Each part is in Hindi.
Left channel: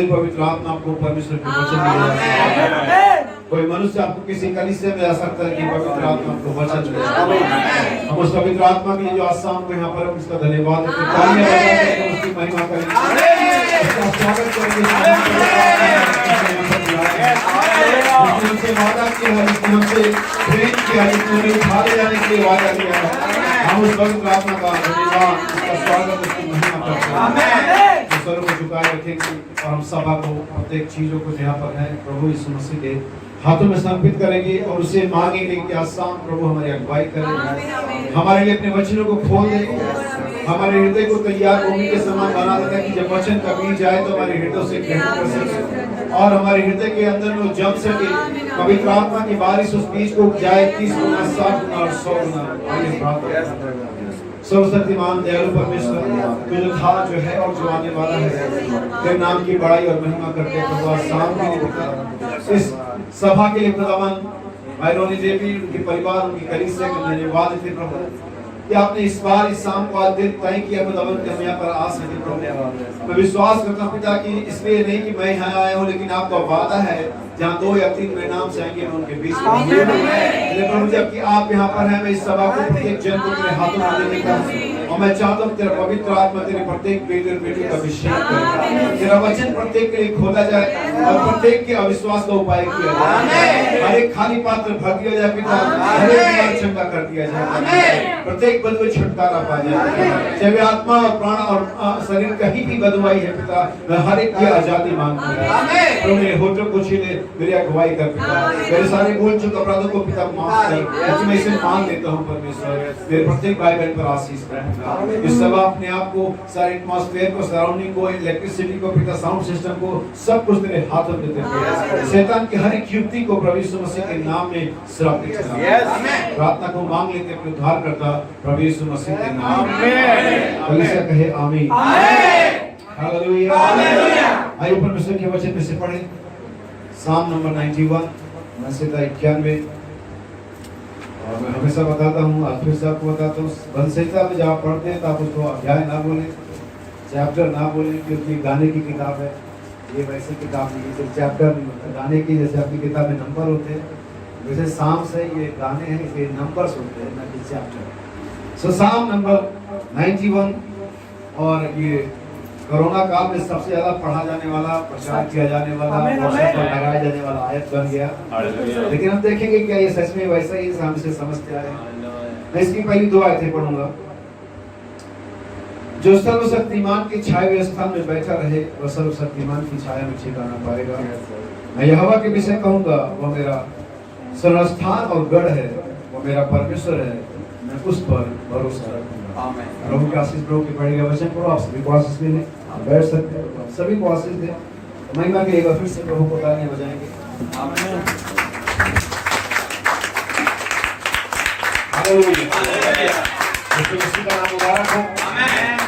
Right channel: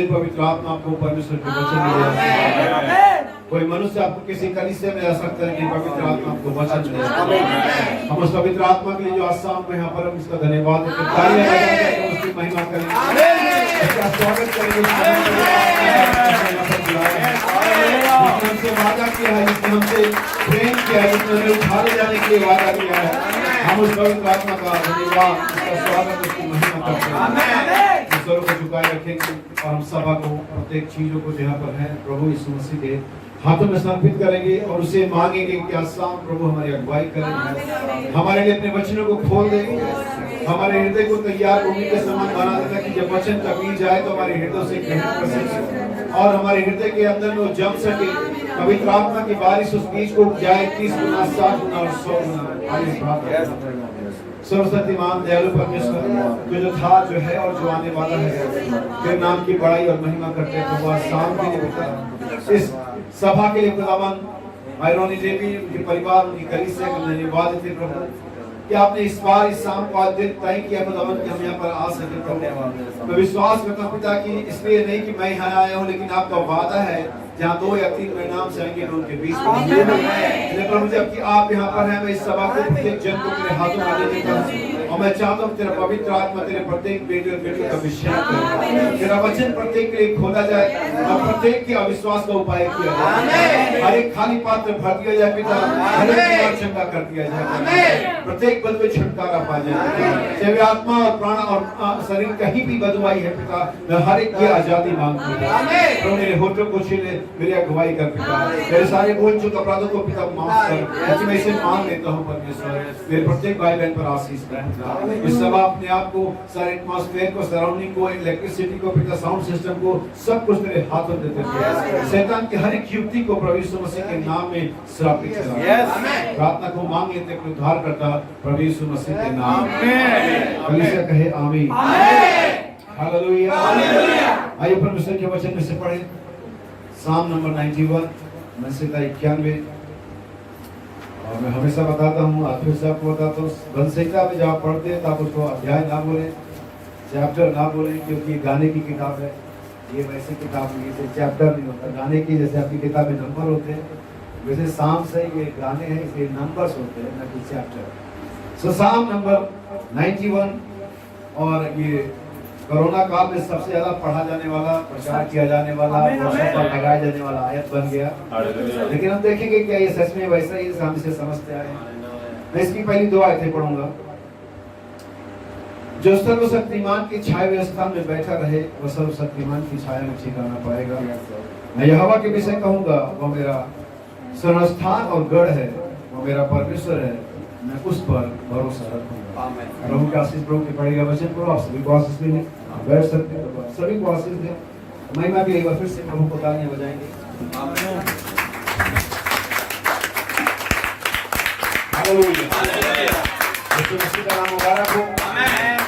से पवित्र आत्मा आपको परमेश्वर के वचन मिले। कोई मनुष्य आपको किसी कलीसिया में आ सकता है कि पवित्र आत्मा आपको वचन मिले। हम उस पवित्र आत्मा के लिए जो आज शाम को यहाँ पर उसका धन्यवाद देते हैं, तालियां बजाकर उसकी महिमा करेंगे, उसका स्वागत करेंगे। हमसे वादा किया है, जिसने हमसे प्रेम किया है, जिसने हमें उठा ले जाने के लिए वादा किया है, हम उस पवित्र आत्मा का धन्यवाद, उसका स्वागत, उसकी महिमा करते हैं। स्वरों को झुकाए रखेंगे और हम सभा को प्रत्येक चीजों को जहाँ पर है प्रभु यीशु मसीह के हाथों में समर्पित करेंगे और उसे मांगेंगे कि आज शाम प्रभु हमारी अगुवाई करें, हमारे लिए अपने वचनों को खोल देंगे, हमारे हृदय को तैयार भूमि के समान बना देता है कि जब वचन कभी जाए तो हमारे हृदय से ग्रहण कर सके और हमारे हृदय के अंदर में वो जम सके। पवित्र आत्मा की बारिश उस बीज को उपजाए 30 गुना, 60 गुना और 100 गुना। आइए प्रार्थना। सर्वशक्तिमान दयालु परमेश्वर, तू जो था, जो है और जो आने वाला है, तेरे नाम की बड़ाई और महिमा करते प्रभु आज शाम के लिए पिता, इस सभा के लिए खुदावन भाई रोनी देवी, उनके परिवार, उनकी कलीसिया को धन्यवाद देते प्रभु कि आपने इस बार इस शाम को आज दिन तय किया खुदावन कि हम यहाँ पर आ सके प्रभु। मैं विश्वास करता हूँ पिता कि इसलिए नहीं कि मैं यहाँ आया हूँ, लेकिन आपका वादा है जहाँ 2 या 3 मेरे नाम से आएंगे मैं उनके बीच में प्रभु। जबकि आप यहाँ पर हैं, मैं इस सभा को प्रत्येक जन को तेरे हाथों में देने का और मैं चाहता हूँ तेरा पवित्र आत्मा तेरे प्रत्येक बेटे और बेटी का अभिषेक करे, तेरा वचन प्रत्येक के लिए खोला जाए और प्रत्येक के अविश्वास का उपाय किया जाए, हर एक खाली पात्र भर दिया जाए पिता, हर एक बीमार चंगा कर दिया जाए, प्रत्येक बदवे छुटकारा पा जाए, चाहे वे आत्मा और प्राण और शरीर कहीं भी बदवाई है पिता, मैं हर एक की आजादी मांगता हूँ। मेरे होठों को छीने, मेरी अगुवाई कर पिता, मेरे सारे बोल चुके अपराधों को पिता माफ कर, मैं इसे मान लेता हूँ परमेश्वर, मेरे प्रत्येक भाई बहन पर आशीष कर। इस सभा अपने आप को, सारे एटमॉस्फेयर को, सराउंडिंग को, इलेक्ट्रिसिटी को पिता, साउंड सिस्टम को, सब कुछ तेरे हाथों में देते हैं। शैतान की हर एक युक्ति को प्रभु यीशु मसीह के नाम में श्रापित करें। प्रार्थना को मांग लेते हैं उद्धार करता प्रभु यीशु मसीह के नाम में, कलीसिया कहे आमीन। हालेलुया। आइए परमेश्वर के वचन में से पढ़ें साम नंबर 91 में से 91। और मैं हमेशा बताता हूँ, आज फिर से आपको बताता हूँ, वंशहिता में जहाँ पढ़ते हैं तो आप उसको अध्याय ना बोलें, चैप्टर ना बोलें, क्योंकि गाने की किताब है, ये वैसी किताब नहीं है, चैप्टर नहीं होता। गाने की जैसे आपकी किताब में नंबर होते हैं, वैसे साम से ये गाने हैं, इसलिए नंबर्स होते हैं, ना कि चैप्टर। सो साम नंबर 91, और ये कोरोना काल में सबसे ज्यादा पढ़ा जाने वाला, प्रचार किया जाने वाला, पर लगाया जाने वाला आयत बन गया। लेकिन हम देखेंगे क्या ये सच में वैसा ही हम इसे समझते आए। मैं इसकी पहली 2 आयतें पढ़ूंगा। जो सर्वशक्तिमान की छाया हुए स्थान में बैठा रहे, वह सर्वशक्तिमान की छाया में ठिकाना पाएगा। मैं यहोवा के विषय कहूंगा, वह मेरा शरणस्थान और गढ़ है, वह मेरा परमेश्वर है, मैं उस पर भरोसा रखूंगा। प्रभु की आशीष, प्रभु के पढ़ेगा वचन पढ़ो, आप सभी को आशीष मिले, बैठ सकते हो, सभी को आशीष दे। महिमा के लिए एक बार फिर से प्रभु को तालियां बजाएंगे। आमीन। हालेलुया। यीशु मसीह का नाम मुबारक हो। आमीन।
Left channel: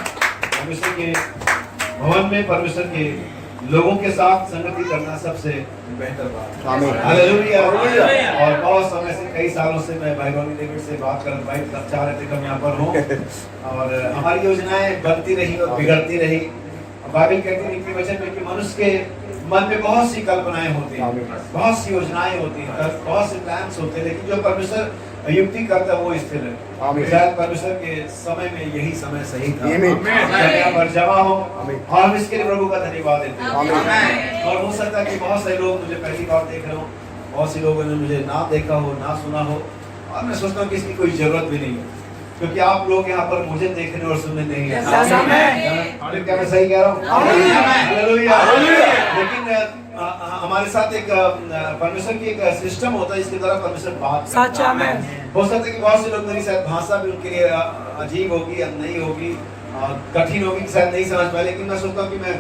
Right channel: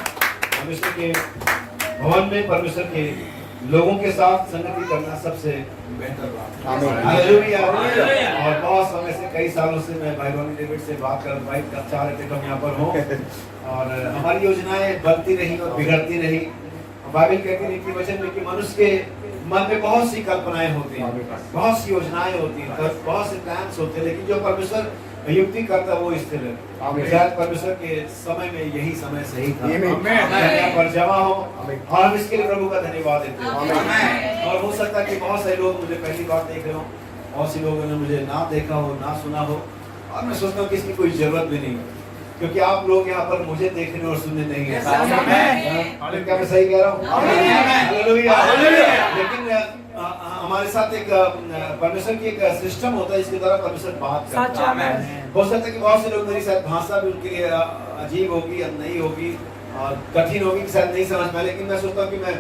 परमेश्वर के भवन में परमेश्वर के लोगों के साथ संगति करना सबसे बेहतर बात। आमीन। हालेलुया। और बहुत समय से, कई सालों से मैं भाई रोनी डेविड से बात कर चाह रहे थे कि हम यहाँ पर हों और हमारी योजनाएं बनती रही और बिगड़ती रही। बाइबल कहती है कि वचन में कि मनुष्य के मन में बहुत सी कल्पनाएं होती हैं, बहुत सी योजनाएं होती हैं, बहुत से प्लान्स होते हैं, लेकिन जो परमेश्वर युक्ति करता है वो स्थिर है। शायद परमेश्वर के समय में यही समय सही था पर जमा हो, और हम इसके लिए प्रभु का धन्यवाद देते हैं। और हो सकता है कि बहुत सारे लोग मुझे पहली बार देख रहे हो, बहुत से लोगों ने मुझे ना देखा हो, ना सुना हो, और मैं सोचता हूँ कि इसकी कोई जरूरत भी नहीं है, क्योंकि आप लोग यहाँ पर मुझे देखने और सुनने नहीं है। क्या मैं सही कह रहा हूँ? लेकिन हमारे साथ एक परमेश्वर की एक सिस्टम होता है, इसके द्वारा परमेश्वर बात करता है। हो सकता है कि बहुत से लोग, मेरी शायद भाषा भी उनके लिए अजीब होगी या नहीं होगी, कठिन होगी, शायद नहीं समझ पाए, लेकिन मैं सोचता हूँ कि मैं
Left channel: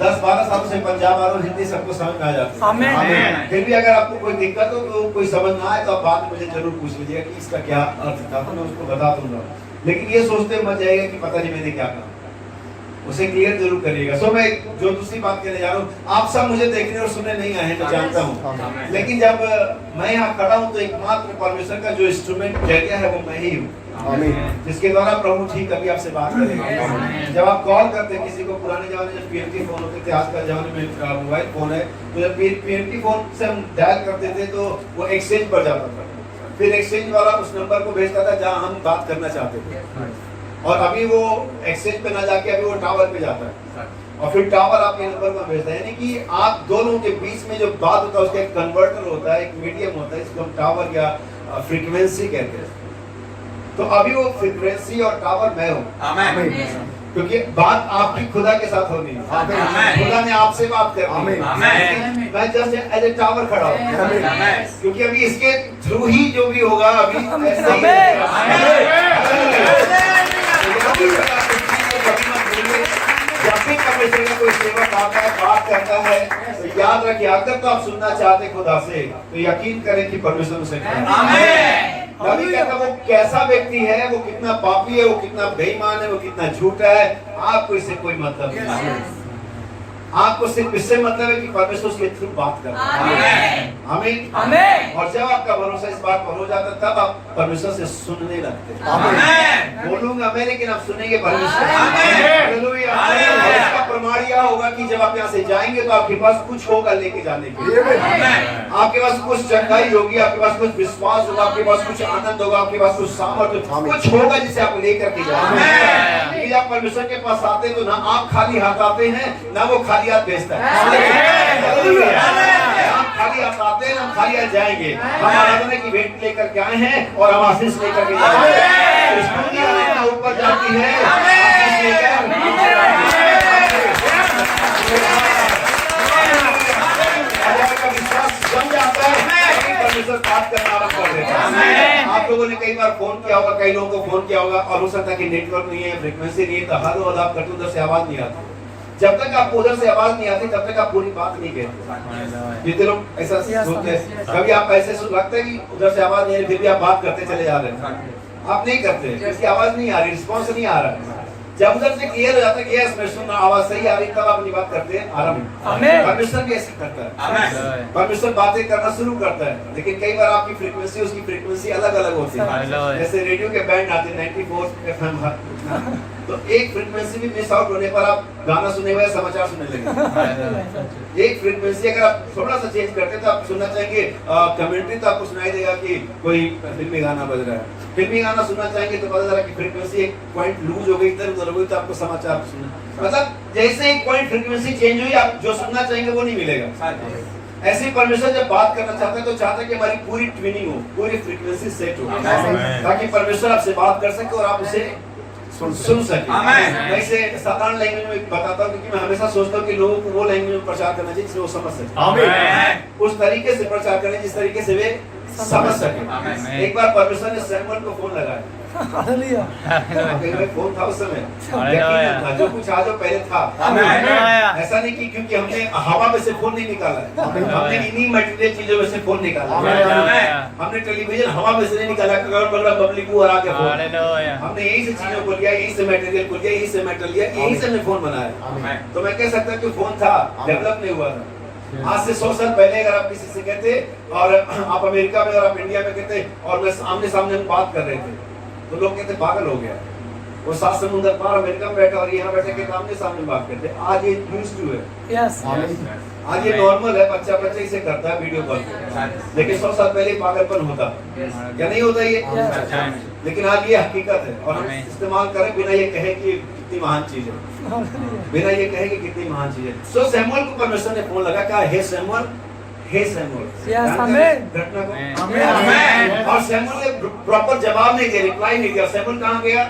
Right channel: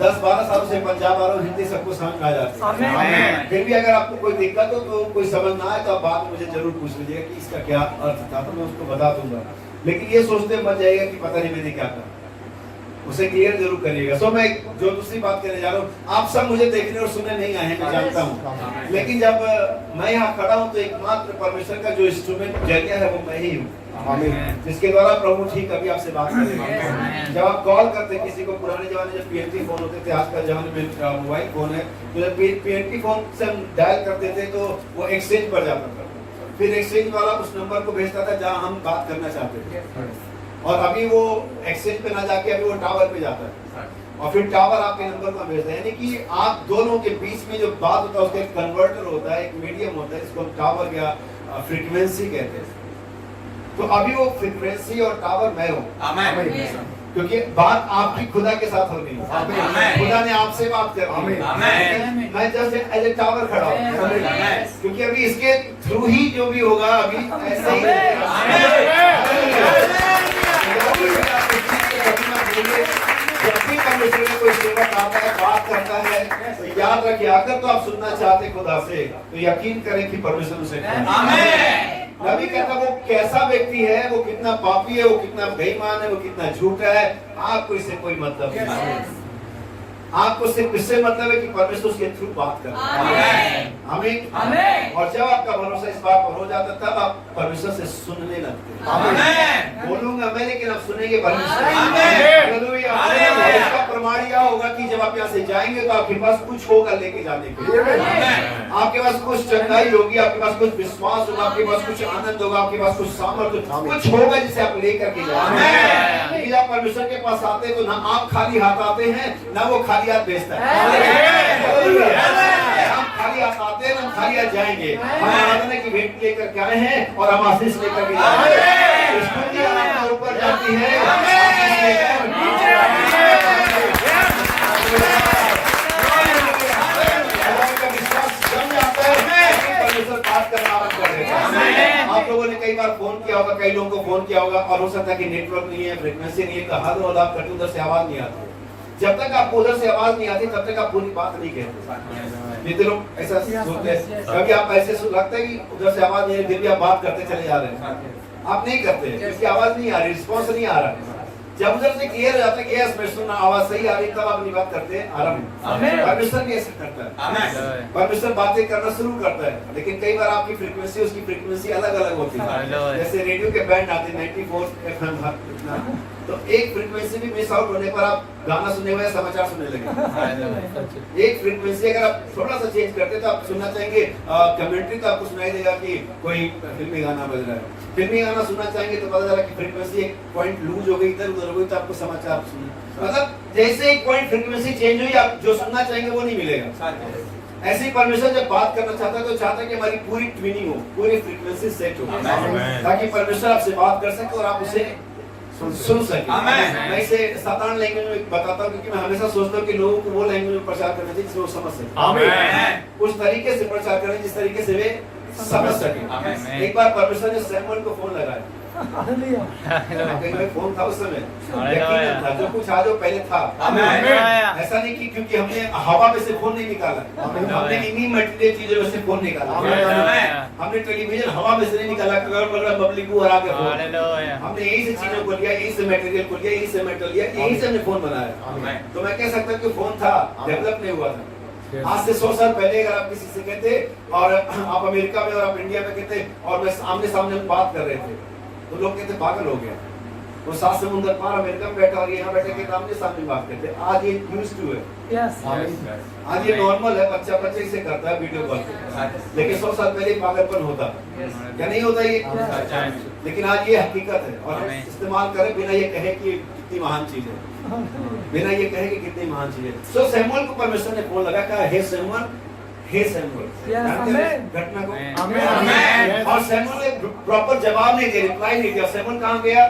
10-12 सालों से पंजाब आ रहा हूँ, हिंदी सबको समझ में आ जाती है। फिर भी अगर आपको कोई दिक्कत हो, तो कोई समझ ना आए, तो आप बाद में मुझे जरूर पूछ लीजिएगा कि इसका क्या अर्थ था, तो मैं उसको बता दूंगा। लेकिन ये सोचते मत जाइएगा कि पता नहीं मैंने क्या कहा, उसे क्लियर जरूर करिएगा। सो मैं जो दूसरी बात कहने जा रहा हूँ, आप सब मुझे देखने और सुनने नहीं आए हैं, मैं जानता हूँ, लेकिन जब मैं यहाँ खड़ा हूँ तो एकमात्र परमेश्वर का जो इंस्ट्रूमेंट जरिया है वो मैं ही हूँ। जिसके द्वारा प्रभु ठीक अभी आपसे बात करेंगे। जब आप कॉल करते हैं किसी को, पुराने जमाने जब पीएनटी फोन होते थे, आजकल जमाने में मोबाइल फोन है, तो जब पीएनटी फोन से हम डायल करते थे तो वो एक्सचेंज पर जाता था, फिर एक्सचेंज वाला उस नंबर को भेजता था जहां हम बात करना चाहते थे, और अभी वो एक्सचेंज पे ना जाके अभी वो टावर पे जाता है, और फिर टावर आपके नंबर में भेजता है। यानी कि आप दोनों के बीच में जो बात होता है उसका एक कन्वर्टर होता है, एक मीडियम होता है, इसको हम टावर या फ्रीक्वेंसी कहते हैं। तो अभी वो फ्रीक्वेंसी और टावर मैं हूँ, क्योंकि बात आपकी खुदा के साथ होनी है, खुदा ने आपसे बात करनी है, मैं जस्ट एज ए टावर खड़ा हूँ, क्योंकि अभी इसके थ्रू ही जो भी होगा अभी ऐसे ही जब भी परमेश्वर का कोई सेवक आता है, बात करता है, तो याद रखिए, अगर तो आप सुनना चाहते खुदा से तो यकीन करें कि परमेश्वर उसे नबी कहता वो कैसा व्यक्ति है, वो कितना पापी है, वो कितना बेईमान है, वो कितना झूठा है, आपको इससे कोई मतलब नहीं है। आपको सिर्फ इससे मतलब है कि परमेश्वर उसके थ्रू बात कर रहा है। आमीन। और जब आपका भरोसा इस बात पर हो जाता तब आप परमेश्वर से सुनने लगते हैं। बोलूंगा मैं, लेकिन आप सुनेंगे परमेश्वर। हालेलुया। इसका प्रमाण यह होगा कि जब आप यहाँ से जाएंगे तो आपके पास कुछ होगा लेके जाने के लिए। आपके पास कुछ चंगाई होगी, आपके पास कुछ विश्वास होगा, आपके पास कुछ आनंद होगा, आपके पास कुछ सामर्थ्य, कुछ होगा जिसे आप लेकर के जाएंगे। जब आप परमेश्वर के पास आते हैं तो ना आप खाली हाथ आते हैं, ना वो खाली हाथ भेजता है। हम खाली हाथ आते हैं, हम खाली हाथ जाएंगे। हम आराधना की भेंट लेकर के आए हैं और हम आशीष लेकर के जाएंगे। स्तुति ऊपर जाती है, आशीष बात करना आरंभ कर देता है। आप लोगों ने कई बार फोन किया होगा, कई लोगों को फोन किया होगा, और हो सकता है कि नेटवर्क नहीं है, फ्रीक्वेंसी नहीं है, तो हर आप कटू उधर से आवाज नहीं आती। जब तक आपको उधर से आवाज नहीं आती तब तक आप पूरी बात नहीं कहते। जितने लोग ऐसा सोचते हैं, कभी आप ऐसे लगता है कि उधर से आवाज नहीं आ रही, फिर भी आप बात करते चले जा रहे हैं, आप नहीं करते, क्योंकि आवाज नहीं आ रही, रिस्पॉन्स नहीं आ रहा। जब उधर से क्लियर हो जाता है कि यस मैं सुनना, आवाज सही आ रही, तब आप अपनी बात करते हैं आरंभ। परमेश्वर कैसे करता है? परमेश्वर बातें करना शुरू करता है, लेकिन कई बार आपकी फ्रीक्वेंसी उसकी फ्रीक्वेंसी अलग अलग होती है। जैसे रेडियो के बैंड आते हैं 94 FM, तो एक फ्रीक्वेंसी भी मिस आउट होने पर आप गाना सुने हुए समाचार सुनने लगे। एक फ्रीक्वेंसी अगर आप थोड़ा सा चेंज करते तो आप सुनना चाहेंगे कमेंट्री, तो आपको सुनाई देगा कि कोई फिल्मी गाना बज रहा है। फिल्मी गाना सुनना चाहेंगे तो पता चला कि फ्रीक्वेंसी एक पॉइंट लूज हो गई, इधर उधर हो गई, तो आपको समाचार सुनना, मतलब जैसे एक पॉइंट फ्रीक्वेंसी चेंज हुई, आप जो सुनना चाहेंगे वो नहीं मिलेगा। ऐसे ही परमेश्वर जब बात करना चाहता है तो चाहता है कि हमारी पूरी ट्विनिंग हो, पूरी फ्रीक्वेंसी सेट हो, ताकि परमेश्वर आपसे बात कर सके और आप उसे सुन सके। मैं इसे साधारण लैंग्वेज में बताता हूँ, क्योंकि मैं हमेशा सोचता हूँ कि लोगों को वो लैंग्वेज में प्रचार करना चाहिए जिसमें वो समझ सके, उस तरीके से प्रचार करें जिस तरीके से वे समझ सके। एक बार परमेश्वर ने सैमुअल को फोन लगाया, फोन था उस समय, जो कुछ आज पहले था, ऐसा नहीं कि क्योंकि हमने हवा में से फोन नहीं निकाला, हमने इन्हीं मटेरियल चीजों में से फोन निकाला। हमने टेलीविजन हवा में से नहीं निकाला, बबली को हरा के फोन, हमने यही से चीजों को लिया, यही से मटेरियल को लिया, यही से मेटल लिया, यही से हमने फोन बनाया। तो मैं कह सकता हूँ कि फोन था, डेवलप नहीं हुआ था। आज से 100 साल पहले अगर आप किसी से कहते और आप अमेरिका में और आप इंडिया में कहते और मैं आमने सामने बात कर रहे थे, तो लोग कहते पागल हो गया, वो 7 समुंदर पार अमेरिका में बैठा और यहाँ बैठे के आमने सामने बात करते। आज ये यूज्ड टू है, आज ये नॉर्मल है, बच्चा इसे करता है वीडियो कॉल पे, लेकिन 100 साल पहले पागलपन होता या नहीं होता ये, लेकिन आज ये हकीकत है। और हम इस्तेमाल करें बिना ये कहे कि कितनी महान चीज है, बिना ये कहे कि कितनी महान चीज है। सो सैमुअल को परमेश्वर ने फोन लगा, कहा हे सैमुअल, हे सैमुअल, घटना को, और सैमुअल ने प्रॉपर जवाब नहीं दिया, रिप्लाई नहीं दिया। सैमुअल कहाँ गया?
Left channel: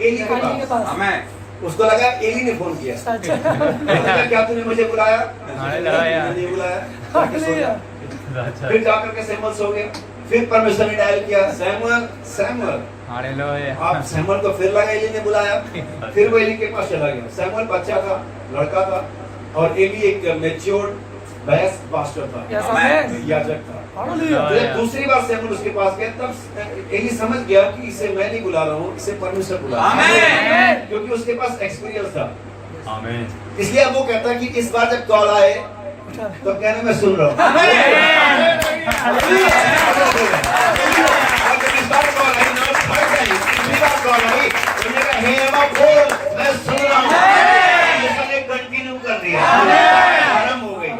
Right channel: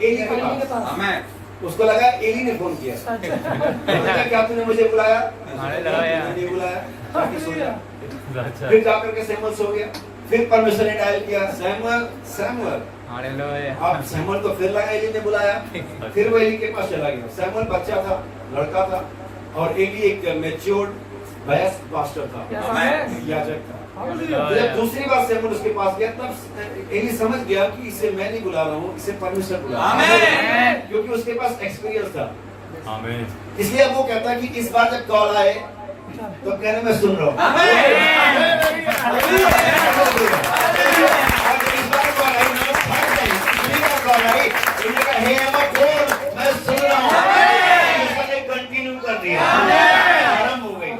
एली के पास। उसको लगा एली ने फोन किया, क्या तूने मुझे बुलाया? नहीं बुलाया, जाके सो जा। फिर जाकर के सैमुअल सो गया। फिर परमेश्वर ने डायल किया, सैमुअल सैमुअल। अब सैमुअल को फिर लगा एली ने बुलाया, फिर वो एली के पास चला गया। सैमुअल बच्चा था, लड़का था, और एली एक मैच्योर्ड वयस्क पास्टर था, याजक था। जब दूसरी बार सैमुअल उसके पास गया, तब एली समझ गया कि इसे मैं नहीं बुला रहा हूँ, इसे परमेश्वर बुला रहा है, क्योंकि उसके पास एक्सपीरियंस था। इसलिए अब वो कहता है कि इस बार जब कॉल आए तो कहना मैं सुन रहा हूँ। इस बार कॉल आई, हुआ भाई, बोलिएगा हे अब्बा बोल, मैं सुन रहा हूँ। सबने कंटिन्यू कर दिया, आरंभ हो गई।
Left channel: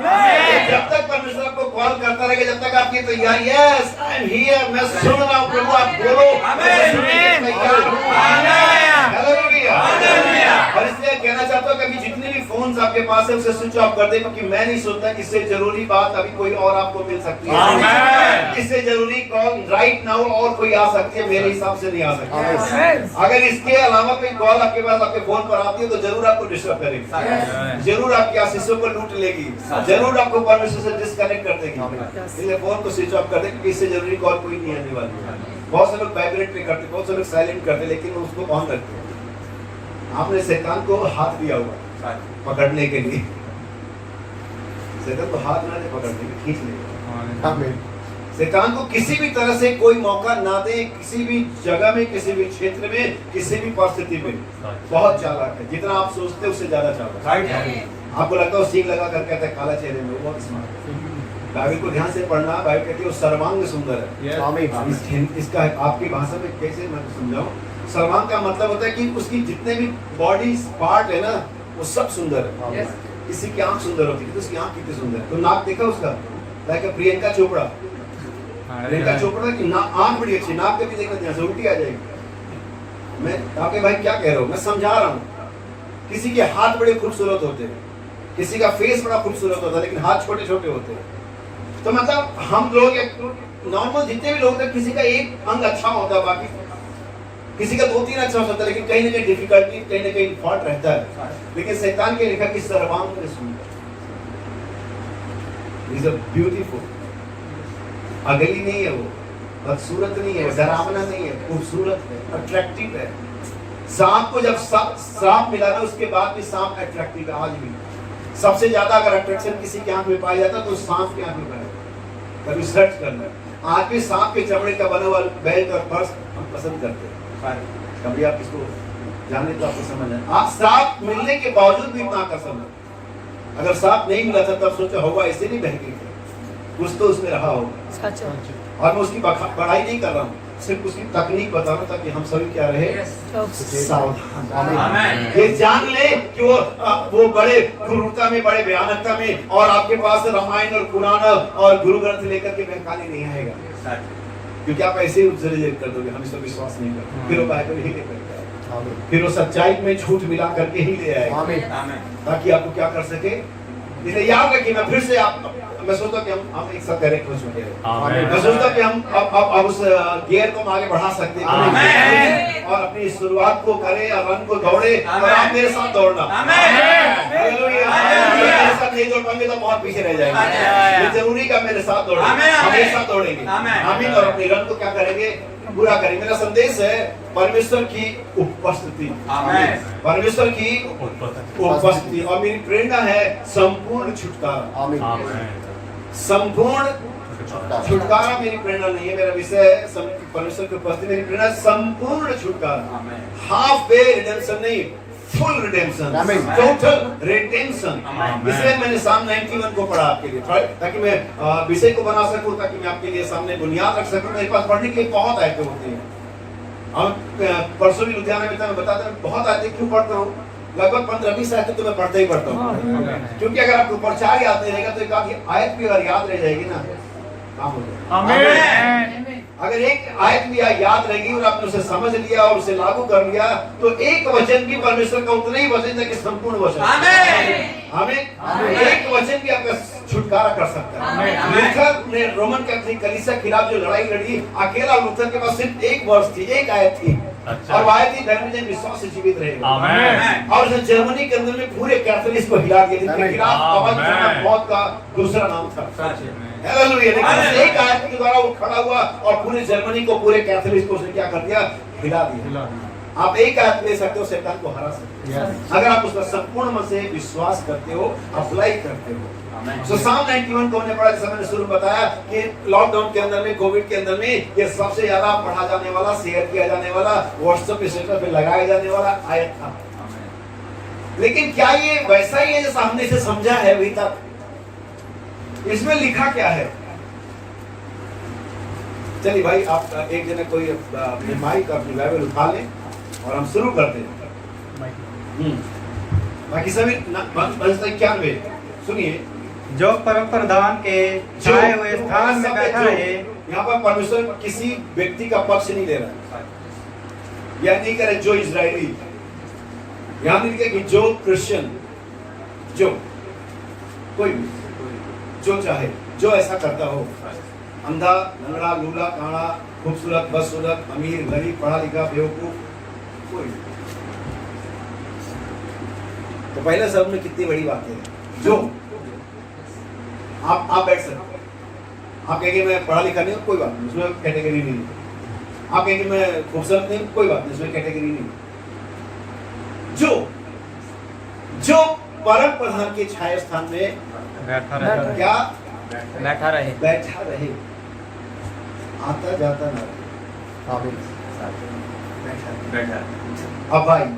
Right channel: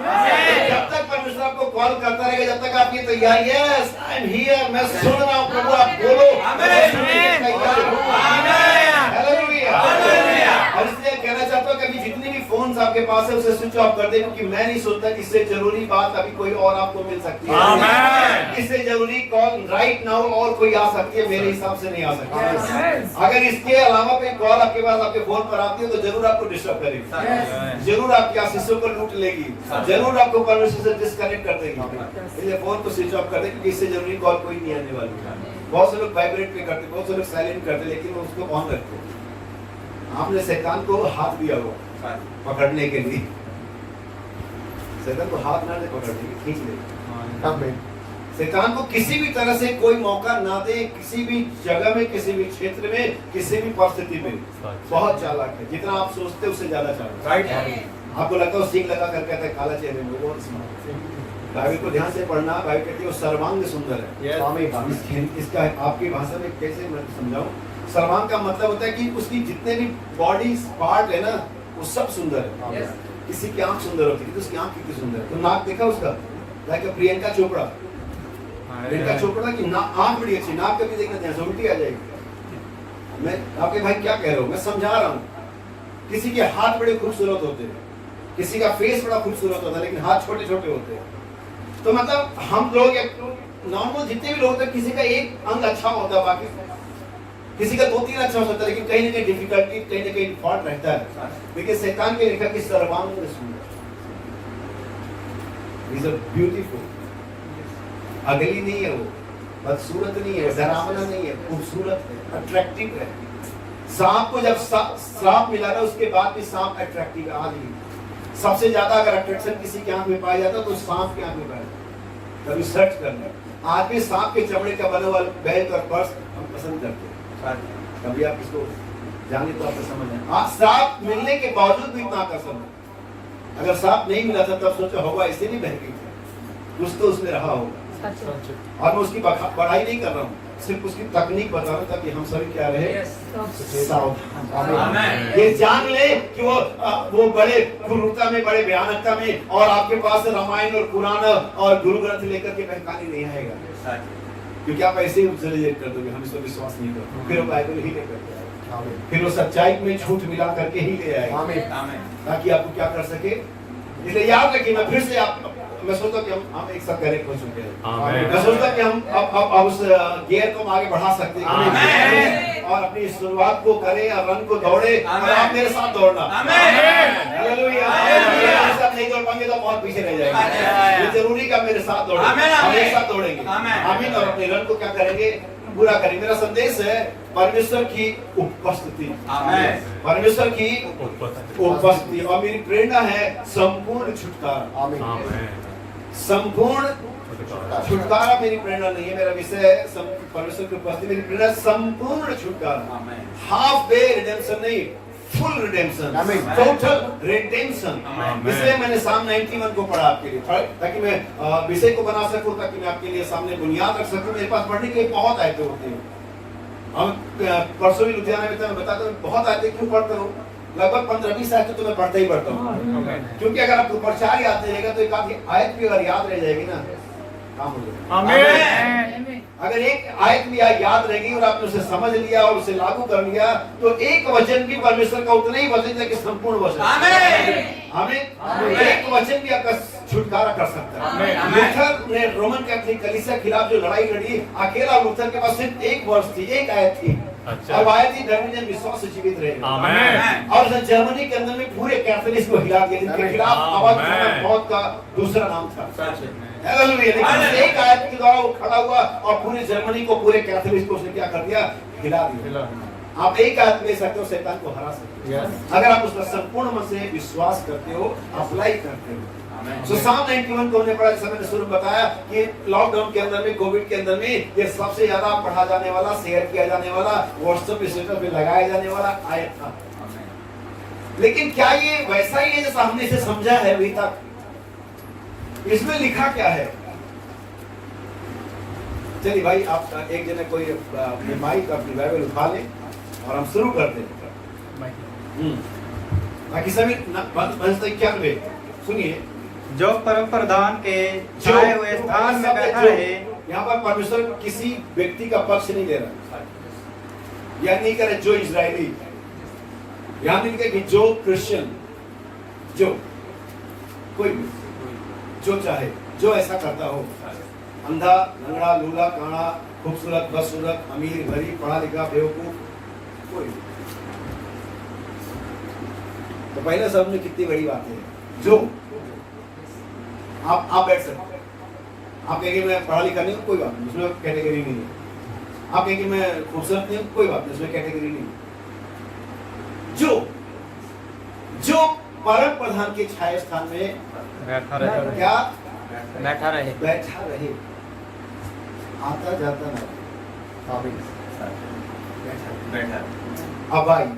जब तक परमेश्वर आपको कॉल करता रहेगा, जब तक आपकी तैयारी, यस आई एम हियर, मैं सुन रहा हूँ प्रभु, आप बोलो, मैं सुनने के लिए तैयार हूँ। और इसलिए कहना चाहता हूँ कि जितने भी फोन्स आपके पास है उसे स्विच ऑफ कर दे, क्योंकि मैं नहीं सोचता कि इससे जरूरी बात अभी कोई और आपको मिल सकती है। इससे जरूरी कॉल राइट नाउ और कोई आ सकती है, मेरे हिसाब से नहीं आ सकती। अगर इसके अलावा कोई कॉल आपके पास आपके फोन पर आती है तो जरूर आपको डिस्टर्ब करेगी, जरूर आपके आशीषों को लूट लेगी, जरूर आपको परमेश्वर से डिस्कनेक्ट कर देगी। इसलिए फोन को स्विच ऑफ कर दे, क्योंकि इससे जरूरी कॉल कोई नहीं आने वाली। बहुत से लोग वाइब्रेट पे करते, बहुत से लोग साइलेंट करते, लेकिन उसको ऑन रखते। आपने शैतान को हाथ दिया हुआ पकड़ने के लिए, शैतान को हाथ ना दे पकड़ने के, खींच ले। शैतान को किसी भी तरह से कोई मौका ना दे, किसी भी जगह में, किसी भी क्षेत्र में, किसी भी परिस्थिति में। बहुत चालाक है, जितना आप सोचते उससे ज्यादा चालाक है। आपको लगता है सींग लगा कर कहता है काला चेहरे में, बहुत स्मार्ट है। बाइबल को ध्यान से पढ़ना, बाइबल कहती है वो सर्वांग सुंदर है। इसका आपकी भाषा में कैसे मैं समझाऊं? सर्वांग का मतलब होता है कि उसकी जितने भी बॉडी पार्ट है ना, वो सब सुंदर है। किसी की आंख सुंदर होती है, तो उसकी आंख कितनी सुंदर है। तो नाक देखा उसका, लाइक प्रियंका चोपड़ा, प्रियंका चोपड़ा की आंख बड़ी अच्छी, नाक कभी देखना ध्यान से उल्टी आ जाएगी। मैं आपके भाई क्या कह रहा हूँ, मैं समझा रहा हूँ। किसी के हाथ बड़े खूबसूरत होते हैं, किसी का फेस बड़ा खूबसूरत होता है, लेकिन हाथ छोटे छोटे होते हैं। तो मतलब हम लोग नॉर्मल जितने भी लोग हैं, किसी का एक अंग अच्छा होता है, बाकी किसी का 2-3 अच्छा होता है, लेकिन कहीं ना कहीं डिफिकल्टी, कहीं ना कहीं फॉल्ट रहता है। लेकिन शैतान के लिखा कि सर्वांग सुंदर, इज अ ब्यूटीफुल। अगली नहीं है वो, बदसूरत नहीं है, डरावना नहीं है, खूबसूरत है, अट्रैक्टिव है। सांप को जब सांप मिला ना, उसके बाद भी सांप अट्रैक्टिव है। आज भी सबसे ज्यादा अगर अट्रैक्शन किसी की आंख में पाया जाता है तो सांप की आंख में पाया। कभी सर्च करना, आज भी सांप के चमड़े का बना हुआ बेल्ट और पर्स हम पसंद करते हैं। कभी आप इसको जाने तो आपको समझ आए। आप सांप मिलने के बावजूद भी इतना आकर्षण है। अगर सांप नहीं मिला था तब सोचा होगा ऐसे नहीं बहके थे, कुछ तो उसमें रहा होगा। और मैं उसकी बड़ाई नहीं कर रहा हूँ, सिर्फ उसकी तकनीक बता रहा था कि हम सभी क्या रहे, सावधान। ये जान ले कि वो बड़े क्रूरता में, बड़े भयानकता में, और आपके पास रामायण और कुरान और गुरु ग्रंथ लेकर के बहकाने नहीं आएगा, क्योंकि आप ऐसे ही उससे रिजेक्ट कर दोगे। हम इस पर विश्वास नहीं करते, फिर वो बाइबल ही लेकर के आएगा, फिर वो सच्चाई में झूठ मिला करके ही ले आएगा, ताकि आपको क्या कर सके। इसलिए याद रखिए, मैं फिर से मैं सोचता हूँ कि हम एक साथ करेक्ट हो चुके हैं। मैं सोचता हूँ कि हम अब उस गियर को हम आगे बढ़ा सकते हैं और अपनी शुरुआत को करें और रन को दौड़े, और आप मेरे साथ दौड़ना। हालेलुया। मेरे साथ नहीं दौड़ पाएंगे तो बहुत पीछे रह जाएंगे। ये जरूरी का मेरे साथ दौड़े, हम एक साथ दौड़ेंगे, आमीन। और अपनी रन को क्या करेंगे, पूरा करेंगे। मेरा संदेश है परमेश्वर की उपस्थिति, परमेश्वर की उपस्थिति, और मेरी प्रेरणा है संपूर्ण छुटकारा। संपूर्ण छुटकारा मेरी प्रेरणा नहीं है, मेरा विषय है परमेश्वर की उपस्थिति। मेरी प्रेरणा संपूर्ण छुटकारा, हाफ वे रिडेम्पशन नहीं, फुल रिडेम्पशन, टोटल रिडेम्पशन। इसलिए मैंने साम 91 को पढ़ा आपके लिए, ताकि मैं विषय को बना सकूं, ताकि मैं आपके लिए सामने बुनियाद रख सकूं। मेरे पास पढ़ने के लिए बहुत आयतें होती हैं। परसों भी लुधियाना में मैं बताता हूँ बहुत आयतें क्यों पढ़ता हूँ। लगभग 15-20 आयतें तो मैं पढ़ता ही पढ़ता हूँ, क्योंकि अगर आपको प्रचार याद नहीं रहेगा तो एक आधी आयत भी अगर याद रह जाएगी ना, काम हो जाएगा। अगर एक आयत भी याद रहेगी और आपने उसे समझ लिया और उसे लागू कर लिया, तो एक वचन भी परमेश्वर का उतना ही वचन है कि संपूर्ण वचन। हमें एक वचन भी आपका छुटकारा कर सकता है। लूथर ने रोमन कैथोलिक कलीसिया के खिलाफ जो लड़ाई लड़ी, अकेला लूथर के पास सिर्फ एक वर्ष थी, एक आयत थी, और वो आयत थी धर्मजन विश्वास से जीवित रहेगा। और जर्मनी के अंदर में पूरे कैथोलिक को हिला दिया, जिनके खिलाफ आवाज उठाना मौत का दूसरा नाम था। लेकिन एक आयत के द्वारा वो खड़ा हुआ और पूरे जर्मनी को, पूरे कैथोलिक को उसने क्या कर दिया, हिला दिया। आप एक आयत ले सकते हो, शैतान को हरा सकते हो, अगर आप उसका संपूर्ण मन से विश्वास करते हो, अप्लाई करते हो। तो साम 91 को हमने पढ़ा, जैसा मैंने शुरू बताया कि लॉकडाउन के अंदर में, कोविड के अंदर में, ये सबसे ज्यादा पढ़ा जाने वाला, शेयर किया जाने वाला, व्हाट्सएप पे, स्टेटस पे लगाया जाने वाला आयत था। लेकिन क्या ये वैसा ही है जैसा हमने इसे समझा है अभी तक? इसमें लिखा क्या है? चलिए भाई, आप एक जने कोई अपनी माइक, अपनी बाइबल उठा लें और हम शुरू करते हैं। बाकी सभी 91 सुनिए, जो परम प्रधान के छाए हुए स्थान में बैठा रहे। यहाँ पर परमेश्वर किसी व्यक्ति का पक्ष नहीं ले रहा, यह नहीं करे जो इजरायली, यहाँ नहीं लिखा कि जो क्रिश्चियन, जो कोई भी जो चाहे, जो ऐसा करता हो, अंधा, लंगड़ा, लूला, काना, खूबसूरत, बदसूरत, अमीर, गरीब, पढ़ा लिखा, बेवकूफ, कोई। तो पहले शब्द में कितनी बड़ी बात है, जो। आप बैठ सकते, आप कहेंगे मैं पढ़ा लिखा नहीं, कोई बात नहीं, उसमें कैटेगरी नहीं है। आप कहेंगे मैं खूबसूरत नहीं, कोई बात नहीं, उसमें कैटेगरी नहीं। जो परम प्रधान के छाया स्थान में बैठा रहे, क्या बैठा रहे, आता जाता ना रहे, बैठा, अबाइड,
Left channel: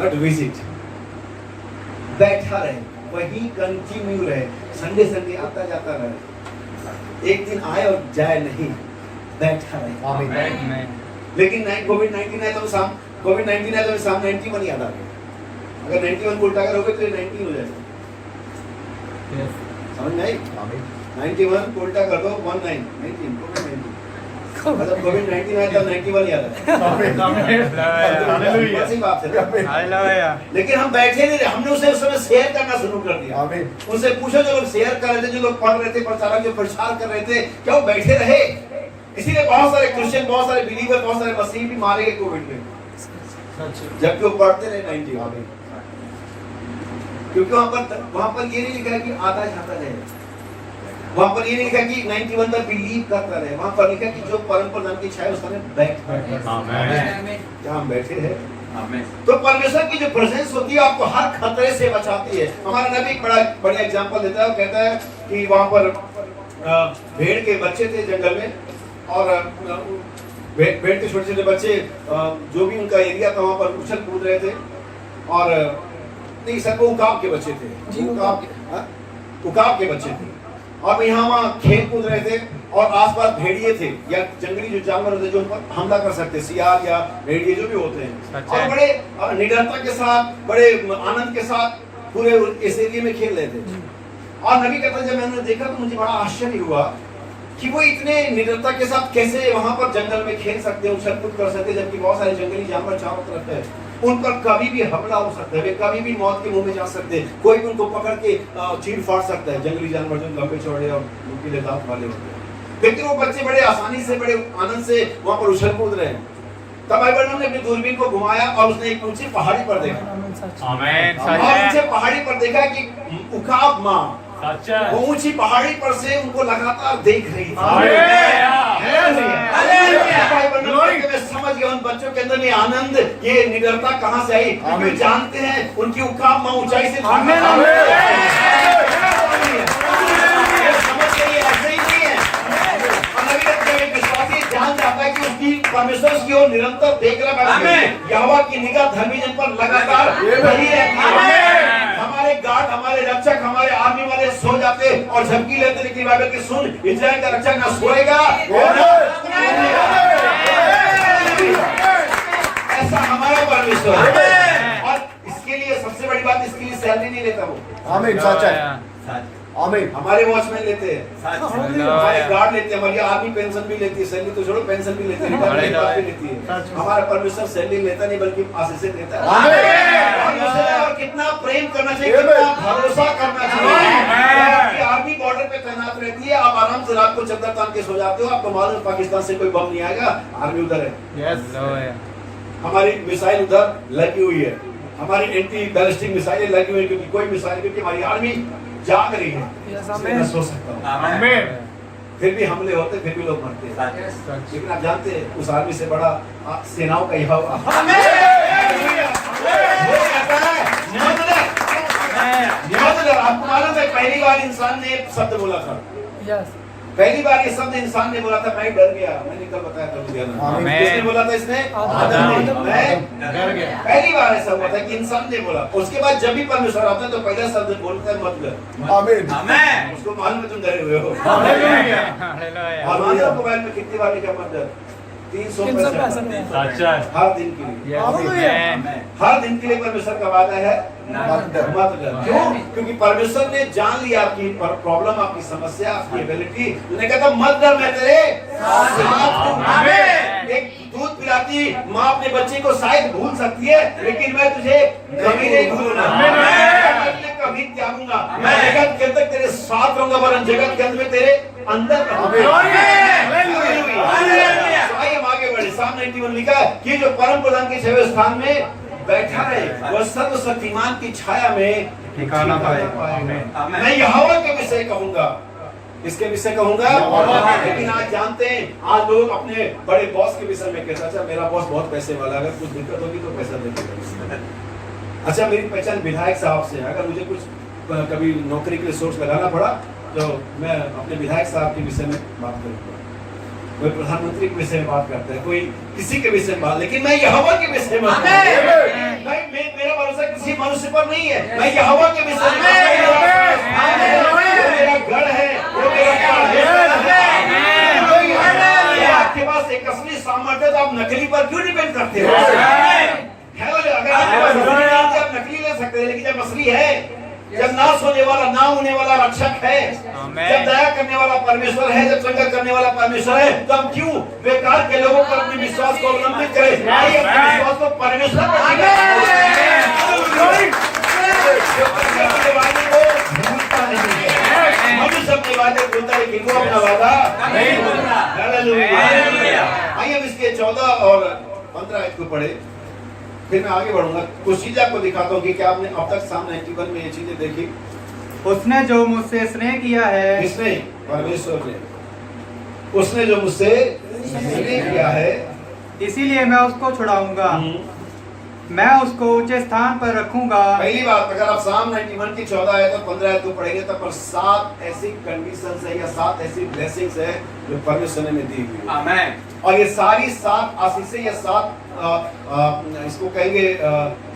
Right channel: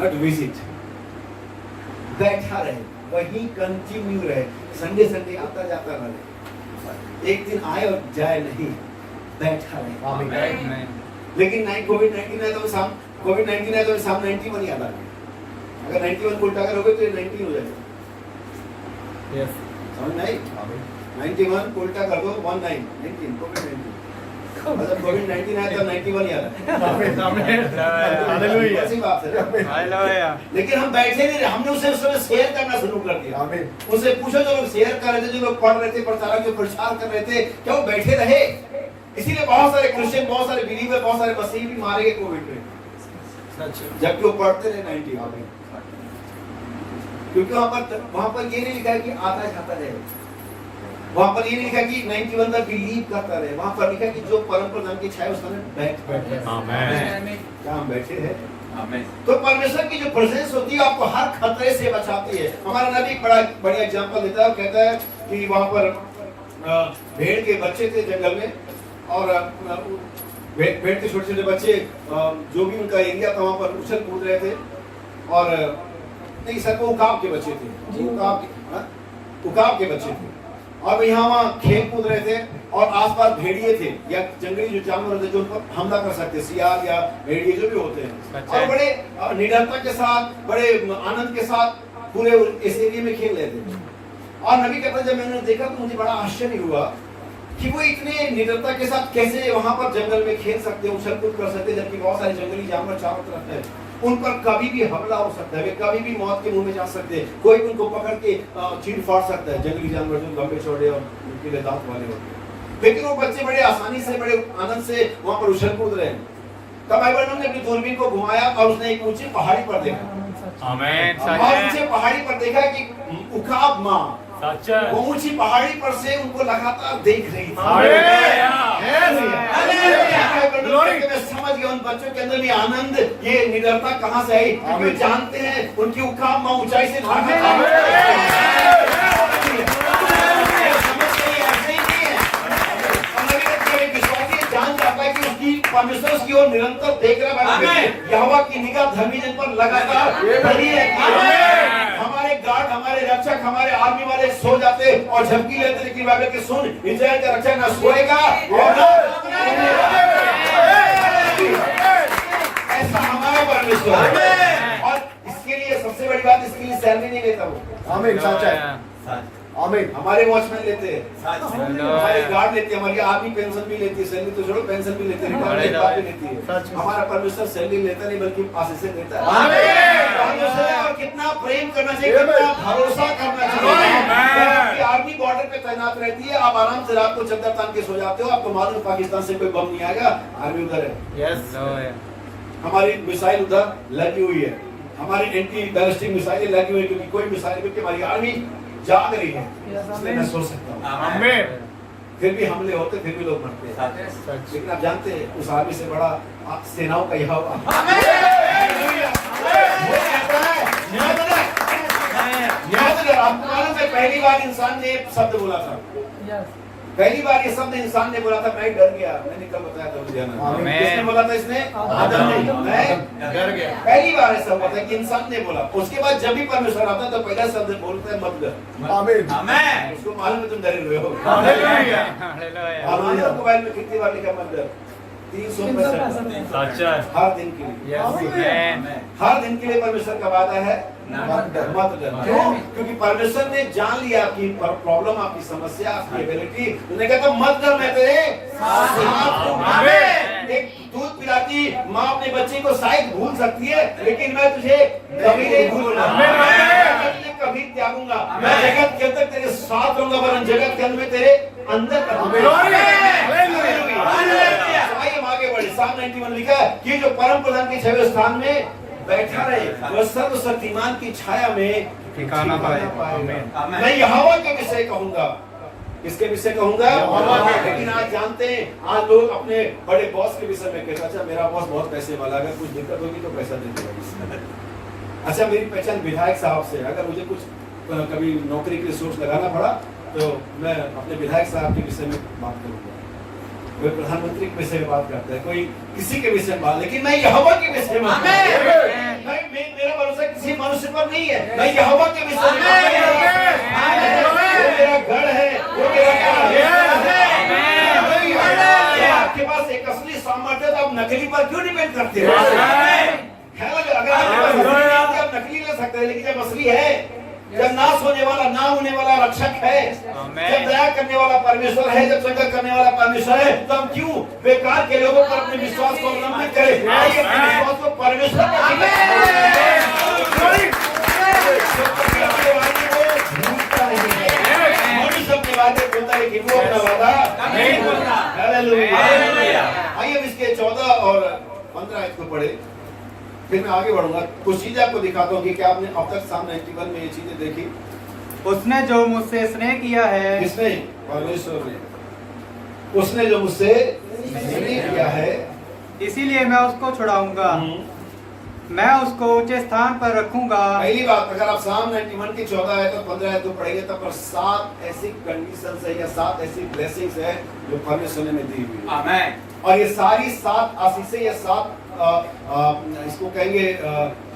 नॉट विजिट, बैठा रहे, वही कंटिन्यू रहे, संडे आता जाता रहे, एक दिन आए और जाए नहीं, बैठा रहे। लेकिन कोविड-19 है तो कोविड-19 है तो साम 91 याद आ गया। अगर 91 को उल्टा करोगे तो 19 हो जाएगा। समझ में आई? 91 को उल्टा कर दो 19 कोविड-19, मतलब कोविड-19 है तो 91 याद आ गया। ऐसी बात है ना। लेकिन हम बैठे नहीं रहे, हमने उसे उस समय शेयर करना शुरू कर दिया। उनसे पूछो जो लोग शेयर कर रहे थे, जो लोग पढ़ रहे थे, प्रचारक जो प्रचार कर रहे थे, क्या वो बैठे रहे? इसीलिए बहुत सारे क्रिश्चियन, बहुत सारे बिलीवर, बहुत सारे मसीही भी मारे गए कोविड में, जबकि वो पढ़ते रहे 91। क्योंकि वहां पर ये नहीं लिखा है कि आता जाता रहे, वहां पर ये नहीं लिखा कि 91 में बिलीव करता रहे, वहां पर लिखा कि जो परम प्रधान की छाया उसमें बैठ रहे। क्या हम बैठे हैं? तो परमेश्वर की जो प्रेजेंस होती है आपको हर खतरे से बचाती है। हमारा नबी एक बड़ा एग्जांपल देता है, कहता है कि वहां पर भेड़ के बच्चे थे जंगल में, और भेड़ के छोटे छोटे बच्चे जो भी उनका एरिया था वहां पर उछल कूद रहे थे, और नहीं सर वो उकाब के बच्चे थे, उकाब के बच्चे थे, और यहाँ वहाँ खेल कूद रहे थे, और आसपास भेड़िए थे या जंगली जो जानवर होते जो उन पर हमला कर सकते, सियार या भेड़िए जो भी होते हैं, और बड़े निडरता के साथ, बड़े आनंद के साथ पूरे इस एरिया में खेल रहे थे। और नबी कहता जब मैंने देखा तो मुझे बड़ा आश्चर्य हुआ कि वो इतने निडरता के साथ कैसे वहां पर जंगल में खेल सकते हैं, उछल कूद कर सकते हैं, जबकि बहुत सारे जंगली जानवर चारों तरफ है, उन पर कभी भी हमला हो सकता है, वे कभी भी मौत के मुंह में जा सकते हैं, कोई भी उनको पकड़ के चीर फाड़ सकता है, जंगली जानवर जो लंबे चौड़े और नुकीले दांत वाले होते हैं। लेकिन वो बच्चे बड़े आसानी से, बड़े आनंद से वहां पर उछल कूद रहे हैं। तब बाइबल ने अपनी दूरबीन को घुमाया और उसने एक ऊंची पहाड़ी पर देखा। आमीन। और ऊंचे पहाड़ी पर देखा कि उकाब माँ वो ऊंची पहाड़ी पर से उनको लगातार देख रही थी। समझ गए उन बच्चों के अंदर ये आनंद, ये निडरता कहाँ से आई, क्योंकि जानते हैं उनकी उकाब माँ ऊंचाई से जान जाता है कि उसकी परमेश्वर की ओर निरंतर देख रहा है, यहोवा की निगाह धर्मी जन पर लगातार बनी रहती है। हमारे गार्ड, हमारे रक्षक, हमारे आर्मी वाले सो जाते और झपकी लेते, लेकिन बाइबल की सुन, इस्राएल का रक्षक ना सोएगा और ऐसा हमारा परमेश्वर है। और इसके लिए सबसे बड़ी बात, इसके लिए सैलरी नहीं लेता वो। आमीन, सच है। आमीन। हमारे वॉचमैन लेते हैं, हमारे गार्ड लेते हैं, हमारी आर्मी पेंशन भी लेती है, सैलरी तो छोड़ो पेंशन भी लेते हैं, रिटायरमेंट भी लेती है। हमारा परमेश्वर सैलरी लेता नहीं बल्कि आशीष देता है। आमीन। कितना प्रेम करना चाहिए, कितना भरोसा करना चाहिए। आर्मी बॉर्डर पे तैनात रहती है, आप आराम से रात को चद्दर तान के सो जाते हो, आपको मालूम पाकिस्तान से कोई बम नहीं आएगा, आर्मी उधर है। हमारी मिसाइल उधर लगी हुई है, हमारी एंटी बैलिस्टिक मिसाइलें लगी हुई है, क्योंकि कोई मिसाइल, क्योंकि हमारी आर्मी जाग रही है, इसलिए मैं सो सकता हूँ। फिर भी हमले होते, फिर भी लोग मरते हैं, लेकिन आप जानते हैं उस आर्मी से बड़ा सेनाओं का यहोवा। आपको मालूम है पहली बार इंसान ने शब्द बोला था, पहली बार ये शब्द इंसान ने बोला था, मैं डर गया, मैंने कल बताया था किसने बोला था, इसने आदम ने, मैं डर गया। पहली बार ऐसा हुआ था कि इंसान ने बोला। उसके बाद जब भी परमेश्वर आता है तो पहला शब्द बोलता है मत डर। आमीन। आमीन। उसको मालूम है तुम डरे हुए हो। हालेलुया। और मोबाइल में कितनी बार लिखा मत डर, 365 हर दिन के लिए, हर दिन के लिए परमेश्वर का वादा है मत डर। क्यों? क्योंकि परमेश्वर ने जान लिया आपकी प्रॉब्लम, आपकी समस्या, आपकी एबिलिटी। उन्होंने कहा था मत डर, मैं तेरे साथ हूं। एक दूध पिलाती माँ अपने बच्चे को शायद भूल सकती है, लेकिन मैं तुझे कभी नहीं भूलूंगा, मैं तुझे कभी त्यागूंगा, मैं जगत के अंदर तेरे साथ रहूंगा, वरन जगत के अंदर में तेरे अंदर आगे बढ़े। साम 91 लिखा है कि जो परम प्रधान के छठवें स्थान में बैठा रहे, वह सर्वशक्तिमान की छाया में ठिकाना पाए। मैं यहोवा के विषय कहूंगा। किसके विषय कहूंगा? लेकिन आज जानते हैं, आज लोग अपने बड़े बॉस के विषय में कहते हैं, अच्छा मेरा बॉस बहुत पैसे वाला, अगर कुछ दिक्कत होगी तो पैसा दे देगा। अच्छा मेरी पहचान विधायक साहब से, अगर मुझे कुछ कभी नौकरी के लिए सोर्स लगाना पड़ा तो मैं अपने विधायक साहब के विषय में बात करूंगा। कोई प्रधानमंत्री के विषय में बात करता है, कोई किसी के विषय में बात, लेकिन मैं यहोवा के विषय में, मेरा भरोसा किसी मनुष्य पर नहीं है, मैं यहोवा के विषय में, मेरा गढ़ है, वो मेरा आपके पास एक असली सामर्थ्य, तो आप नकली पर क्यों डिपेंड करते हो? अगर आप नकली ले सकते हैं, लेकिन जब असली है, जब नाश होने वाला, ना होने वाला रक्षक है, जब दया करने वाला परमेश्वर है, जब संकट करने वाला परमेश्वर है, तो हम क्यों बेकार के लोगों पर अपने विश्वास को अवलंबित करें? विश्वास को परमेश्वर पर सबके वादे बोलता है कि वो अपना वादा नहीं बोलता। आइए इसके 14 और 15 आयत को पढ़े, फिर मैं आगे बढ़ूंगा। कुछ चीजें आपको दिखाता हूँ कि क्या आपने अब तक साम 91 में ये चीजें देखी। उसने जो मुझसे स्नेह किया है, किसने? परमेश्वर ने। उसने जो मुझसे स्नेह किया है, इसीलिए मैं उसको छुड़ाऊंगा, मैं उसको ऊंचे स्थान पर रखूंगा। पहली बात, अगर आप साम 91 की 14 आयत और 15 आयत को पढ़ेंगे तब पर 7 ऐसी कंडीशंस है या 7 ऐसी ब्लेसिंग्स है जो परमेश्वर ने दी हुई है। आमीन। और ये सारी 7 आशीषें या 7 इसको कहेंगे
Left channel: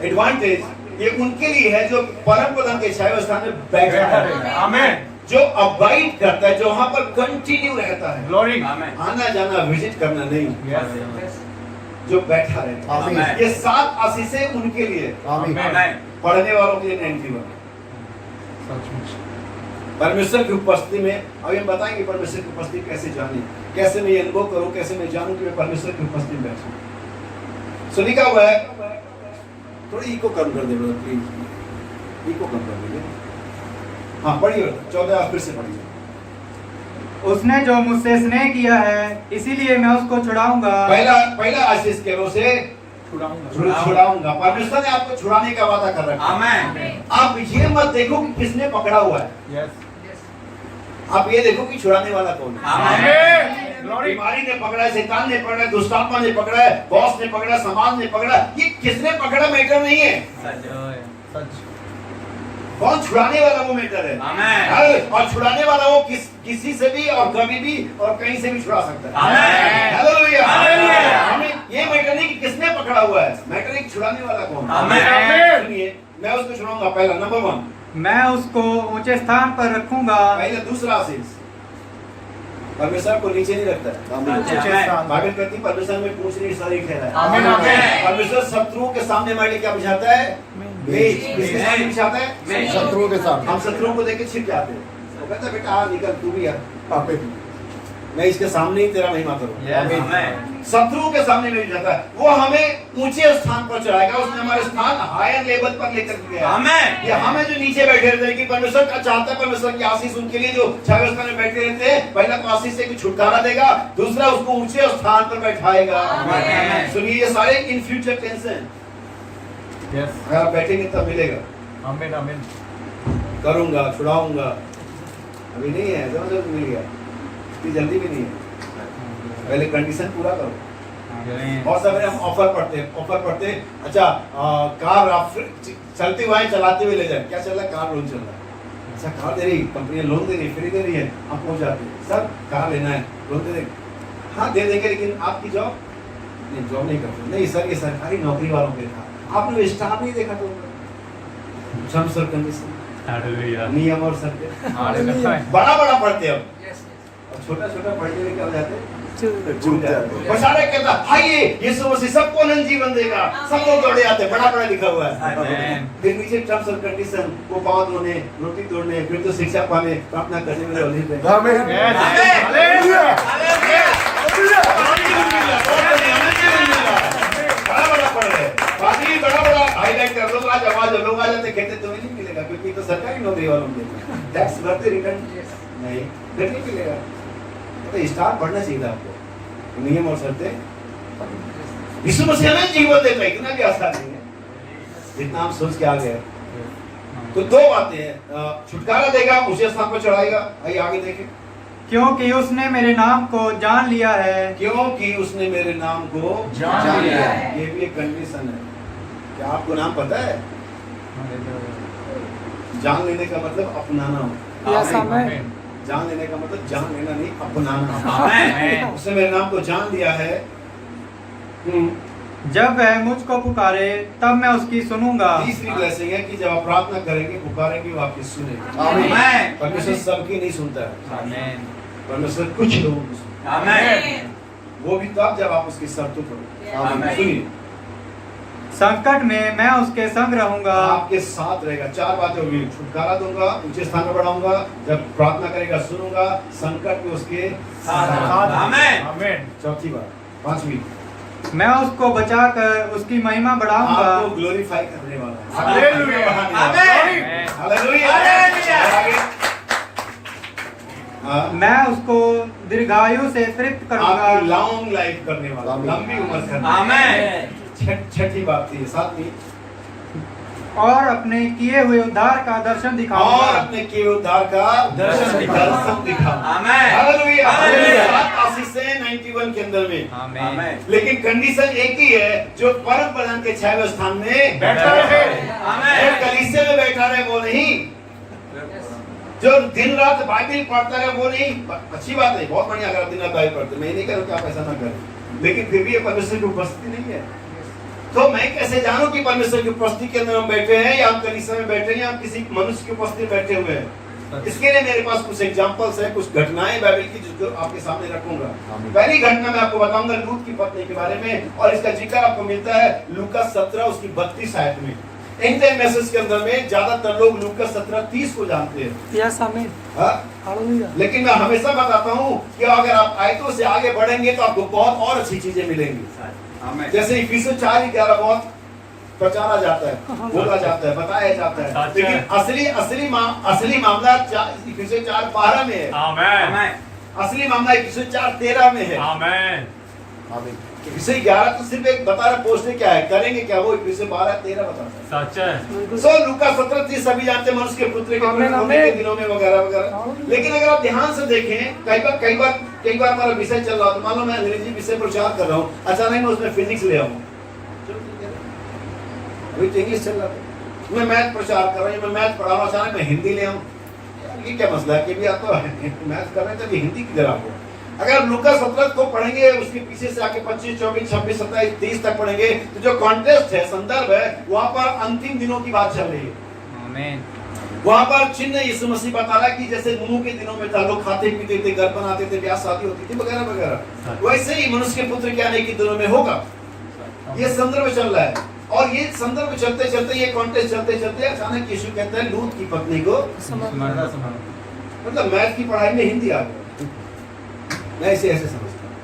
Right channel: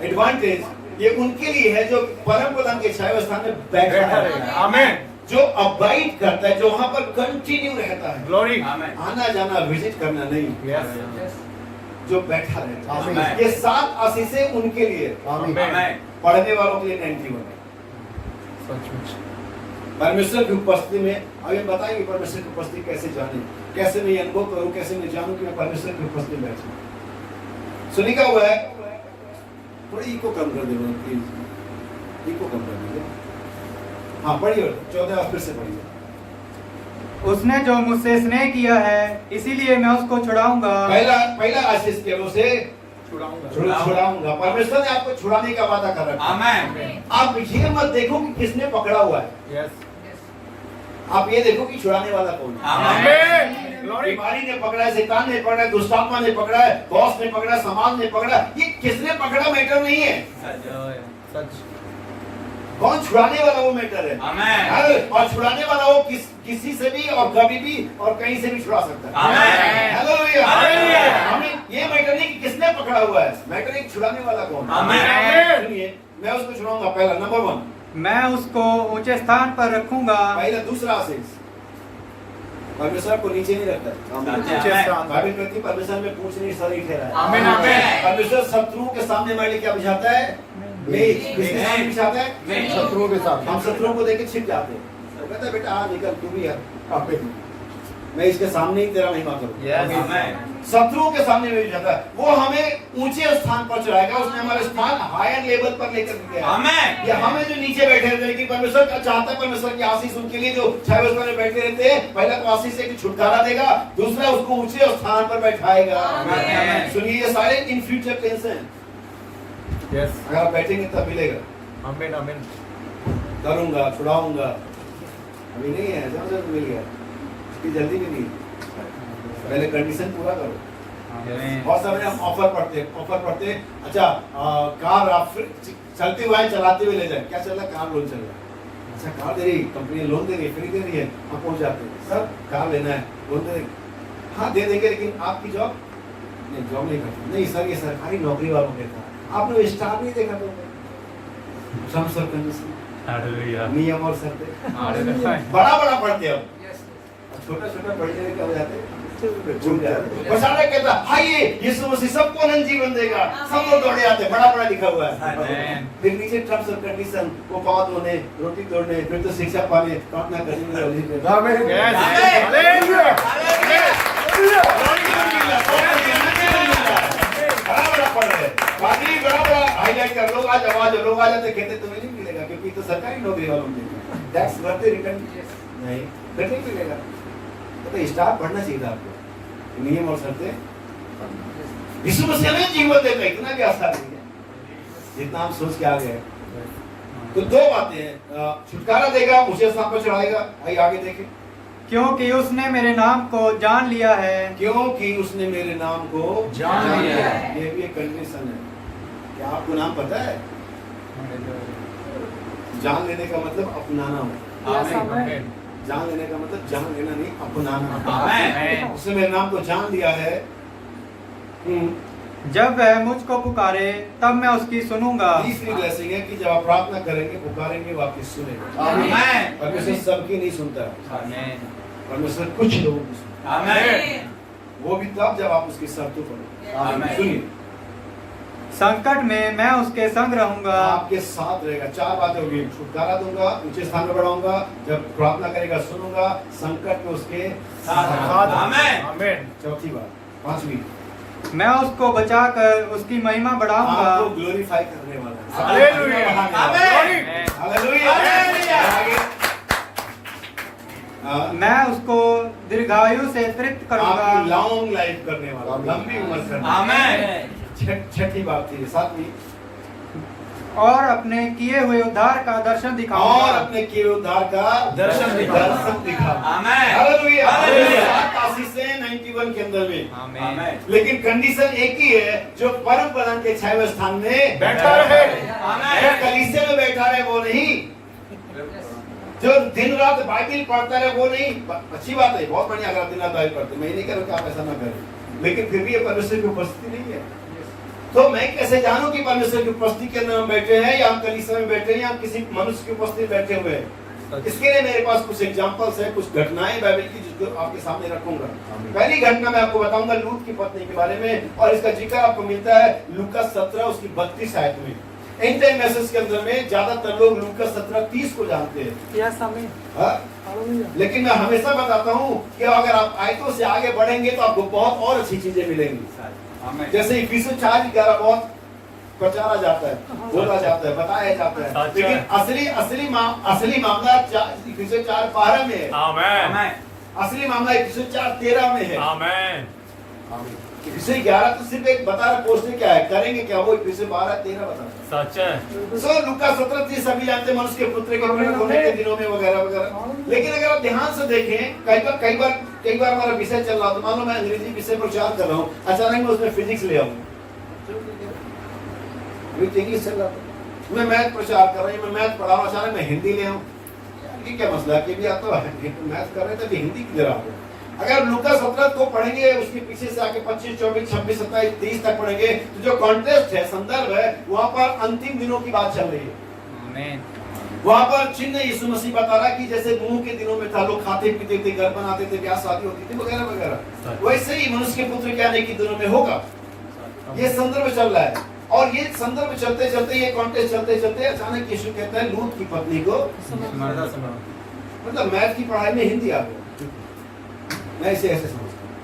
एडवांटेज, ये उनके लिए है जो परम प्रधान के छाया स्थान में बैठा है। आमीन। जो अबाइड करता है, जो वहां पर कंटिन्यू रहता है, ग्लोरी, आना जाना, विजिट करना नहीं, जो बैठा रहता है। ये 7 आशीषें उनके लिए, पढ़ने वालों के लिए 91। परमेश्वर की उपस्थिति में अब हम बताएंगे परमेश्वर की उपस्थिति कैसे जानी, कैसे मैं अनुभव करूं, कैसे मैं जानूं कि मैं परमेश्वर की उपस्थिति में बैठा हूं। सो लिखा हुआ है, थोड़ा इको कम कर दे प्लीज, इको कम कर दीजिए। हाँ पढ़िए 14 फिर से पढ़िए। उसने जो मुझसे स्नेह किया है, इसीलिए मैं उसको छुड़ाऊंगा। पहला आशीष के रो से छुड़ाऊंगा। परमेश्वर ने आपको छुड़ाने का वादा कर रखा है। आप ये मत देखो कि किसने पकड़ा हुआ है, आप ये देखो कि छुड़ाने वाला कौन है। बीमारी ने पकड़ा है, शैतान ने पकड़ा है, दुष्टात्मा ने पकड़ा है, बॉस ने पकड़ा, समाज ने पकड़ा, ये किसने पकड़ा मैटर नहीं है। कौन छुड़ाने वाला वो मैटर है। और छुड़ाने वाला वो किसी से भी और कभी भी और कहीं से भी छुड़ा सकता है। हमें ये मैटर नहीं कि किसने पकड़ा हुआ है, मैटर एक छुड़ाने वाला कौन है। सुनिए, मैं उसको छुड़ाऊंगा। पहला नंबर 1, मैं उसको ऊंचे स्थान पर रखूंगा। पहला। दूसरा आशीष, परमेश्वर को नीचे नहीं रखता। बाइबल कहती है परमेश्वर में पूछ नहीं सारी खेला है। परमेश्वर शत्रुओं के सामने हमारे लिए क्या बिछाता है? किसके सामने बिछाता है? शत्रुओं के सामने। हम शत्रुओं को देख के छिप जाते हैं, वो कहता है बेटा निकल, तू भी है, मैं इसके सामने ही तेरा महिमा करूं। शत्रुओं के सामने में बिछाता है, वो हमें ऊंचे स्थान पर चढ़ाएगा। उसने हमारे स्थान हायर लेवल पर लेकर गया। ये हमें जो नीचे बैठे रहते हैं कि परमेश्वर का चाहता है, परमेश्वर की आशीष उनके लिए जो छाया स्थान में बैठे रहते हैं, पहला तो आशीष से छुटकारा देगा, दूसरा उसको ऊंचे स्थान पर बैठाएगा। सुनिए, ये सारे इन फ्यूचर टेंस हैं। अगर आप बैठेंगे तब मिलेगा। आमीन आमीन। करूंगा, छुड़ाऊंगा, अभी नहीं है, जब मिल गया, इसकी जल्दी भी नहीं है, पहले कंडीशन पूरा करो। बहुत सारे हम ऑफर पढ़ते अच्छा कार आप चलते हुए चलाते हुए ले जाए, क्या चल रहा है? कार लोन चल रहा है। अच्छा कार दे रही, कंपनी लोन दे रही है, फ्री दे रही है, हम पहुंच जाते हैं, सर कार लेना है, लोन दे देंगे। हाँ दे देंगे, लेकिन आपकी जॉब नहीं, जॉब नहीं करते। नहीं सर, ये सरकारी नौकरी वालों के था, आपने स्टाफ नहीं देखा तो नियम और शर्तें बड़ा पढ़ते हो, छोटा छोटा पढ़ते हुए क्या हो जाते हैं, भूल जाते। और सारा कहता हाय यीशु मसीह सबको नया जीवन देगा, सब लोग दौड़े आते, बड़ा बड़ा लिखा हुआ है। फिर नीचे टर्म्स और कंडीशन, वो पाँव धोने, रोटी तोड़ने, फिर तो शिक्षा पाने, प्रार्थना करने में लगे थे। बड़ा पढ़ रहे, बाकी बड़ा हाईलाइट कर, लोग आज आवाज लोग आ जाते, कहते तुम्हें नहीं मिलेगा क्योंकि तो सरकारी नौकरी वालों में टैक्स भरते, रिटर्न नहीं फिर नहीं मिलेगा। तो स्टार पढ़ना चाहिए था आपको, नियम और शर्तें। यीशु मसीह हमें जीवन देता है, इतना भी आसान नहीं है जितना हम सोच के आ गए। तो दो बातें हैं, छुटकारा देगा, उसे स्थान पर चढ़ाएगा। आइए आगे देखें। क्योंकि उसने मेरे नाम को जान लिया है। क्योंकि उसने मेरे नाम को जान लिया है, ये भी एक कंडीशन है। क्या आपको नाम पता है? जान लेने का मतलब अपनाना हो। जान लेने का मतलब जान लेना नहीं, अपनाना। उसने मेरे नाम को जान लिया है। जब वह मुझको पुकारे तब मैं उसकी सुनूंगा। तीसरी ब्लेसिंग है कि जब आप प्रार्थना करेंगे, पुकारेंगे, वो आपकी सुनेगा। परमेश्वर सबकी नहीं सुनता है, परमेश्वर कुछ लोगों की सुनता है, वो भी तब जब आप उसकी शर्तों पर सुनिए। संकट में मैं उसके संग रहूंगा। आपके साथ रहेगा। चार बातें होगी, छुटकारा दूंगा, ऊंचे स्थान पर बढ़ाऊंगा, जब प्रार्थना करेगा सुनूंगा, संकट में उसके साथ। आमीन। चौथी बात, पांचवी, मैं उसको बचाकर उसकी महिमा बढ़ाऊंगा। आपको ग्लोरीफाई करने वाला है। Hallelujah, hallelujah, hallelujah. मैं उसको दीर्घायु से तृप्त करूंगा। आपकी लॉन्ग लाइफ करने वाला, लंबी उम्र करने वाला। आमीन। छठी बात थी, सातवीं, और अपने किए हुए उद्धार का दर्शन दिखाऊंगा। और अपने किए उद्धार का दर्शन दिखा। आमीन, हालेलुया, हालेलुया। आशीषें 91 के अंदर में। आमीन। लेकिन कंडीशन एक ही है, जो परम प्रधान के 6वें स्थान में बैठा रहे। आमीन। कलीसिया में बैठा रहे वो नहीं, जो दिन रात बाइबल पढ़ता रहे वो नहीं। अच्छी बात है, बहुत बढ़िया, अगर दिन रात बाइबल पढ़ते, मैं नहीं कह रहा कि आप ऐसा ना करें, लेकिन फिर भी ये परमेश्वर की उपस्थिति नहीं है। तो मैं कैसे जानूं कि परमेश्वर की उपस्थिति के अंदर हम बैठे हैं, या हम कलीसिया में बैठे हैं, या हम किसी मनुष्य की उपस्थिति में बैठे हुए हैं? इसके लिए मेरे पास कुछ एग्जांपल्स है, कुछ घटनाएं बाइबल की, जिसको आपके सामने रखूंगा। पहली घटना मैं आपको बताऊंगा लूत की पत्नी के बारे में, और इसका जिक्र आपको मिलता है लूका 17 उसकी 32 आयत में। इन टाइम मैसेज के अंदर में ज्यादातर लोग लूका 17:30 को जानते हैं। लेकिन मैं हमेशा बताता हूँ कि अगर आप आयतों से आगे बढ़ेंगे तो आपको बहुत और अच्छी चीजें मिलेंगी। जैसे इफिसियों 4:11 बहुत प्रचारा जाता है, बोला जाता है, बताया जाता है, लेकिन असली मामला इफिसियों 4:12 में है। असली मामला इफिसियों 4:13 में है। इफिसियों 11 तो सिर्फ एक बता रहा, पोस्टर क्या है, करेंगे क्या, वो इफिसियों 12-13 बताता है। सच है। सो लूका 17:30 सभी जानते हैं, मनुष्य के पुत्र के होने के दिनों में वगैरह वगैरह। लेकिन अगर आप ध्यान से देखें, कई बार हमारा विषय चल रहा, तो मान लो मैं अंग्रेजी विषय प्रचार कर रहा हूँ, अचानक मैं उसमें फिजिक्स ले आऊँ, अभी तो इंग्लिश चल रहा था, मैं मैथ प्रचार कर रहा हूँ, मैं मैथ पढ़ा रहा हूँ, अचानक मैं हिंदी ले आऊँ, ये क्या मसला है कि भी आप तो मैथ कर रहे थे, हिंदी किधर आ गया? अगर लूका 17 को पढ़ेंगे, उसके पीछे से आके 25, 24, 26, 27, 30 तक पढ़ेंगे, तो जो कॉन्टेक्स्ट है, संदर्भ है, वहाँ पर अंतिम दिनों की बात चल रही है। आमीन। वहाँ पर चिन्ह यीशु मसीह बता रहा है कि जैसे नूह के दिनों में था, लोग खाते पीते थे, घर बनाते थे, ब्याह शादी होती थी वगैरह वगैरह, वैसे ही मनुष्य के पुत्र के आने के दिनों में होगा। ये संदर्भ चल रहा है, और ये संदर्भ चलते चलते, ये कॉन्टेक्स्ट चलते चलते अचानक यीशु कहता है लूत की पत्नी को, मतलब मैथ की पढ़ाई में हिंदी आ गई। मैं इसे ऐसे समझता हूँ,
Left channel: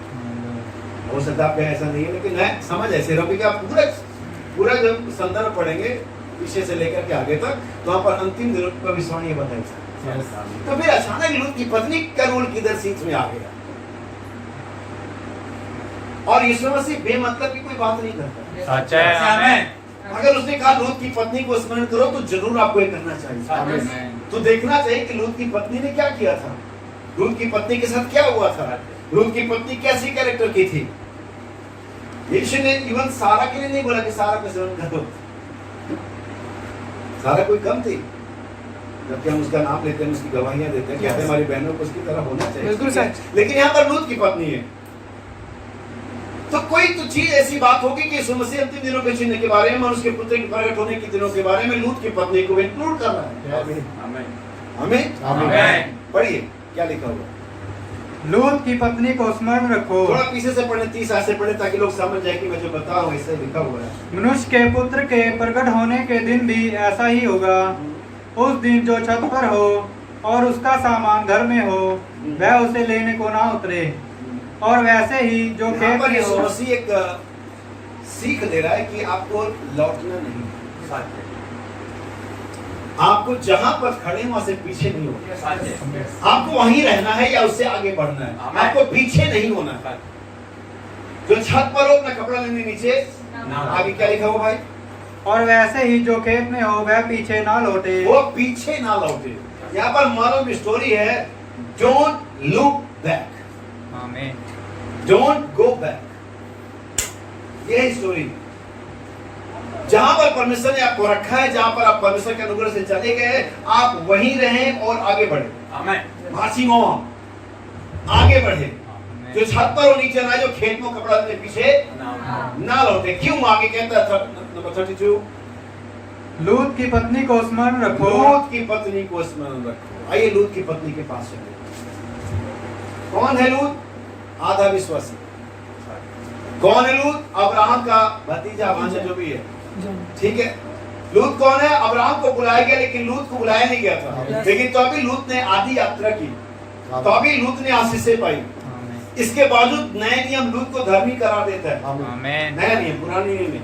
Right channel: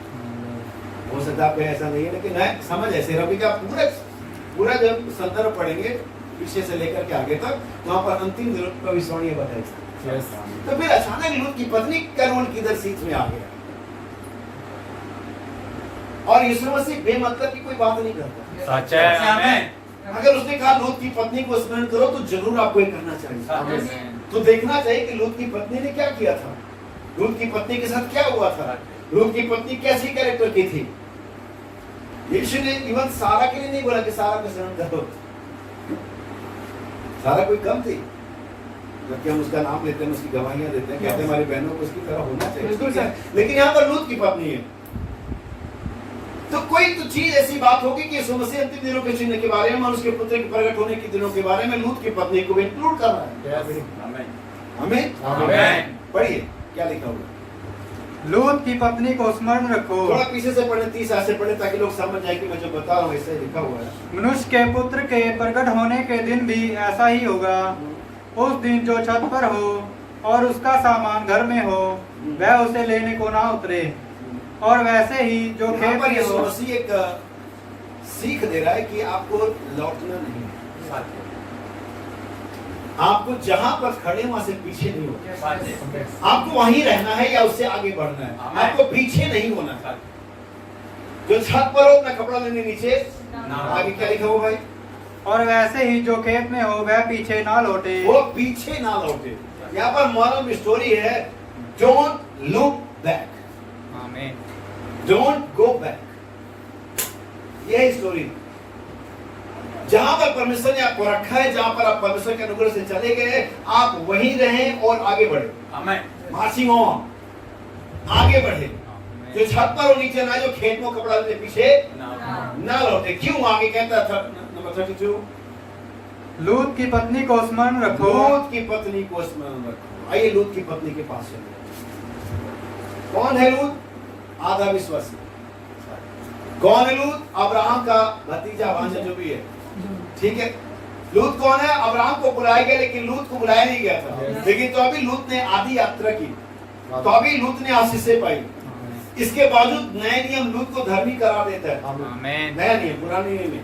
हो सकता है ऐसा नहीं है, लेकिन मैं समझ ऐसे रहा हूँ कि आप पूरा जब संदर्भ पढ़ेंगे पीछे से लेकर के आगे तक, तो वहाँ पर अंतिम दिनों की भविष्यवाणी बताई। तो फिर अचानक लूत की पत्नी का रोल किधर सीट में आ गया, और यीशु मसीह बेमतलब की कोई बात नहीं करता। सच है। अगर उसने कहा लूत की पत्नी को स्मरण करो, तो जरूर आपको ये करना चाहिए। तो देखना चाहिए कि लूत की पत्नी ने क्या किया था, लूत की पत्नी के साथ क्या हुआ था, लूत की पत्नी कैसी कैरेक्टर की थी। यीशु ने इवन सारा के लिए नहीं बोला कि सारा को स्मरण करो, सारा कोई कम थी, जबकि हम उसका नाम लेते हैं, उसकी गवाहियां देते हैं, कहते हैं हमारी बहनों को उसकी तरह होना चाहिए, लेकिन यहाँ पर लूत की पत्नी है। तो कोई तो चीज ऐसी बात होगी कि यीशु मसीह अंतिम दिनों के चिन्ह के बारे में और उसके पुत्र के प्रकट होने के दिनों के बारे में लूत की पत्नी को इंक्लूड कर रहा है। आमीन, आमीन। पढ़िए क्या लिखा हुआ। लूत की पत्नी को स्मरण रखो। थोड़ा पीछे से पढ़े, 30 आयत से पढ़े, ताकि लोग समझ जाए कि मैं जो बता रहा हूँ ऐसे लिखा हुआ है। मनुष्य के पुत्र के प्रकट होने के दिन भी ऐसा ही होगा। उस दिन जो छत पर हो और उसका सामान घर में हो, वह उसे लेने को ना उतरे। और वैसे ही जो यहाँ खेत पर में यीशु हो। मसीह एक सीख दे रहा है कि आपको लौटना नहीं है। आपको जहां पर खड़े वहां से पीछे नहीं होना। आपको वहीं रहना है या उससे आगे बढ़ना है। आपको पीछे नहीं होना है। जो छत पर हो अपना कपड़ा लेने नीचे, आगे क्या लिखा हो भाई? और वैसे ही जो खेत में हो वह पीछे ना लौटे। वो पीछे ना लौटे। यहाँ पर मॉरल स्टोरी है, डोंट लुक बैक, आमीन। Don't go back. ये है स्टोरी। जहां पर परमेश्वर ने आपको रखा है, जहां पर आप परमेश्वर के अनुग्रह से चले गए, आप वहीं रहें और आगे बढ़े। मार्चिंग ऑन, आगे बढ़े। जो छत पर हो नीचे ना, जो खेत में कपड़ा लेने पीछे ना लौटे। क्यों? आगे कहता है नंबर 32, लूत की पत्नी को स्मरण रखो। लूत की पत्नी को स्मरण रखो। आइए लूत की पत्नी के पास चले। कौन है लूत? आधा विश्वासी। कौन है लूत? अब्राहम का भतीजा, भांजा, जो भी है, ठीक है। लूत कौन है? अब्राहम को बुलाया गया, लेकिन लूत को बुलाया नहीं गया था। लेकिन तो अभी लूत ने आधी यात्रा की, तो अभी लूत ने आशीषें पाई। इसके बावजूद नया नियम लूत को धर्मी करार देता है। आमीन। नया नियम, पुराने नियम में।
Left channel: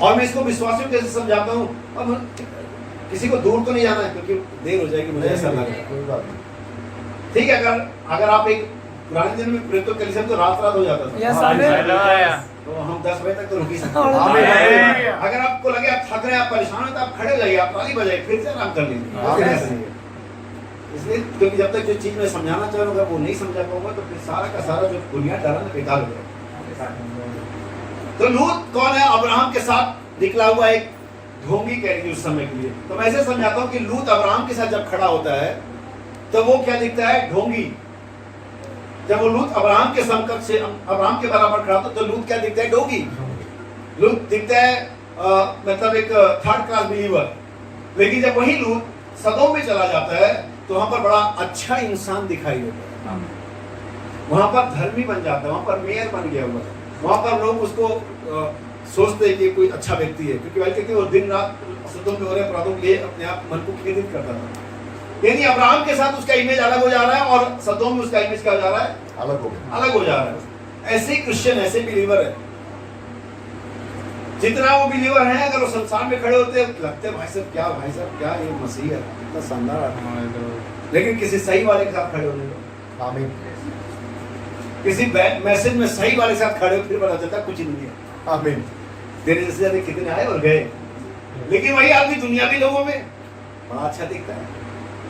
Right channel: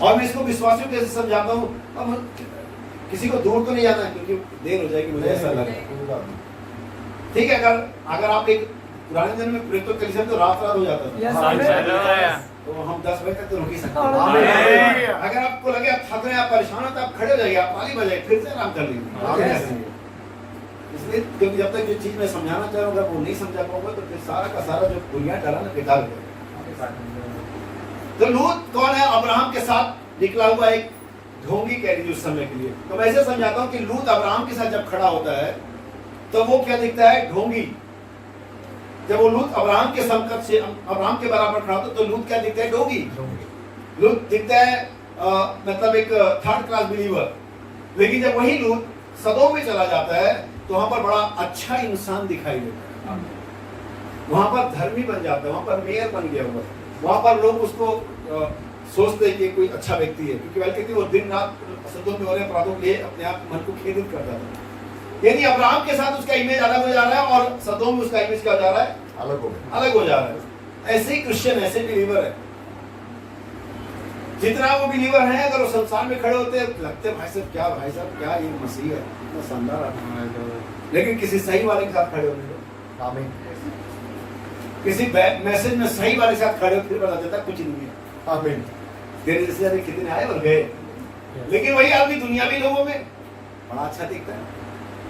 और मैं इसको विश्वासियों कैसे समझाता हूँ। अब किसी को दूर तो नहीं जाना है, क्योंकि देर हो जाएगी, मुझे ऐसा लग रहा है। ठीक है, अगर आप एक पुराने दिन में प्रेतो कलीसिया में तो रात हो जाता था। तो हम 10 बजे तक तो रुक ही सकते हैं। अगर आपको लगे आप थक रहे हैं, आप परेशान हैं, तो आप खड़े हो जाइए, आप ताली बजाइए, फिर से आराम कर लीजिए। इसलिए क्योंकि जब तक जो चीज मैं समझाना चाह रहा हूँ वो नहीं समझा पाऊंगा, तो फिर सारा का सारा जो बुनियाद डाला ना, बेकार हो जाएगा। तो लूत कौन है? अब्राहम के साथ निकला हुआ एक ढोंगी कह लीजिए उस समय के लिए। तो मैं ऐसे समझाता हूँ कि लूत अब्राहम के साथ जब खड़ा होता है, तो वो क्या दिखता है? ढोंगी। जब वो लूत अब्राहम के समकक्ष से, अब्राहम के बराबर खड़ा होता, तो लूत क्या दिखता है? ढोंगी। लूत दिखता है मतलब एक थर्ड क्लास बिलीवर। लेकिन जब वही लूत सदोम में चला जाता है, तो वहां पर बड़ा अच्छा इंसान दिखाई देता है। वहां पर धर्मी बन जाता है, वहां पर मेयर बन गया हुआ है। वहां पर लोग उसको सोचते हैं कि कोई अच्छा व्यक्ति है, क्योंकि वही कहते हैं वो दिन रात सदोम में हो रहे अपराधों के लिए अपने आप मन को खेदित करता था। यानी अब्राहम के साथ उसका इमेज अलग हो जा रहा है, और सदोम में उसका इमेज क्या हो जा रहा है? अलग हो जा रहा है। ऐसे ही क्रिश्चियन, ऐसे बिलीवर है। जितना वो बिलीवर है, अगर वो संसार में खड़े होते हैं, लगते भाई साहब क्या ये मसीह है, इतना शानदार आदमी। लेकिन किसी सही वाले के साथ खड़े होने, किसी मैसेज में सही वाले के साथ खड़े हो, फिर पता चलता कुछ नहीं है। आमीन। तेरे जैसे जाने कितने आए और गए, लेकिन वही आदमी दुनियावी लोगों में बड़ा अच्छा दिखता है।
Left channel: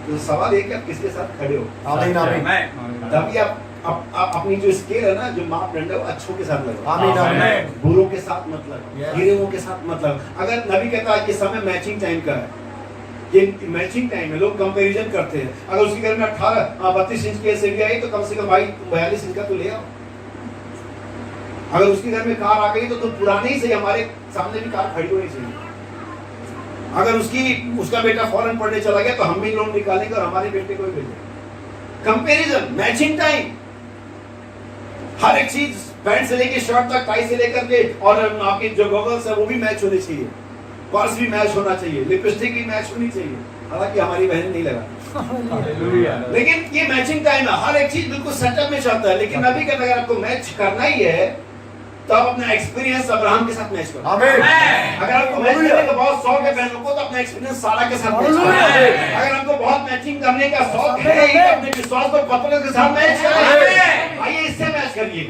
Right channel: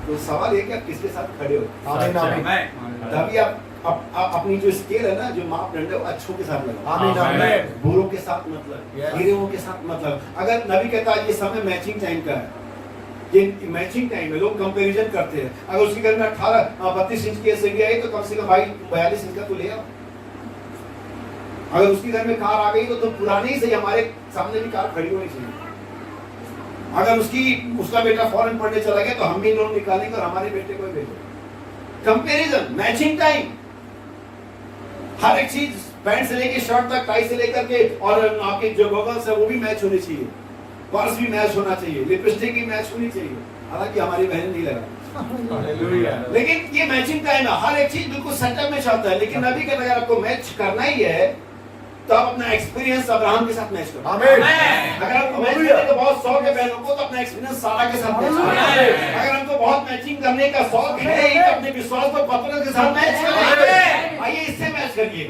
तो सवाल ये कि आप किसके साथ खड़े हो। आमीन। तभी आप अपनी जो स्केल है ना, जो मापदंड है, वो अच्छों के साथ लगाओ। बुरों के साथ मतलब, गिरोहों के साथ मतलब। अगर नबी कहता है कि समय मैचिंग टाइम का है, ये मैचिंग टाइम है, लोग कंपैरिजन करते हैं। अगर उसके घर में 32 इंच की एलसीडी आई, तो कम से कम भाई 42 इंच का तो ले आओ। अगर उसके घर में कार आ गई, तो तुम पुरानी ही सही, हमारे सामने भी कार खड़ी होनी चाहिए। अगर उसका बेटा फॉरेन पढ़ने चला गया, तो हम भी लोन निकालेंगे और हमारे बेटे को भी भेजेंगे। कंपैरिजन, मैचिंग टाइम, हर एक चीज, पैंट से लेके शर्ट तक, टाई से लेकर के, और आपके जो गॉगल्स है वो भी मैच होने चाहिए, पर्स भी मैच होना चाहिए, लिपस्टिक भी मैच होनी चाहिए। हालांकि हमारी बहन नहीं लगा, लेकिन ये मैचिंग टाइम है। हर एक चीज बिल्कुल सेटअप में चलता है। लेकिन नबी कहता है अगर आपको मैच करना ही है, तो आप अपना एक्सपीरियंस अब्राहम के साथ मैच करो। अगर आपको मैच करने का बहुत शौक है बहनों को, तो अपना एक्सपीरियंस सारा के साथ मैच करो। अगर हमको बहुत मैचिंग करने का शौक है, तो अपने विश्वास को पत्रों के साथ मैच करें। आइए इससे मैच करिए,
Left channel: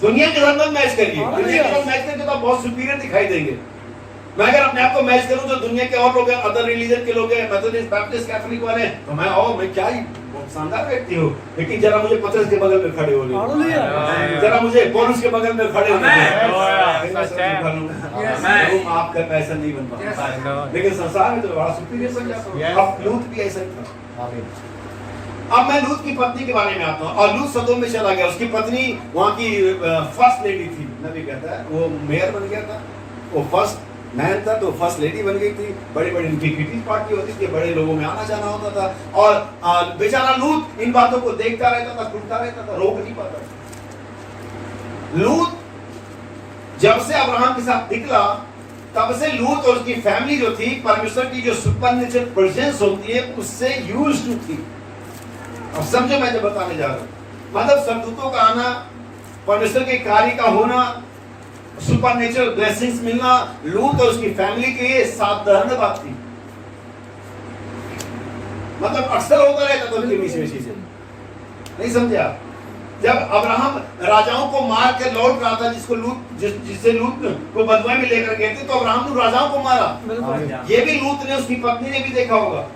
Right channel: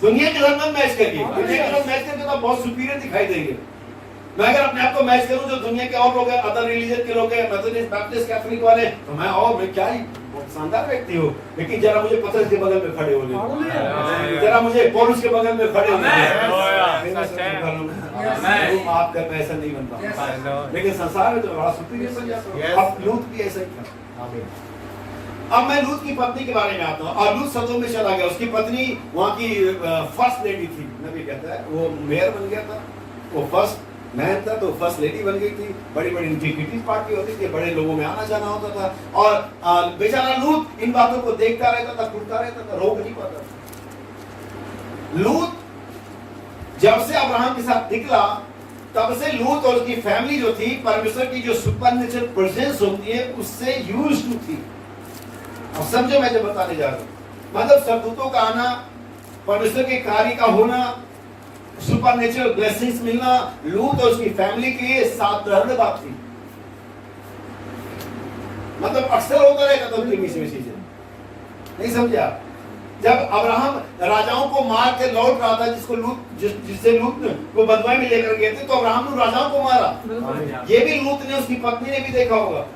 दुनिया के साथ मैच करिए। दुनिया के साथ मैच करके तो आप बहुत सुपीरियर दिखाई देंगे। मैं अगर अपने आप को मैच करूं जो दुनिया के और लोग हैं, अदर रिलीजन के लोग हैं, मेथोडिस्ट, बैप्टिस्ट, कैथोलिक वाले, तो मैं क्या ही बहुत शानदार व्यक्ति हूँ। लेकिन जरा मुझे पतरस के बगल में खड़े होने, जरा मुझे पौलुस के बगल में खड़े होने, आप कर ऐसा नहीं बनता। लेकिन संसार में तो बड़ा सुपीरियर समझाता हूँ। अब लूत भी ऐसा ही था। अब मैं लूत की पत्नी के बारे में आता हूँ। और लूत सदोम में चला गया। उसकी पत्नी वहाँ की फर्स्ट लेडी थी। नबी कहता है वो मेयर बन गया था, वो फर्स्ट मैन था तो फर्स्ट लेडी बन गई थी, बड़ी बड़ी इनकी पार्टी होती थी, बड़े लोगों में आना जाना होता था, और बेचारा लूत इन बातों को देखता रहता था, सुनता रहता था, रोक नहीं पाता था। लूत जब से अब्राहम के साथ निकला तब से लूत और उसकी फैमिली जो थी परमेश्वर की जो सुपरनेचुरल प्रेजेंस होती है उससे यूज्ड टू थी। अब समझो मैं जो बताने जा रहा हूं, मतलब सरदूतों का आना, परमेश्वर के कार्य का होना, सुपरनेचुरल ब्लेसिंग्स मिलना लूत और उसकी फैमिली के लिए साधारण बात थी। मतलब अक्सर होता रहता था उनके बीच में चीजें, नहीं समझे आप? जब अब्राहम राजाओं को मार के लौट रहा था, जिससे लूत को बदमाई में लेकर गए थे, तो अब्राहम ने राजाओं को मारा। ये भी लूत ने, उसकी पत्नी ने भी देखा होगा।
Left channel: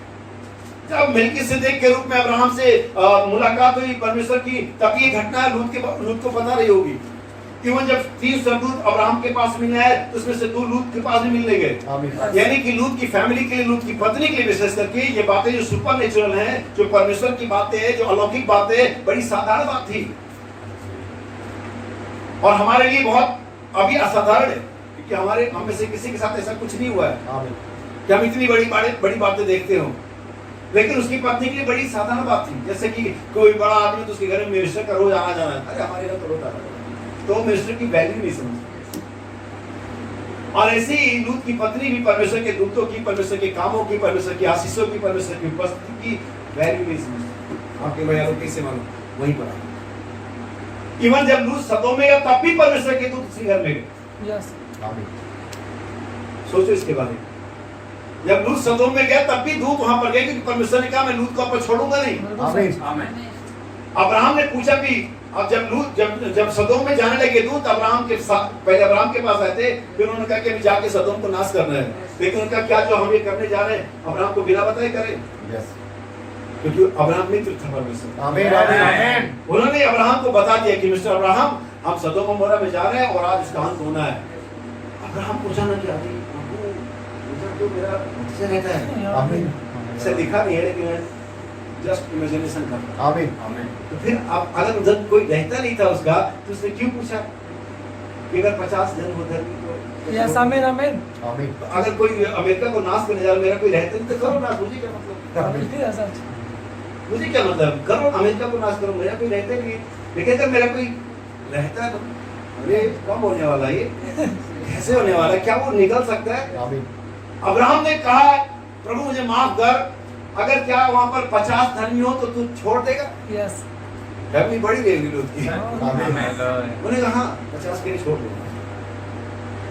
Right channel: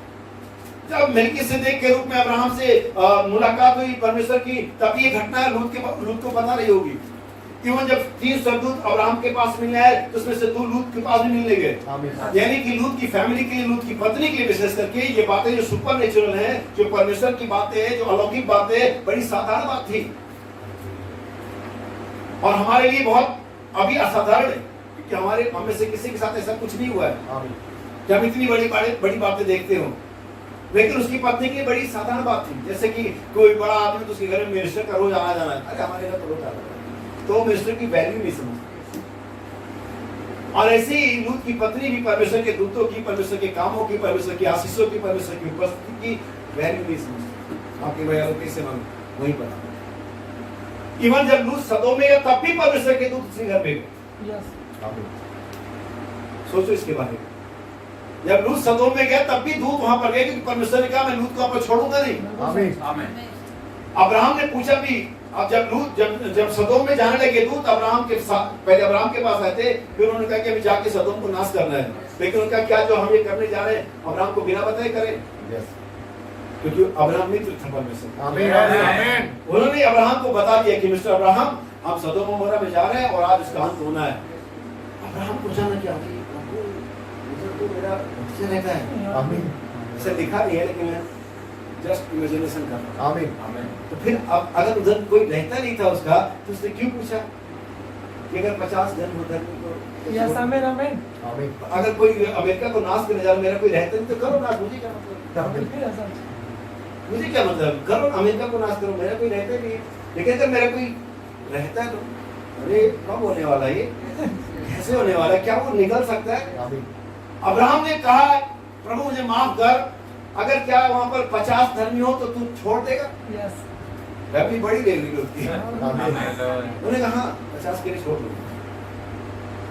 जब मेल्कीसेदेक के रूप में अब्राहम से मुलाकात हुई परमेश्वर की, तब ये घटना लूत को पता रही होगी। इवन जब 3 सरदूत अब्राहम के पास मिलने आए तो उसमें से 2 लूत के पास भी मिलने गए। यानी कि लूत की फैमिली के लिए, लूत की पत्नी के लिए विशेष करके ये बातें जो सुपर नेचुरल है, जो परमेश्वर की बातें हैं, जो अलौकिक बातें, बड़ी साधारण बात थी और हमारे लिए बहुत अभी असाधारण है, क्योंकि हम में से किसी के साथ ऐसा कुछ नहीं हुआ है कि हम इतनी बड़ी बातें देखते हो। लेकिन उसकी पत्नी के लिए बड़ी साधारण बात थी। जैसे कि कोई बड़ा आदमी तो उसके घर में मिनिस्टर का रोज आना जाना है, अरे हमारे घर तो रोज आना, तो मिनिस्टर की वैल्यू नहीं समझती। और ऐसी ही लूत की पत्नी भी परमेश्वर के दूतों की, परमेश्वर के कामों की, परमेश्वर की आशीषों की, परमेश्वर की उपस्थिति की वैल्यू नहीं समझती। आपके भैया लोग कैसे मालूम? वहीं पर इवन जब लूत सदोम में गया तब भी परमेश्वर के दूत उसी घर में गए। सोचो इसके बारे में। जब लूत सदोम में गया तब भी दूत वहां पर गए, क्योंकि परमेश्वर ने कहा मैं लूत को आप छोड़ूंगा नहीं। आमीन। अब्राहम ने पूछा भी, अब जब सदोम में जाने लगे दूत अब्राहम के साथ, पहले अब्राहम के पास आए थे, फिर उन्होंने कहा कि अभी जाके सदोम को नाश करना है। लेकिन उनका क्या जो हम ये करने जा रहे हैं अब्राहम को बिना बताए करें, क्योंकि अब्राहम मित्र था परमेश्वर। आमीन। उन्होंने अब्राहम को बता दिया कि मिस्टर अब्राहम, हम सदोम अमोरा में जा रहे हैं और आज इसका अंत होना है। अब्राहम को जाना क्या, प्रभु उधर तो मेरा बच्चा रहता है। आमीन। ऐसा लिखा नहीं है, लेकिन मैं जस्ट इमेजिनेशन कर रहा हूं। आमीन। आमीन। तो फिर अब अगर उधर कोई रहता नहीं था उसका, तो उसने क्यों पूछा कि अगर 50 जन उधर तो यस। आमीन। आमीन। आमीन। अगर कोई अमेरिका को नाश करने जा रहा, मेरा कोई रहता नहीं तो करो नाश, मुझे क्या मतलब? मुझे क्या मतलब, करो अमेरिका को नाश करो, मेरा कोई रहता नहीं। लेकिन अगर मेरा कोई रहता है तो अरे कब होने वाला है, ये कैसे होने वाला है, क्या वो निकल सकता है? अब्राहम ने कहा प्रभु मुझे माफ कर, अगर क्या वहां पर 50 धर्मी हो तो तू छोड़ देगा? यस। फैमिली बड़ी ले ली उसकी। उन्होंने कहा 50 के लिए छोड़ दो।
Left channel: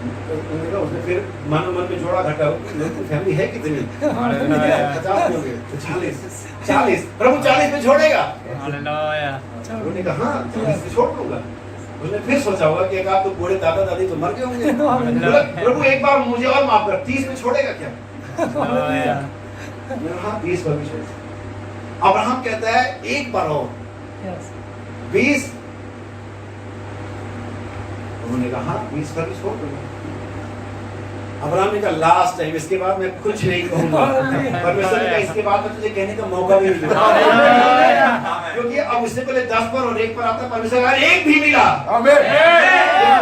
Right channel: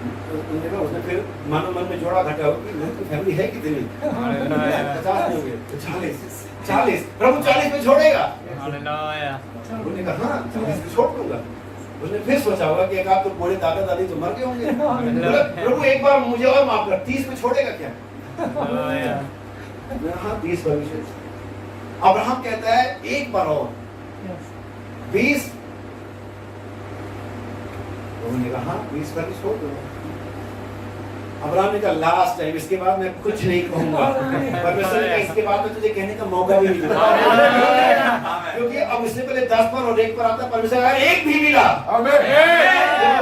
उन्होंने कहा, उसने फिर मन में जोड़ा घटा, फैमिली है कितनी? 50 हो गए तो 40। प्रभु 40 में छोड़ेगा? उन्होंने कहा हाँ 40 में छोड़ दूंगा। उसने फिर सोचा होगा कि आप तो बूढ़े दादा दादी तो मर गए होंगे, प्रभु एक बार मुझे और माफ कर, 30 में छोड़ेगा क्या? हाँ 30 पर भी छोड़। अब्राहम कहता है एक बार और 20। उन्होंने कहा 20 पर भी छोड़ दूंगा। अब्राहम ने कहा लास्ट टाइम, इसके बाद मैं कुछ नहीं कहूंगा। परमेश्वर ने कहा इसके बाद में तुझे कहने का मौका भी नहीं दूंगा, क्योंकि अब इससे पहले 10 पर और 1 पर आता, परमेश्वर का 1 भी मिला, तो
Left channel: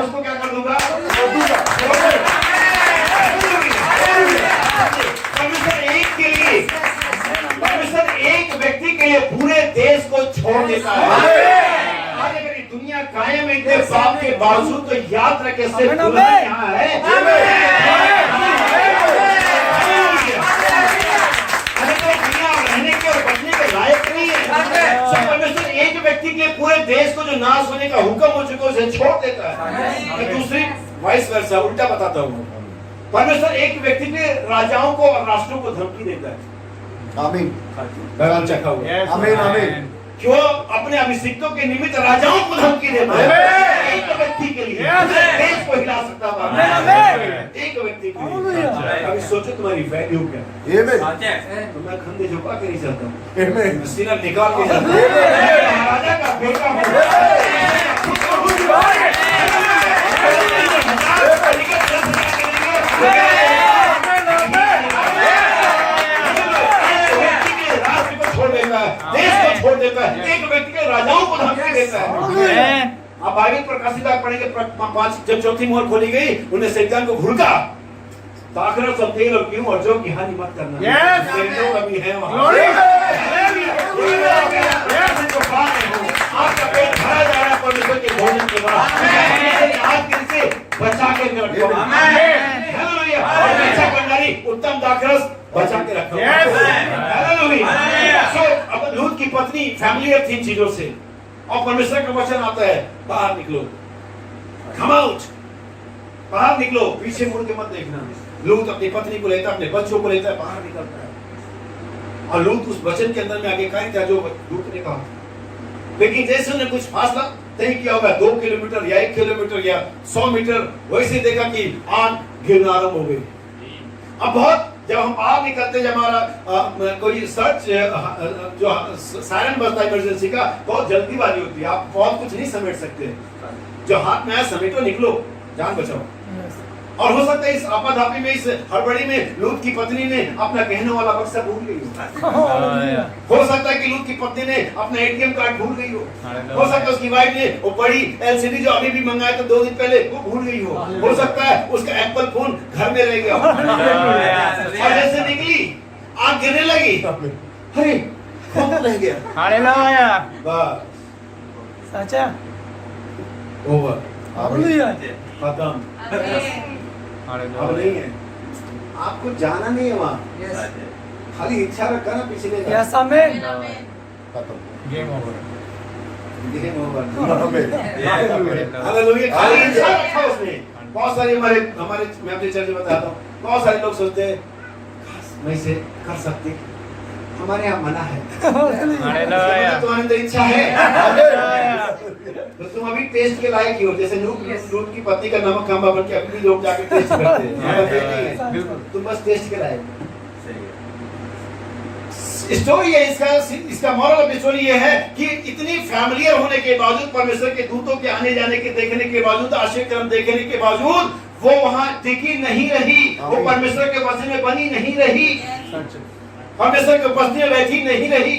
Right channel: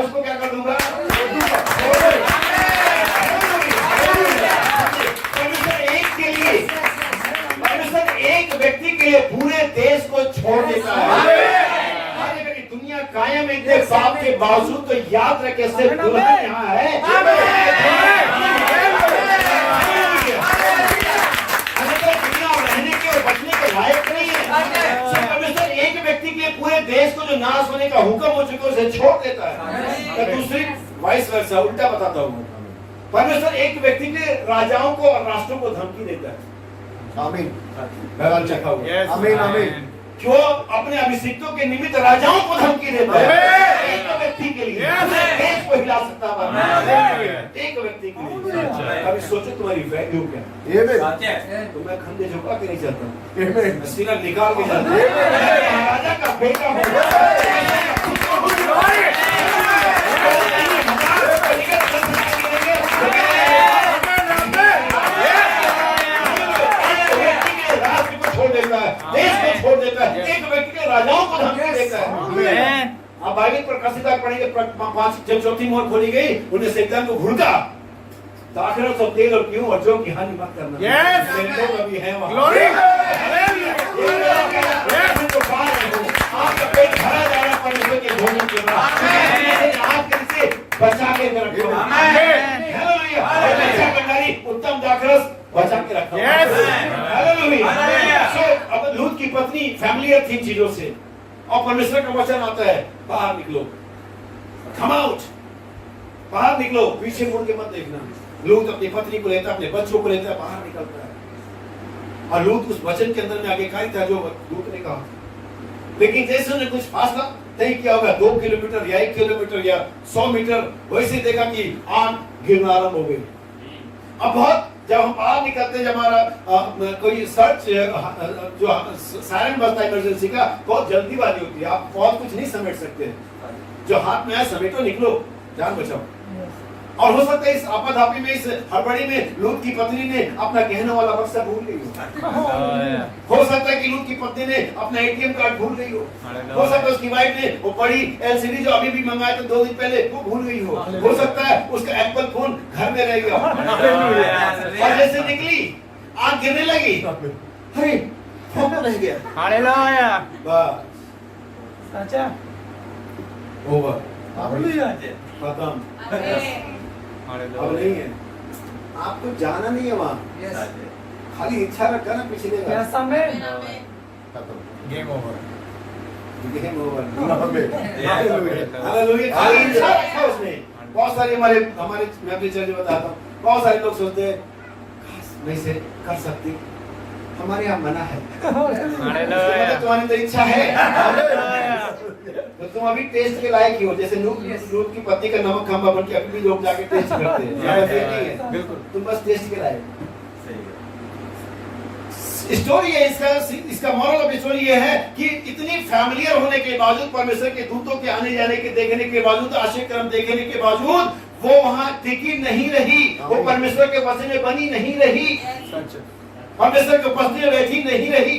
उसको क्या कर दूंगा? परमेश्वर एक व्यक्ति के लिए पूरे देश को छोड़ देता है। आज अगर ये दुनिया कायम इतने पाप के बावजूद, तो याद रखे सिर्फ दुल्हन यहाँ है। अगर तो दुनिया रहने के और बचने के लायक नहीं है, परमेश्वर एक व्यक्ति के पूरे देश को जो नाश होने का हुक्म हो चुका है उसे छोड़ देता है। दूसरी वाइस वर्सा, उल्टा बताता हूँ, परमेश्वर एक व्यक्ति के राजाओं को और राष्ट्रों को धमकी देता है। आमीन। आमीन। आमीन। क्यों अपने अभिषिक्तों के निमित्त राजाओं को धमकी देता है? एक व्यक्ति के लिए देश को हिला सकता है, एक व्यक्ति के लिए। अभी सोचो तुम्हारी वैल्यू क्या? तो मैं खंडे झुका के नहीं चलता, सीना निकाल के चलता हूं। महाराजा का बेटा छोड़ देता है, देश को छोड़ देता है, एक व्यक्ति के राजाओं को धमकी देता है। आप बाइबल प्रकाशित पढ़ेंगे, जब चौथी मोहर खोली गई, उन्हें शैतान को घुड़का, दाखरस और तेल और क्यों और जो की हानि मत करना। Yes. मेरे लोग अभी हैं वहाँ। Glory. तो खा रहे हो, आपका पेट भरा जा रहा है परमेश्वर के भोजन के बाद। आज के से बचा के रखो। हालेलुया। और अच्छा भंडारी उत्तम दाखरस बचा के रखो। हालेलुया। सो अब लूत की पत्नी फैमिलियर थी चीजों से, और परमेश्वर का वचन आता है बाहर निकलो, कम आउट, बाहर निकलो, पीछे मुड़ के मत देखना। लूत अपनी पत्नी को लेता, अपने बच्चों को लेता है, बाहर निकलता है। और लूत उस वचन के अंदर में आगे का था जो लूत ने कहा। लेकिन जैसे उन्होंने कुछ फासला तय किया होगा, 2 किलोमीटर या 1 किलोमीटर या 100 मीटर, वैसे देखा कि आग गिरना आरंभ हो गई। अब बहुत जब हम बाहर निकलते, जब हमारा कोई सर्च जो सायरन बजता है इमरजेंसी का, बहुत जल्दीबाजी होती है, आप बहुत कुछ नहीं समेट सकते। जो हाथ में आया समेटो, निकलो, जान बचाओ। और हो सकता है इस आपाधापी में, इस हड़बड़ी में लूत की पत्नी ने अपना कहने वाला बक्सा भूल गई हो। हो सकता है कि लूत की पत्नी ने अपना एटीएम कार्ड भूल गई हो। हो सकता है उसकी वाइफ ने वो बड़ी एलसीडी जो अभी भी मंगाया था 2 दिन पहले, वो भूल गई हो सकता है उसका एप्पल फोन घर में रह गया। और जैसे निकली आग गिरने लगी, अरे फोन तो रह गया। हालेलुया। बस सच्चा ओवर, खत्म। अब नहीं है, आपको जाना नहीं है वहाँ, खाली इच्छा रखा ना पिछले गेम ओवर। हालेलुया। खाली इच्छा रखा उसने। बहुत सारे हमारे मैं अपने चर्च में बताता हूँ, बहुत सारे लोग सोचते हैं काश मैं इसे कर सकती, हमारे यहाँ मना है। तुम्हारे अंदर इच्छा है तो तुम अभी टेस्ट के लायक ही हो। जैसे लूत की पत्नी का नमक खंबा बन के अभी भी लोग जाके टेस्ट करते हैं। तुम बस टेस्ट के लायक। स्टोरी है इसका मॉरल ऑफ स्टोरी ये है कि इतनी फैमिलियर होने के बावजूद, परमेश्वर के दूतों के आने जाने के देखने के बावजूद, आश्चर्य कर्म देखने के बावजूद, वो वहां टिकी नहीं रही, वो परमेश्वर के वचन में बनी नहीं रही, परमेश्वर के उपस्थिति में बैठी नहीं रही,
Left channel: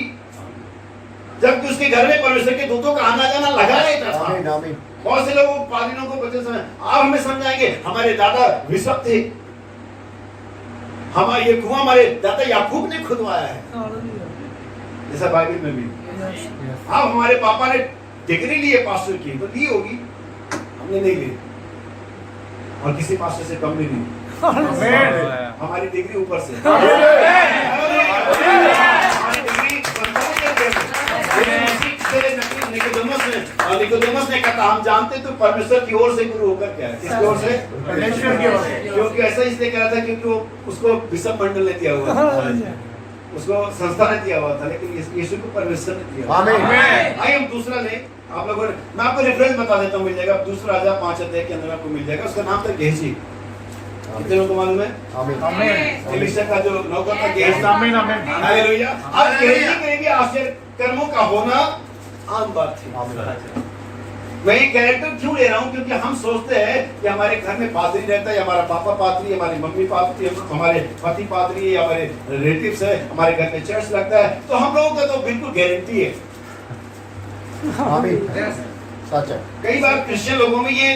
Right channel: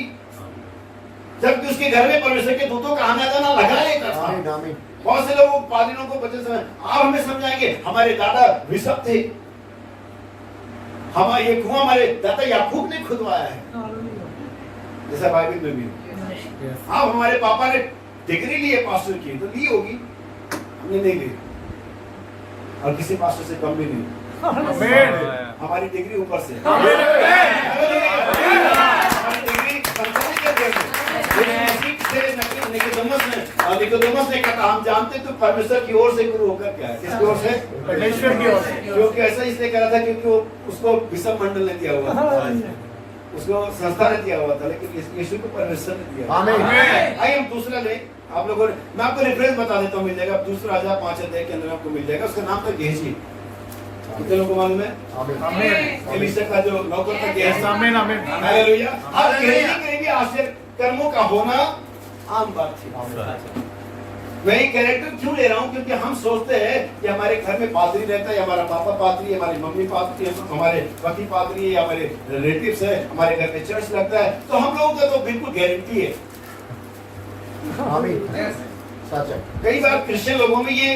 जबकि उसके घर में परमेश्वर के दूतों का आना जाना लगा रहता था। बहुत से लोग पादरियों को बच्चे समय आप हमें समझाएंगे, हमारे दादा विशप थे, हमारे ये कुआं हमारे दादा याकूब ने खुदवाया है, जैसा बाइबल में भी। अब हमारे पापा ने डिग्री ली है पास्टर की, तो ली होगी, हमने नहीं ली, और किसी पास्टर से कम भी नहीं। हमारी डिग्री ऊपर से, हमारी डिग्री निकोदेमस ने कहा हम जानते तो परमेश्वर की ओर से गुरु होकर क्या है, किसकी ओर से? परमेश्वर की ओर से। क्योंकि ऐसा इसलिए कहा था क्योंकि वो उसको बिशप मंडल ने दिया हुआ था, उसको संस्था ने दिया हुआ था, लेकिन यीशु को परमेश्वर ने दिया। आमिन। आइए हम दूसरा ले, आप लोगों ने, मैं आपको रेफरेंस बता देता हूँ, मिल जाएगा, दूसरा राजा 5 अध्याय के अंदर आपको मिल जाएगा। उसका नाम था गेहजी। कितने लोगों को मालूम है? आमीन। एलीशा का जो नौकर था गेहजी। आमीन आमीन। हालेलुया। और गेहजी के भी आश्चर्य कर्मों का होना आम बात थी। मैं ये कैरेक्टर क्यों ले रहा हूँ? क्योंकि हम सोचते हैं कि हमारे घर में पादरी रहता है, हमारा पापा पादरी, हमारी मम्मी पादरी, हमारे पति पादरी, हमारे रिलेटिव्स है, हमारे घर में चर्च लगता है, तो हम लोगों का तो बिल्कुल गारंटी है। कई बार क्रिश्चियन लोगों में ये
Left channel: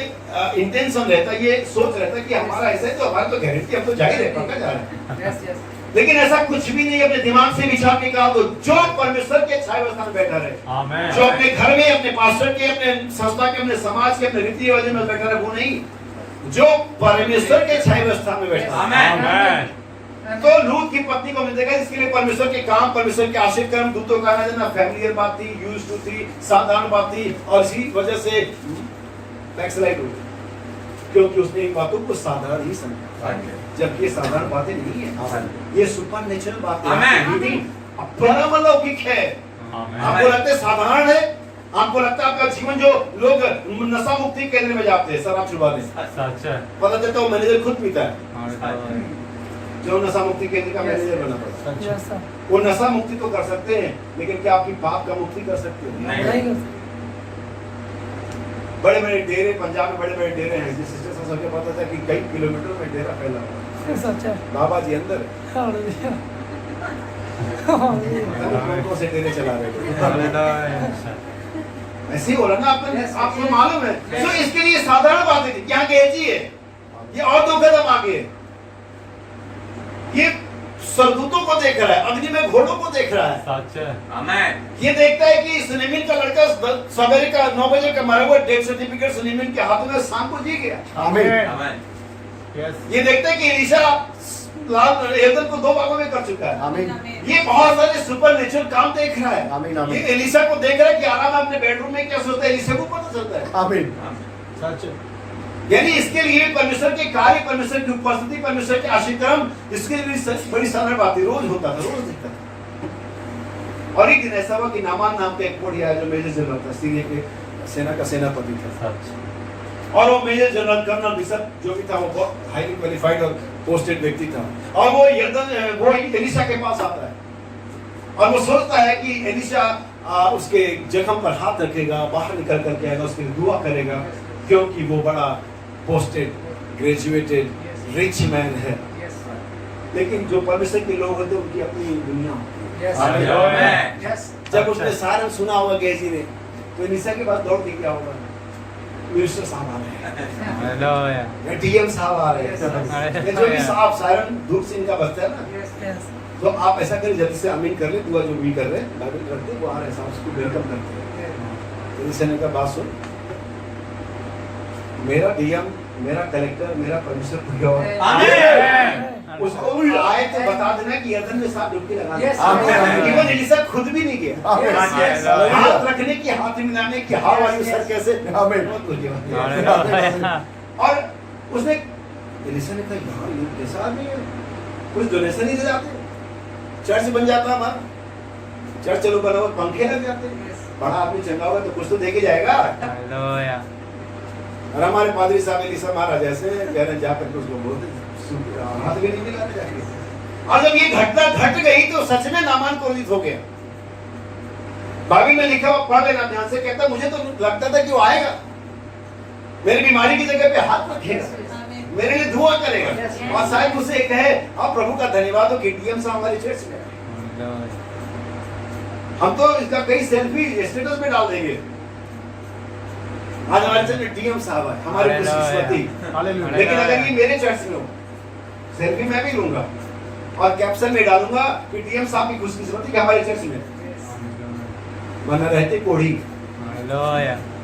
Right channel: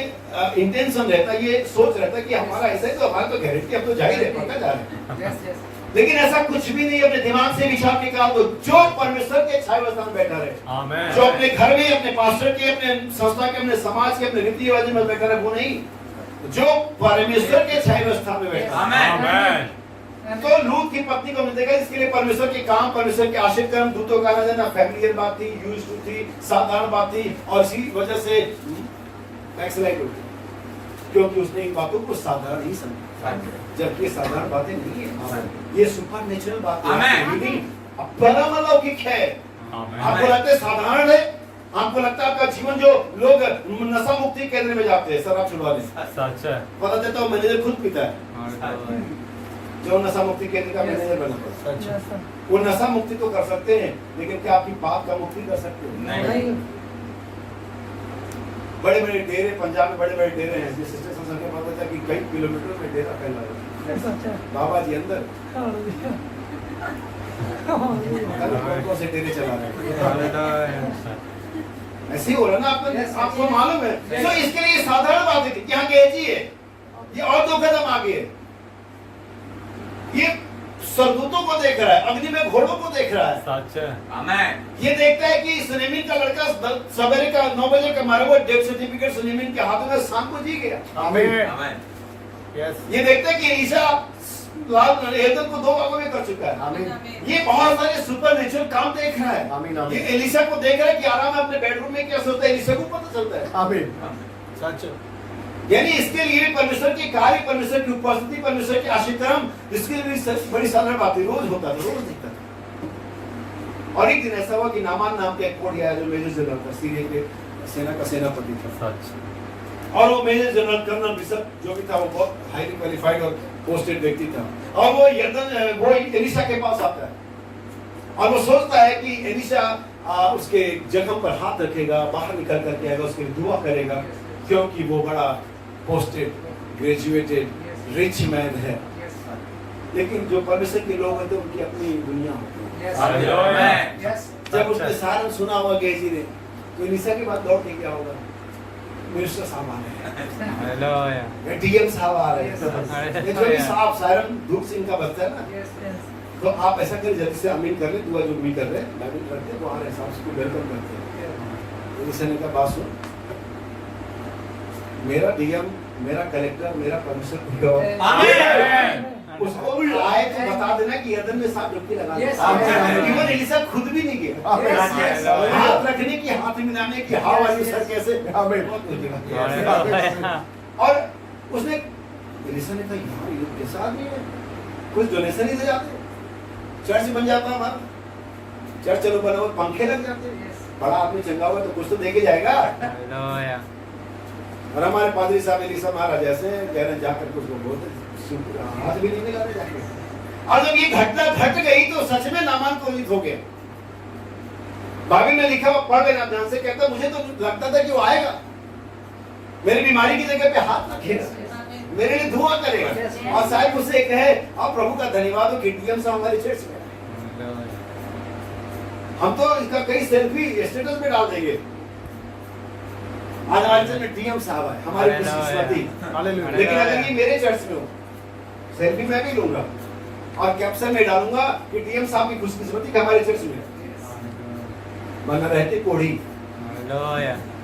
इंटेंशन रहता है, ये सोच रहता है कि हमारा ऐसा है तो हमारा तो गारंटी, हम तो जाहिर है पक्का जा रहे हैं। लेकिन ऐसा कुछ भी नहीं। अपने दिमाग से विचार के कहा तो जो परमेश्वर के छाया व्यवस्था में बैठा रहे, जो अपने घर में, अपने पास्टर के, अपने संस्था के, अपने समाज के, अपने रीति रिवाज में बैठा रहे, वो नहीं, जो परमेश्वर के छाया व्यवस्था में बैठा। तो लूत की पत्नी को मिल जाएगा, इसके लिए परमेश्वर के काम, परमेश्वर के आशीर्वाद कर्म, दूतों का आना जाना फैमिलियर बात थी, यूज्ड टू थी, साधारण बात थी, और इसी वजह से बैकस्लाइड हुई, क्योंकि उसने इन बातों को साधारण ही समझा, जबकि ये साधारण बातें नहीं है, ये सुपरनेचुरल बातें हैं, परम अलौकिक है। आपको लगता है साधारण है, आपको लगता है आपका जीवन, जो लोग नशा मुक्ति केंद्र में जाते हैं शराब छुड़वाने, पता चलता है मैनेजर खुद पीता है, जो नशा मुक्ति केंद्र का मैनेजर बना पड़ा। वो नशा मुक्ति तो कर सकते हैं, लेकिन क्या आपकी पाप का मुक्ति कर सकते हैं? नहीं। बड़े बड़े डेरे, पंजाब में बड़े बड़े डेरे हैं, जिस स्टेशन से पता था कि कई किलोमीटर में डेरा फैला हुआ है। बाबा जी अंदर कौन से डेरे चला रहे हैं? ऐसे ही हो रहा ना, आपको मालूम है। तो इसके लिए साधारण बात है, यहाँ गेहजी है, ये और 2 कदम आगे है। ये सरदूतों को देख रहा है, अग्नि में घोड़ों को देख रहा है। सच है। आमेन। ये देखता है कि सुलेमान का लड़का सवेरे का 9 बजे का मारा हुआ डेथ सर्टिफिकेट सुलेमान के हाथों में शाम को जी गया। आमेन। ये देखता है कि एलीशा लाल एदन को 2 भागों में कर चुका है। ये बहुत सारे सुपर नेचुरल काम देख रहा है। ये एलीशा को देख रहा है कि आराम अपने बेडरूम में क्या सोचता है, एलीशा को पता चलता है। सच है। यानी इसके लिए परमेश्वर के कार्य, परमेश्वर की उपस्थिति, परमेश्वर के आशीर्वाद, इसके लिए बड़ी साधारण बात है। रोज होता था, रोज दिखता था। और एक दिन ऐसा हुआ कि नामान नाम का एक कोढ़ी आया जो मेजर जनरल था, सीरिया के सेना का सेनापति था। सच। और वो मेजर जनरल कर्नल बिशप जो भी था वो बहुत हाईली क्वालिफाइड और पोस्टेड व्यक्ति था। और वो एलीशा के पास आता है और वो सोचता है कि एलीशा उसके जख्म पर हाथ रखेगा, बाहर निकल करके आएगा, उसके लिए दुआ करेगा, क्योंकि वो बड़ा पोस्टेड, ग्रेजुएटेड, रिच मैन है। लेकिन जो परमेश्वर के लोग होते हैं उनकी अपनी दुनिया होती है। जब उसने सारन सुना होगा गेजी ने, तो एलीशा के बाद दौड़ के क्या होगा, मिनिस्टर साहब आ रहे हैं, या डीएम साहब आ रहे हैं, जो भी साहब सारन धूप सिंह का बचता है ना, तो आप ऐसा करें जल्दी से आमीन कर ले, दुआ जो भी कर रहे हैं बाइबल रखते हैं, वो आ रहे हैं, साहब उसको वेलकम करते हैं। एलीशा ने कहा बात सुन, मेरा डीएम, मेरा कलेक्टर, मेरा परमेश्वर कोई और, उसको आए तो बता देना कि यर्दन में सांप डुबकी लगा दे। इवन एलीशा खुद भी नहीं गया, हाथ रखने की, हाथ मिलाने की, हाउ आर यू सर कैसे, बहुत कुछ किया। और उसने एलीशा ने कहा यार ये कैसा आदमी है, कुछ डोनेशन ही दे जाते, चर्च बन जाता हमारा, चर्च चलो बना हुआ, पंखे लग जाते, बड़ा आदमी चंगा हुआ तो कुछ तो दे के जाएगा। और हमारे पादरी साहब एलीशा महाराज ऐसे कह रहे जाकर के उसको बोलते हाथ भी नहीं मिला जाके। और जब ये घटना घट गई तो सच में नामान कोलित हो गया। बाइबल में लिखा हुआ पढ़ लेना ध्यान से, कहता मुझे तो लगता था कि वो आएगा, मेरी बीमारी की जगह पे हाथ रखेगा, मेरे लिए दुआ करेगा, और शायद मुझसे कहे अब प्रभु का धन्यवाद हो कि डीएम साहब हमारी चर्च में, हम तो इसका कई सेल्फी स्टेटस में डाल देंगे, आज हमारे चर्च में डीएम साहब है, हमारी खुशकिस्मती। लेकिन अगर ये मेरे चर्च में हो, सेल्फी मैं भी लूंगा और कैप्शन में डालूंगा कि डीएम साहब की खुशकिस्मती कि हमारे चर्च में, वरना रहते कोढ़ी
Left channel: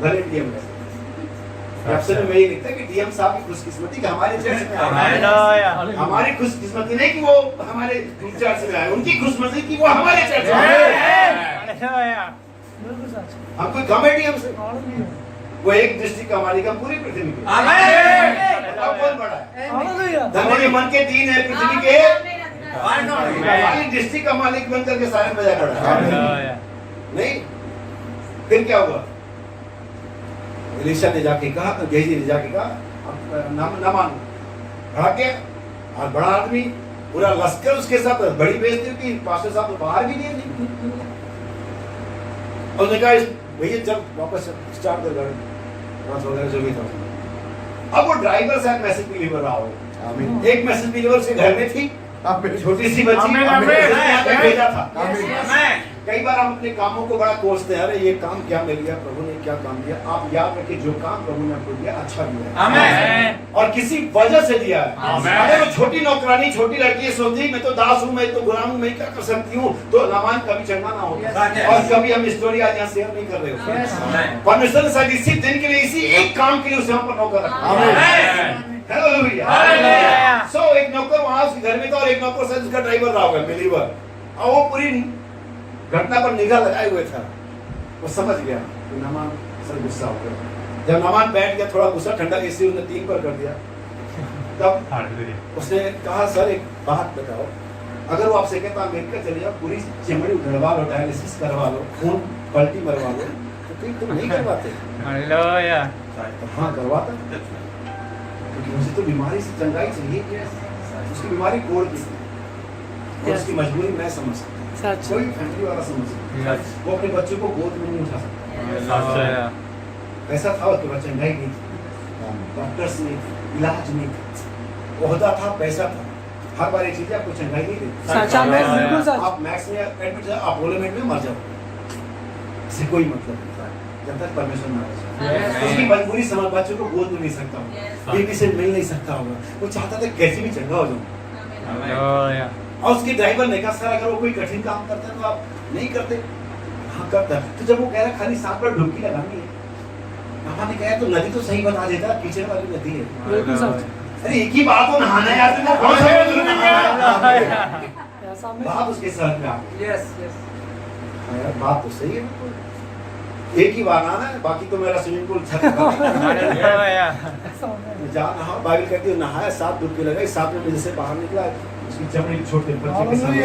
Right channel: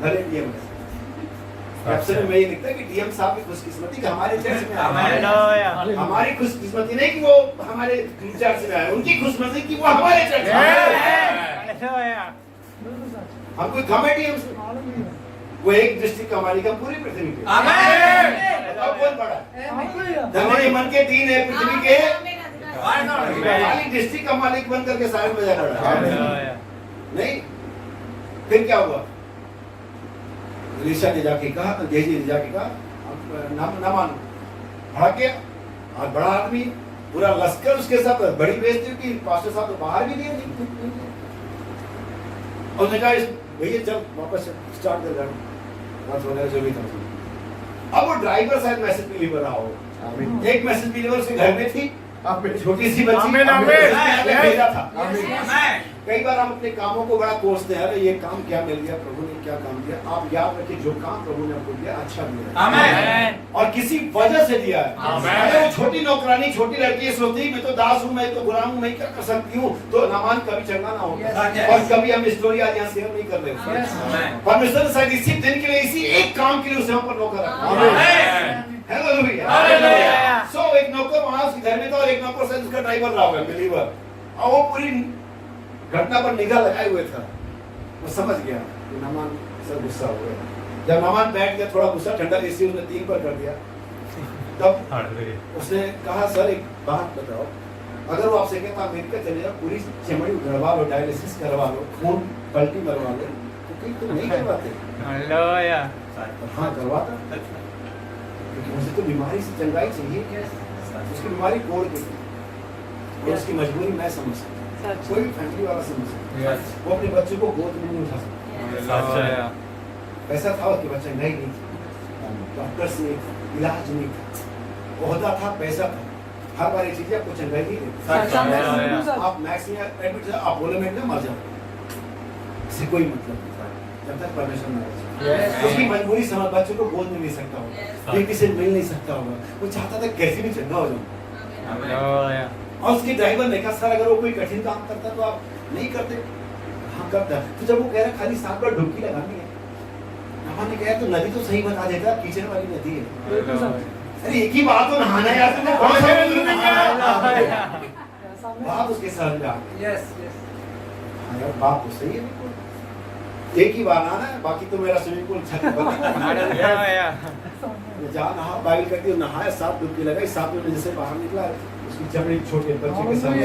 भले डीएम, कैप्शन में ये लिखता कि डीएम साहब की खुशकिस्मती कि हमारे चर्च में आए। हमारी खुशकिस्मती नहीं कि वो हमारे चर्च में आए, उनकी खुशकिस्मती कि वो हमारे चर्च में आए। हम कोई कम है डीएम से, वो एक डिस्ट्रिक्ट का मालिक है पूरी पृथ्वी के। अब कौन बड़ा है? धन्य के मन के 3 है पृथ्वी के, डिस्ट्रिक्ट का मालिक बनकर के सारे बजा खड़ा है। नहीं, फिर क्या हुआ? एलीशा ने जाके कहा, तो गेहजी ने जाके कहा नामान भड़क गया, और बड़ा आदमी, पूरा लश्कर उसके साथ, बड़ी बेइज्जती की, पास्टर साहब तो बाहर भी नहीं है। उसने कहा भैया जब वापस स्टार्ट कर गाड़ी, वगैरह जो भी था। अब वो ड्राइवर शायद मैसेज डिलीवर रहा हो, एक मैसेज डिलीवर से घर में थी, छोटी सी बच्ची भेजा था। कई बार हम अपने कामों को बड़ा कोसते हैं, अरे ये काम क्या मिल गया, प्रभु ने क्या काम दिया। आप याद रखिए जो काम प्रभु ने आपको दिया अच्छा दिया है, और किसी वजह से दिया है। अगर वो छोटी नौकरानी, छोटी लड़की सोचती मैं तो दास हूँ, मैं तो गुलाम हूँ, मैं क्या कर सकती हूँ, तो नामान कभी चंगा ना होगा। और कभी हम स्टोरी आज यहाँ शेयर नहीं कर रहे। परमेश्वर ने शायद इसी दिन के लिए, इसी एक काम के लिए उसे हम पर नौकर रखा। हालेलुया। सो एक नौकर वहां उसके घर में था, और एक नौकर शायद उसका ड्राइवर रहा होगा, बिलीवर, और वो पूरी घटना पर निगाह लगाए हुए था। वो समझ गया कि नामान सर गुस्सा हो गया। जब नामान बैठ गया, थोड़ा गुस्सा ठंडा इसी उसने 3 पर कर दिया, तब उसने कहा सर एक बात बताओ, अगर वो आपसे कहता अमेरिका चलिए, पूरी चमड़ी उधड़वा लो, डायलिसिस करवा लो, खून पलटी मरवा लो, तो कहीं तुम नहीं करवाते? हाँ करवाता, क्योंकि मुझे तो बीमारी से चंगाई चाहिए। उसकी बीमारी कोड़ की थी, और उसकी मजबूरी मैं समझ सकता, कोई फैमिली वाला समझ सकता। वो अपने बच्चों को गोद में नहीं उठा सकता। पैसा था उसके बच्चे नहीं थी, डॉक्टर्स नहीं, इलाज नहीं था, ओहदा था, पैसा था, हर बार एक चीज आपको चंगाई नहीं देती। आप मैक्स में एडमिट, अपोलो में मर जाओ, इससे कोई मतलब नहीं था जब तक परमेश्वर ना रहे। उसकी मजबूरी समझ, बच्चों को गोद में नहीं सकता होगा, बीवी से मिल नहीं सकता होगा, वो चाहता था कैसे भी चंगा हो जाऊं, हालेलुया। और उसके ड्राइवर ने कहा सर अगर वो कोई कठिन काम करता है तो आप नहीं करते? हाँ करता है। तो जब वो कह रहा खाली 7 बार डुबकी लगानी है, नामान ने कहा तो नदी तो सही बता देता, कीचड़ वाली नदी है। हालेलुया। अरे एक ही बात हो नहाना यार, तुमको कौन सा बात उसके साथ में आ गई। यार बात तो सही है बिल्कुल, एक ही बार आना है, बाकी तो मेरा स्विमिंग पूल छत पर हालेलुया। जा नहा, बाइबल कहती है नहाया, 7 डुबकी लगाई, 7 में जैसे बाहर निकला उसकी चमड़ी छोटे बच्चे के सामने।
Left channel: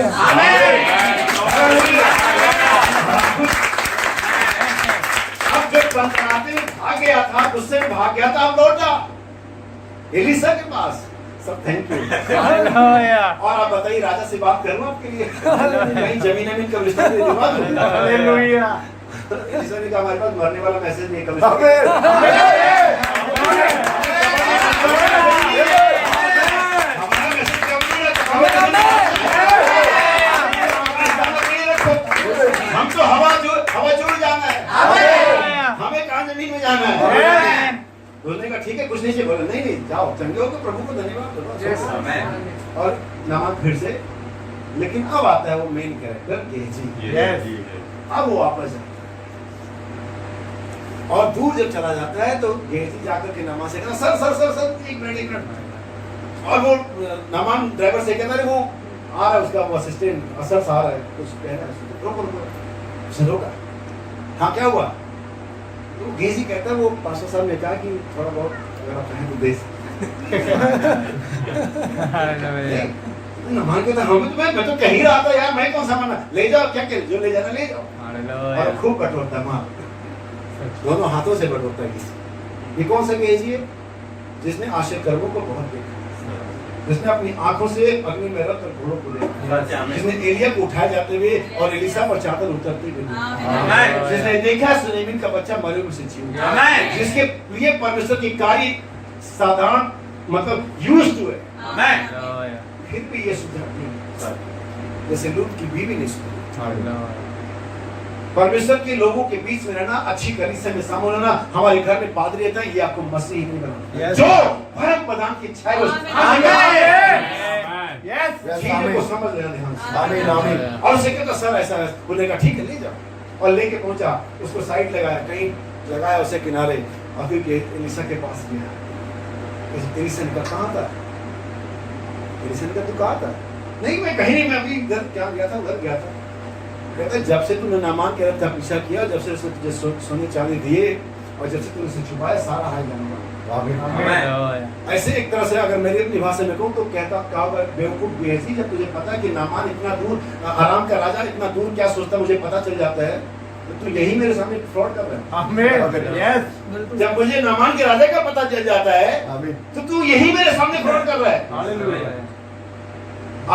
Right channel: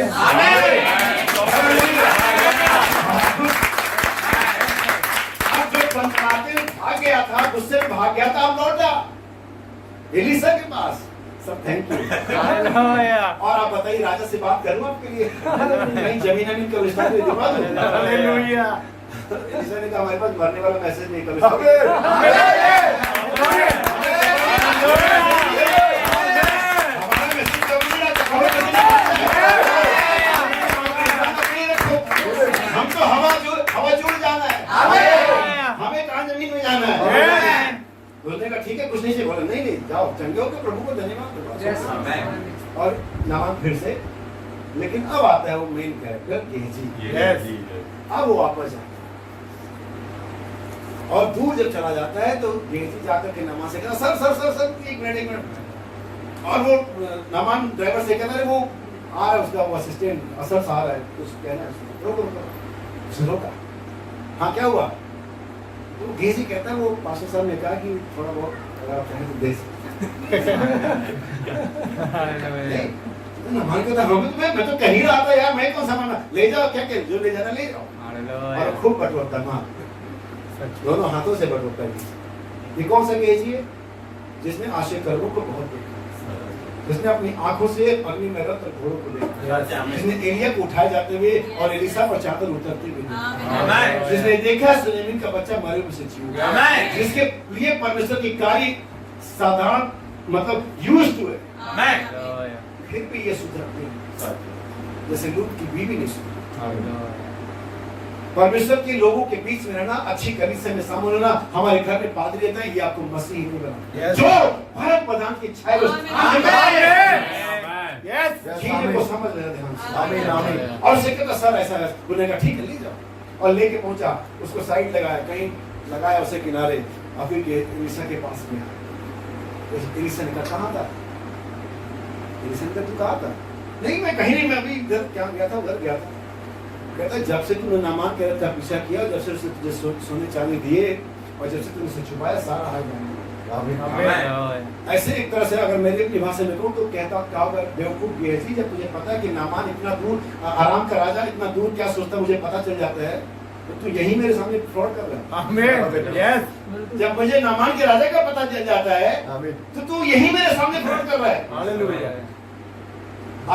अब जब कंपराते भाग गया था, गुस्से में भाग गया था, अब लौट जा एलिसा के पास। सब थैंक यू। हालेलुया। और आप बताइए राजा से बात करूं आपके लिए? नहीं, जमीन का रिश्ता दे दूंगा। हालेलुया। एलिसा ने कहा हमारे पास मरने वाला मैसेज नहीं है, हम तो हवा जोड़ जाना है, हमें कहाँ जमीन में जाना है। बोलने का ठीक है, कुछ नहीं चाहिए, बोले नहीं जाओ, चंगे हो तो प्रभु को धन्यवाद दो। और नामान फिर से, लेकिन अब आता है वो मेन कैरेक्टर गेहजी। अब वो वापस जाता है और दूर जब चला जाता है तो गेहजी जाकर के नामान से कहता सर सर सर सर एक मिनट। और वो नामान ड्राइवर से कहता है वो आ रहा है, उसका असिस्टेंट असर आ रहा है, कुछ कहना है, रुको रोका। हाँ क्या हुआ? तो गेहजी कहता है वो पास्टर साहब ने कहा कि थोड़ा बहुत अगर आप चाहें तो दे सकते। नामान कहता है मैं तो कह ही रहा था यार, मैं कौन सा माना, ले जाओ, क्या कह जो ले जाना ले जाओ। और खूब बटोरता है वहाँ, दोनों हाथों से बटोरता है। ये कौन सा गेहजी है? जिसने आश्चर्य कर्मों को बहुत देखा, जिसने अपनी आंखों से अग्नि में रख कर घोड़ों को देखा, जिसने एलिया को उठाए जाते हुए और एलिसा पर चादर उतरते हुए देखा, जिसने देखा सुलेमान का बच्चा मरे हुए से जी उठा, जिसके लिए परमेश्वर की कार्य साधारण मतलब यूज्ड टू है, फिर भी ये सुधरते हैं, जैसे लूत की बीवी ने सुधरा। परमेश्वर के लोगों के बीच में रहना, अच्छी कलीसिया में शामिल होना, हमारे घर में पादरी रहता है, ये आपको मसीह नहीं बनाता। जो भारत प्रधान की इच्छा है चीजों को समझ लेना ध्यान से। और उसे कहता सर ऐसा है, बोले का ठीक है ले जाओ। और लेके पहुंचा, उसको साइड लगाया, कहीं लगाया उसे किनारे, और फिर एलिसा के पास गया। एलिसा ने कहा कहाँ था? एलिसा ने कहा तू कहाँ था? नहीं मैं कहीं नहीं, मैं अभी घर क्या गया था, उधर गया था। कहता है जब से तूने नामान कह रहा था पीछा किया, जब से उसने तुझे सोने चांदी दिए और जब से तूने उसे छुपाया, सारा हाल जाना। ऐसे एक तरह से अगर मेरी अपनी भाषा में कहूँ तो कहता बेवकूफ गेहजी, जब तुझे पता है कि नामान इतना दूर, आराम का राजा इतना दूर क्या सोचता मुझे पता चल जाता है, तो तू यही मेरे सामने फ्रॉड कर रहा है। जब मुझे नामान के राजा का पता चल जाता है तो तू यही मेरे सामने फ्रॉड कर रहा है।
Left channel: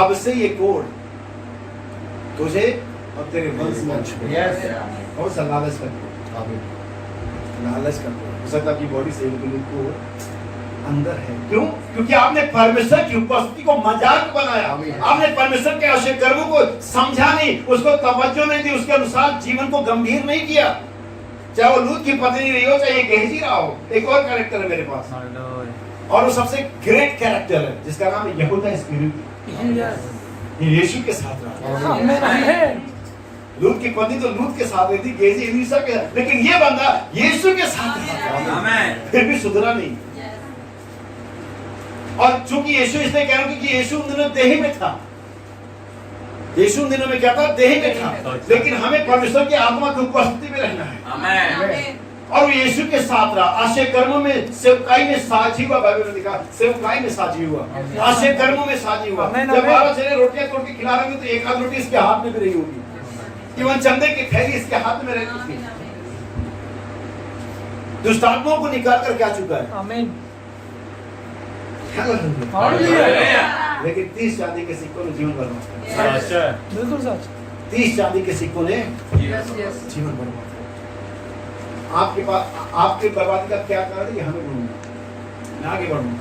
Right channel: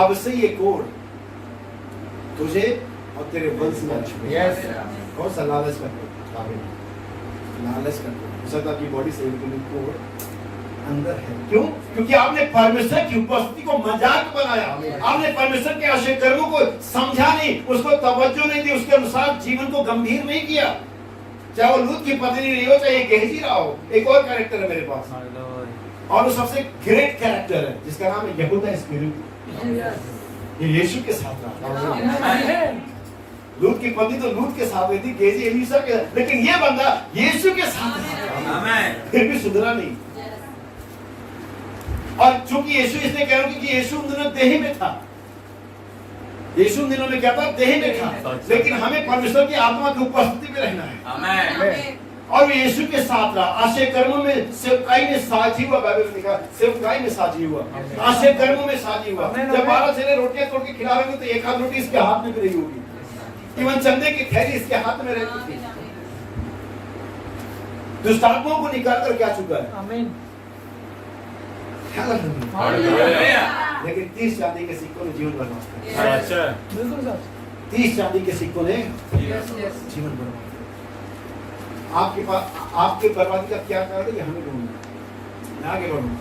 अब से ये कोड तुझे और तेरे वंश में कौन सा लालच करते, लालच करते हो सकता आपकी बॉडी से बिल्कुल अंदर है। क्यों? क्योंकि आपने परमेश्वर की उपस्थिति को मजाक बनाया, आपने परमेश्वर के आश्चर्य कर्मों को समझा नहीं, उसको तवज्जो नहीं दी, उसके अनुसार जीवन को गंभीर नहीं किया। चाहे वो लूत की पत्नी रही हो, चाहे ये गेहजी रहा हो। एक और कैरेक्टर है मेरे पास, और वो सबसे ग्रेट कैरेक्टर है जिसका नाम है यहूदा इस्करियोती। ये यीशु के साथ रहा। लूत की पत्नी तो लूत के साथ रही थी, गेहजी एलीशा के साथ, लेकिन ये बंदा यीशु के साथ रहा, फिर भी सुधरा नहीं। और चूंकि यीशु इसलिए कह रहा हूं क्योंकि यीशु उन दिनों देही में था। यीशु उन दिनों में क्या था? देही में था। लेकिन हमें परमेश्वर की आत्मा की उपस्थिति में रहना है। आमीन। और वो यीशु के साथ रहा, आश्चर्य कर्मों में सेवकाई में साझी हुआ। बाइबल में लिखा सेवकाई में साझी हुआ, आश्चर्य कर्मों में साझी हुआ। जब 12 जने रोटियां तोड़ के खिला रहे थे तो एक आध रोटी इसके हाथ में भी रही होगी, इवन चंदे की थैली इसके हाथ में रहती थी। दुष्टात्माओं को निकाल कर क्या चुका है? आमीन। लेकिन 30 चांदी के सिक्कों ने जीवन बर्बाद किया। 30 चांदी के सिक्कों ने जीवन बर्बाद किया। आपके पास आपके बर्बादी का क्या कारण है? हमें ढूंढना। मैं आगे बढ़ूंगा,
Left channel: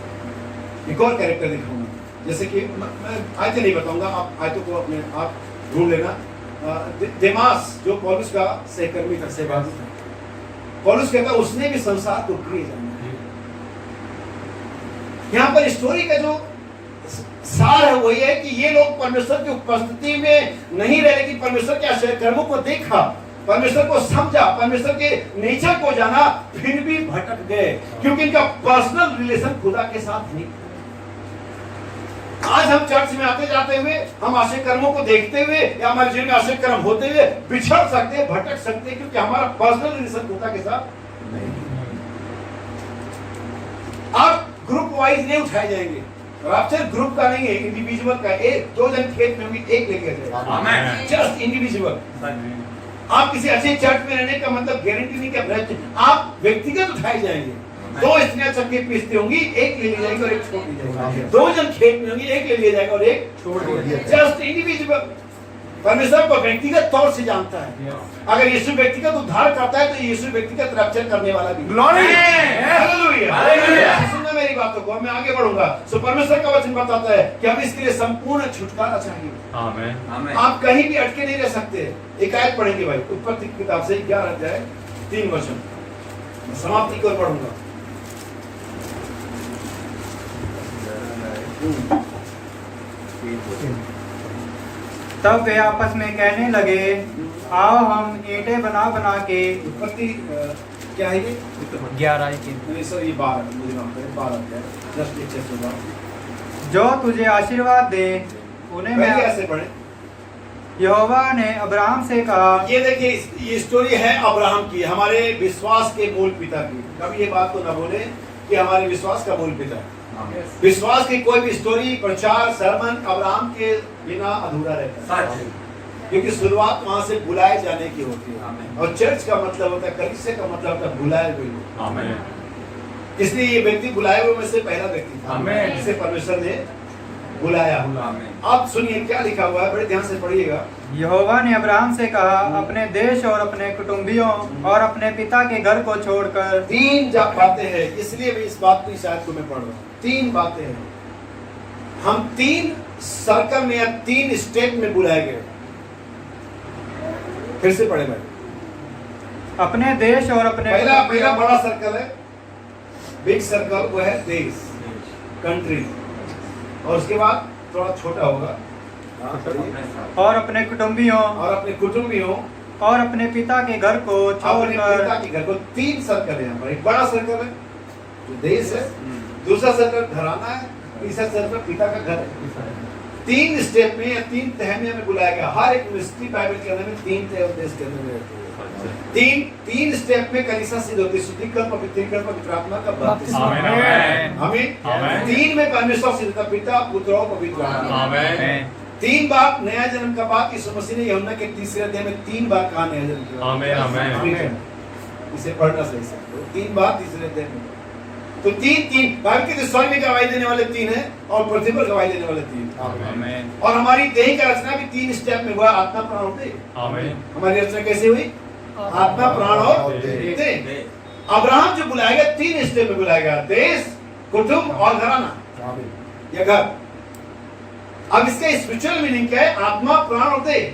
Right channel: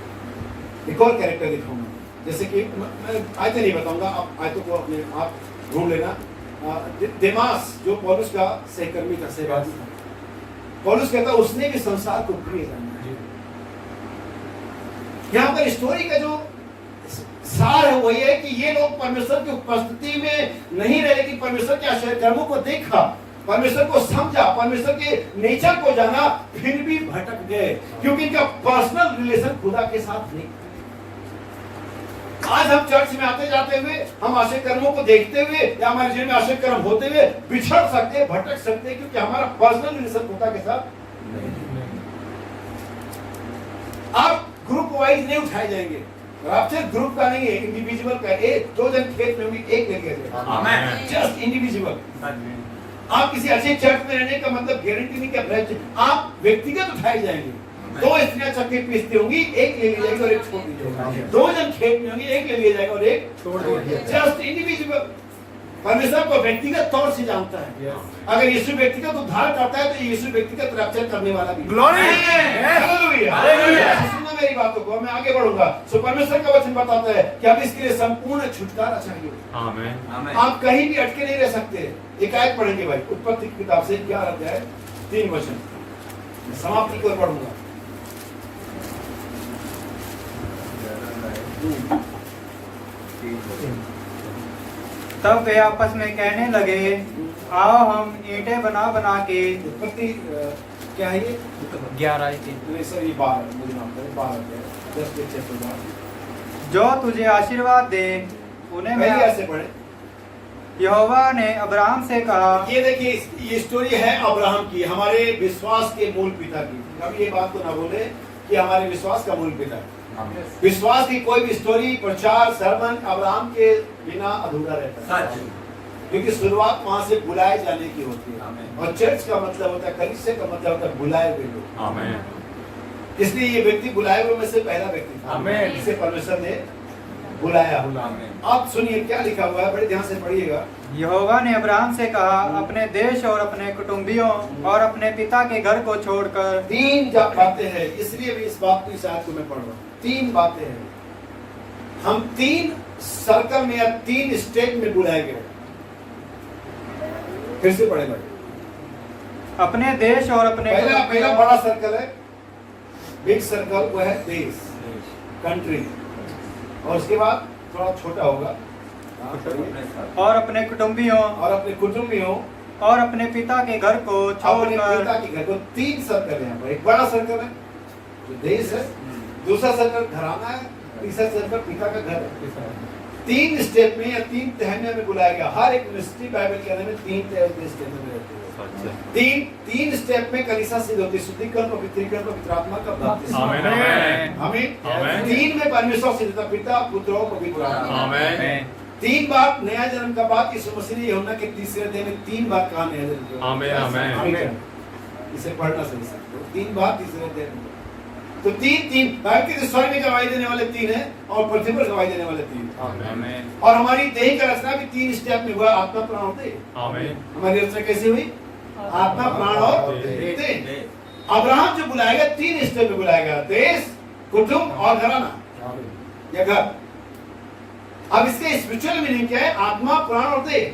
एक और कैरेक्टर दिखाऊंगा। जैसे कि मैं आयतें नहीं बताऊंगा, आप आयतों को अपने आप ढूंढ लेना। देमास जो पौलुस का सहकर्मी था, सहभागी था, पौलुस कहता उसने भी संसार को प्रिय जाना। यहाँ पर स्टोरी का जो सार है वही है कि ये लोग परमेश्वर की उपस्थिति में नहीं रहे, लेकिन परमेश्वर के आश्चर्य कर्मों को देखा, परमेश्वर को समझा, परमेश्वर के नेचर को जाना, फिर भी भटक गए क्योंकि इनका पर्सनल रिलेशन खुदा के साथ नहीं। आज हम चर्च में आते जाते हुए, हम आश्चर्य कर्मों को देखते हुए या हमारे जीवन में आश्चर्य कर्म होते हुए बिछड़ सकते हैं, भटक सकते हैं, क्योंकि हमारा पर्सनल रिलेशन खुदा के साथ नहीं। आप ग्रुप वाइज नहीं उठाए जाएंगे, राप्चर ग्रुप का नहीं है, इंडिविजुअल का। एक दो जन खेत में होंगे, एक लेके जाएगा, आमीन, जस्ट इंडिविजुअल। आप किसी अच्छे चर्च में रहने का मतलब गारंटी नहीं कि आप व्यक्तिगत उठाए जाएंगे। दो स्त्रियां चक्की पीसती होंगी, एक ले ली जाएगी और एक छोड़ दी जाएगी। दो जन खेत में होंगे, एक ले लिया जाएगा और एक छोड़ दिया जाएगा, जस्ट इंडिविजुअल। परमेश्वर को व्यक्तिगत तौर से जानता है। अगर यीशु व्यक्तिगत उद्धार करता है तो यीशु व्यक्तिगत रक्षा करने वाला भी। हालेलुया। सुनना मेरी बातों को, मैं आगे बढ़ूंगा। सो परमेश्वर का वचन बताता है कि अब इसके लिए संपूर्ण छुटकारा चाहिए। आमीन। आप कहीं भी अटके नहीं रह सकते। एक आयत पढ़ेंगे भाई, उत्पत्ति की किताब से 11 अध्याय 3 वचन, समाप्ति की ओर पढ़ूंगा। तब वे आपस में कहने लगे, आओ हम ईंटें बना बना के। उत्पत्ति क्या है ये? 11 सर ये 12 जो तुझे आशीर्वाद दे उन्हें मैं कैसे पढ़े? यहोवा ने अब्राहम से कहा। ये देखिए, ये स्टोरी है अब्राहम की, हमारे विश्वास के मूल पिता की। कभी ये बात तो ना बोले कि हमारे विश्वास का मूल पिता है। विश्वास की कोई भी स्टोरी, प्रचार, सरमन अब्राहम के बिना अधूरा रहता है, क्योंकि शुरुआत वहां से बुलाए जाने की होती है। और चर्च का मतलब होता है, कलीसिया का मतलब होता है बुलाए हुए लोग। इसलिए ये व्यक्ति बुलाए हुए में से पहला व्यक्ति था जिसे परमेश्वर ने बुलाया। अब सुनिए क्या लिखा हुआ है, बड़े ध्यान से पढ़िएगा। यहोवा ने अब्राहम से कहा, अपने देश और अपने कुटुंबियों और अपने पिता के घर को छोड़कर। 3 बातें हैं, इसलिए भी इस बात की शायद को मैं पढ़ रहा हूँ। 3 बातें हैं, हम 3 सर्कल में या 3 स्टेप में बुलाए गए। फिर से पढ़े भाई। अपने देश और अपने पहला बड़ा सर्कल है, बिग सर्कल, वो है देश, कंट्री। और उसके बाद थोड़ा छोटा होगा, और अपने कुटुंबियों और अपने पिता के घर को छोड़कर। 3 सर्कल है यहाँ पर। एक बड़ा सर्कल है जो देश है, दूसरा सर्कल घराना है, तीसरा सर्कल पिता का घर है। 3 स्टेप में या 3 तह में हमें बुलाया गया। हर एक मिस्ट्री बाइबल के अंदर में 3 तह उद्देश्य के अंदर में रहती है। 3 स्टेप में कलीसिया सिद्ध होती है, शुद्धिकरण, पवित्रीकरण, पवित्र आत्मा का बपतिस्मा। आमीन। 3 में परमेश्वर सिद्ध होता, पिता, पुत्र और पवित्र आत्मा। 3 बार नया जन्म का बात यीशु मसीह ने यूहन्ना के 3 अध्याय में 3 बार कहा नया जन्म की। आमीन। इसे पढ़ना सही से, 3 बार 3 अध्याय में। तो 3 बाइबल के स्वर्ग में गवाही देने वाले 3 हैं और पृथ्वी पर गवाही देने वाले 3। आमीन। और हमारी देह का रचना भी 3 स्टेप में हुआ, आत्मा, प्राण और देह। आमीन। हमारी रचना कैसे हुई? आत्मा, प्राण और देह। अब्राहम जो बुलाएगा 3 स्टेप में बुलाएगा, देश, कुटुंब और घराना या घर। अब इसके स्पिरिचुअल मीनिंग क्या है? आत्मा, प्राण और देह।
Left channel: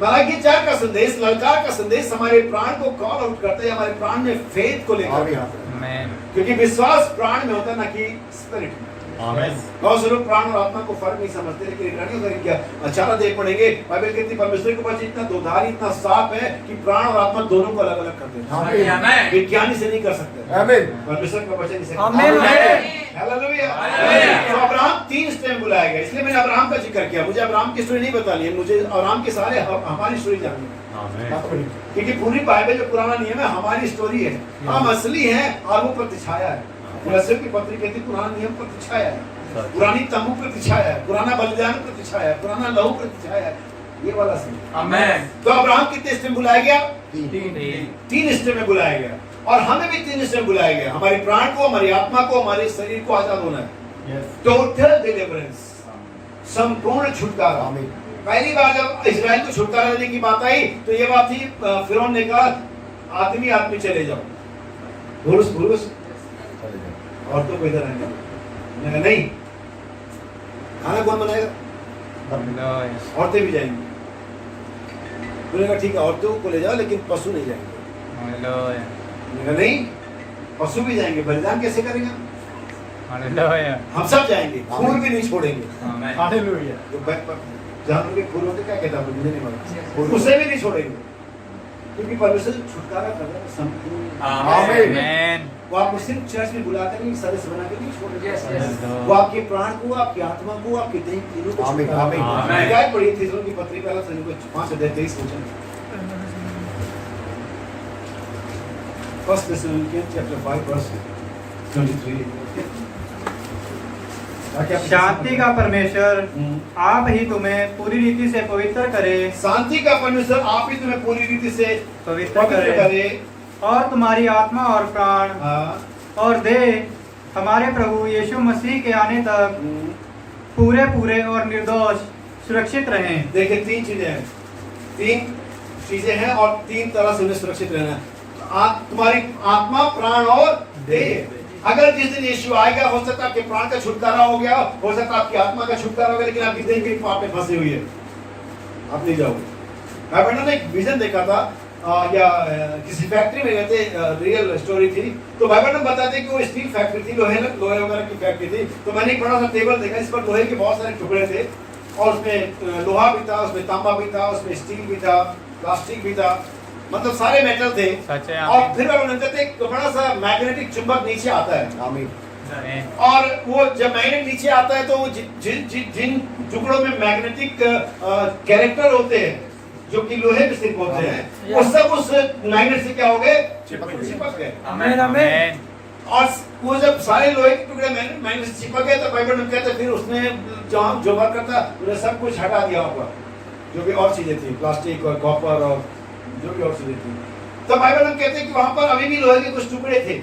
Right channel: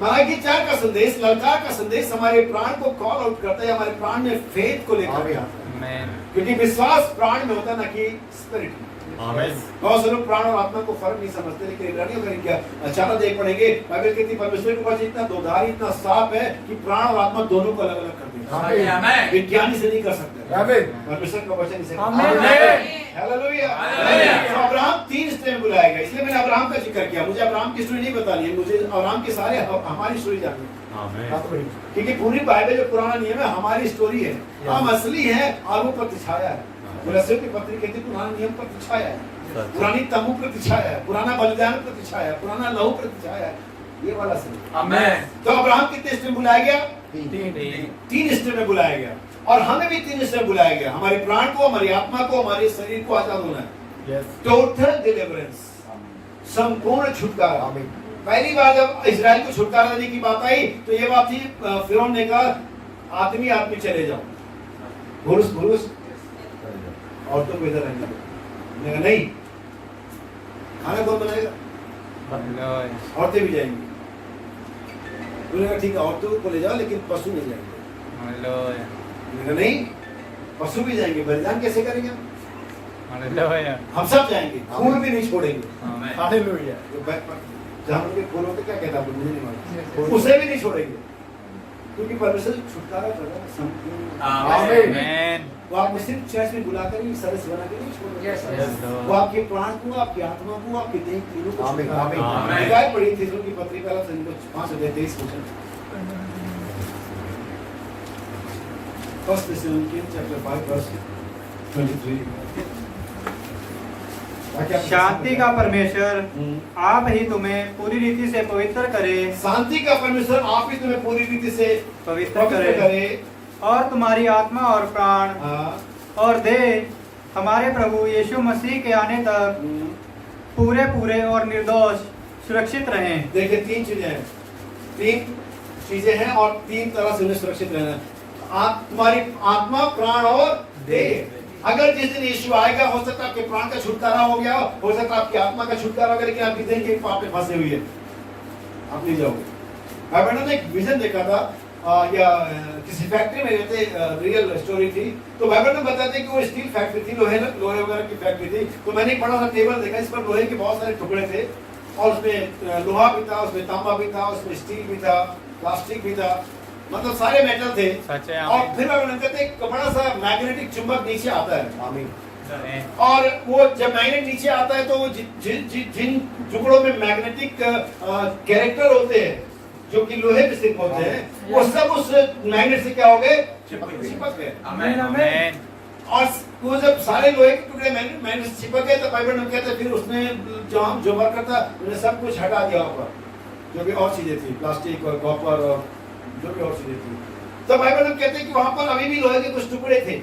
मलाकी 4 का संदेश, ललकार का संदेश हमारे प्राण को कॉल आउट करता है, हमारे प्राण में फेथ को लेकर आता है, क्योंकि विश्वास प्राण में होता है ना कि स्पिरिट में। बहुत से लोग प्राण और आत्मा को फर्क नहीं समझते, लेकिन इब्रानियों का क्या अचानक देख पड़ेंगे, बाइबल कहती है परमेश्वर के पास इतना दोधारी, इतना साफ है कि प्राण और आत्मा दोनों को अलग अलग कर देता है। विज्ञानी से नहीं कर सकते, परमेश्वर का वचन इसे। हालेलुया। तो अब्राहम 3 स्टेप बुलाया गया, इसलिए मैंने अब्राहम का जिक्र किया। मुझे अब्राहम की स्टोरी नहीं बतानी है, मुझे अब्राहम के सारे हमारी स्टोरी जाननी है, क्योंकि पूरी बाइबल जो पुराना नियम है हमारी स्टोरी है, हम असली हैं और वो प्रतिछाया है। की पत्री कहती पुराना नियम प्रतिछाया है, पुरानी तंबू प्रतिछाया है, पुराना बलिदान प्रतिछाया है, पुराना लहू प्रतिछाया है, ये वाला सही। आमीन। तो अब्राहम कितने स्टेप में बुलाया गया? 3 स्टेप में बुलाया गया, और हमें भी 3 स्टेप में बुलाया गया। हमारे प्राण को, हमारी आत्मा को, हमारे शरीर को आजाद होना है। टोटल डिलीवरेंस, संपूर्ण छुटकारा। पहली बार जब इजराइल को छुटकारा देने की बात आई तो ये बात थी, फिरौन ने कहा आदमी आदमी चले जाओ, पुरुष औरतों को इधर रहने दो। नहीं, खाना कौन बनाएगा? औरतें भी जाएंगी। तूने कहा ठीक है, औरतों को ले जाओ लेकिन पशु नहीं जाएंगे। नहीं, पशु भी जाएंगे, बलिदान कैसे करेंगे? हालेलुया। हम सब जाएंगे, खून भी नहीं छोड़ेंगे। आमीन। हालेलुया। जो जानवर के खून होते क्या कहता है मुझे नहीं मालूम, उसे भी नहीं छोड़ेंगे, क्योंकि परमेश्वर छुटकारा कर रहा है संपूर्ण। आमीन। वो आपको सिर्फ चर्च में बुलाकर नहीं, सदस्य बना के नहीं छोड़ेगा। Yes, Lord. वो आपके प्राण को, आपकी आत्मा को, आपके देह तीनों को आमीन, छुटकारा आमीन, देगा। आमीन। हिदायत पढ़ी थी की पत्री पहला 5:23 वचन। First Thessalonians chapter 5 verse 23। शांति का परमेश्वर आप ही तुम्हें पूरी रीति से पवित्र करे, शांति का परमेश्वर आप ही तुम्हें पूरी रीति से पवित्र पवित्र करे करे। और तुम्हारी आत्मा और प्राण हाँ। और देह हमारे प्रभु यीशु मसीह के आने तक पूरे पूरे और निर्दोष सुरक्षित रहें। देखिए तीन चीजें हैं और तीन तरह से उन्हें सुरक्षित रहना है। तुम्हारी आत्मा, प्राण और देह। अगर जिस दिन यीशु आएगा, हो सकता है आपके प्राण का छुटकारा हो गया, हो सकता है आपकी आत्मा का छुटकारा हो गया, लेकिन आपकी देह के पाप में फंसे हुई है, आप नहीं जाओगे। मैंने एक विजन देखा था या किसी फैक्ट्री में रहते, रियल स्टोरी थी। तो बाइबल में बताते कि वो स्टील फैक्ट्री थी, लोहे वगैरह की फैक्ट्री थी। तो मैंने एक बड़ा सा टेबल देखा, इस पर लोहे के बहुत सारे टुकड़े थे और उसमें लोहा भी था, उसमें तांबा भी था, उसमें स्टील भी था, प्लास्टिक भी था, मतलब सारे मेटल थे। सच है। और फिर बाइबल कहते एक बड़ा सा मैग्नेटिक चुंबक नीचे आता है। आमीन। आमीन। और वो जब मैग्नेट नीचे आता है तो वो जिन टुकड़ों में मैग्नेटिक कैरेक्टर होते हैं, जो कि लोहे में स्थित होते हैं, वो सब उस मैग्नेट से क्या हो गए? चिपक गए। आमीन। आमीन। और वो जब सारे लोहे के टुकड़े मैग्नेट से चिपक गए तो बाइबल में कहते फिर उसने जो वर्कर था उन्हें सब कुछ हटा दिया वहाँ पर, जो भी और चीजें थी, प्लास्टिक और कॉपर और जो भी और चीजें थी। तो बाइबल में कहते हैं कि वहां पर अभी भी लोहे के कुछ टुकड़े थे।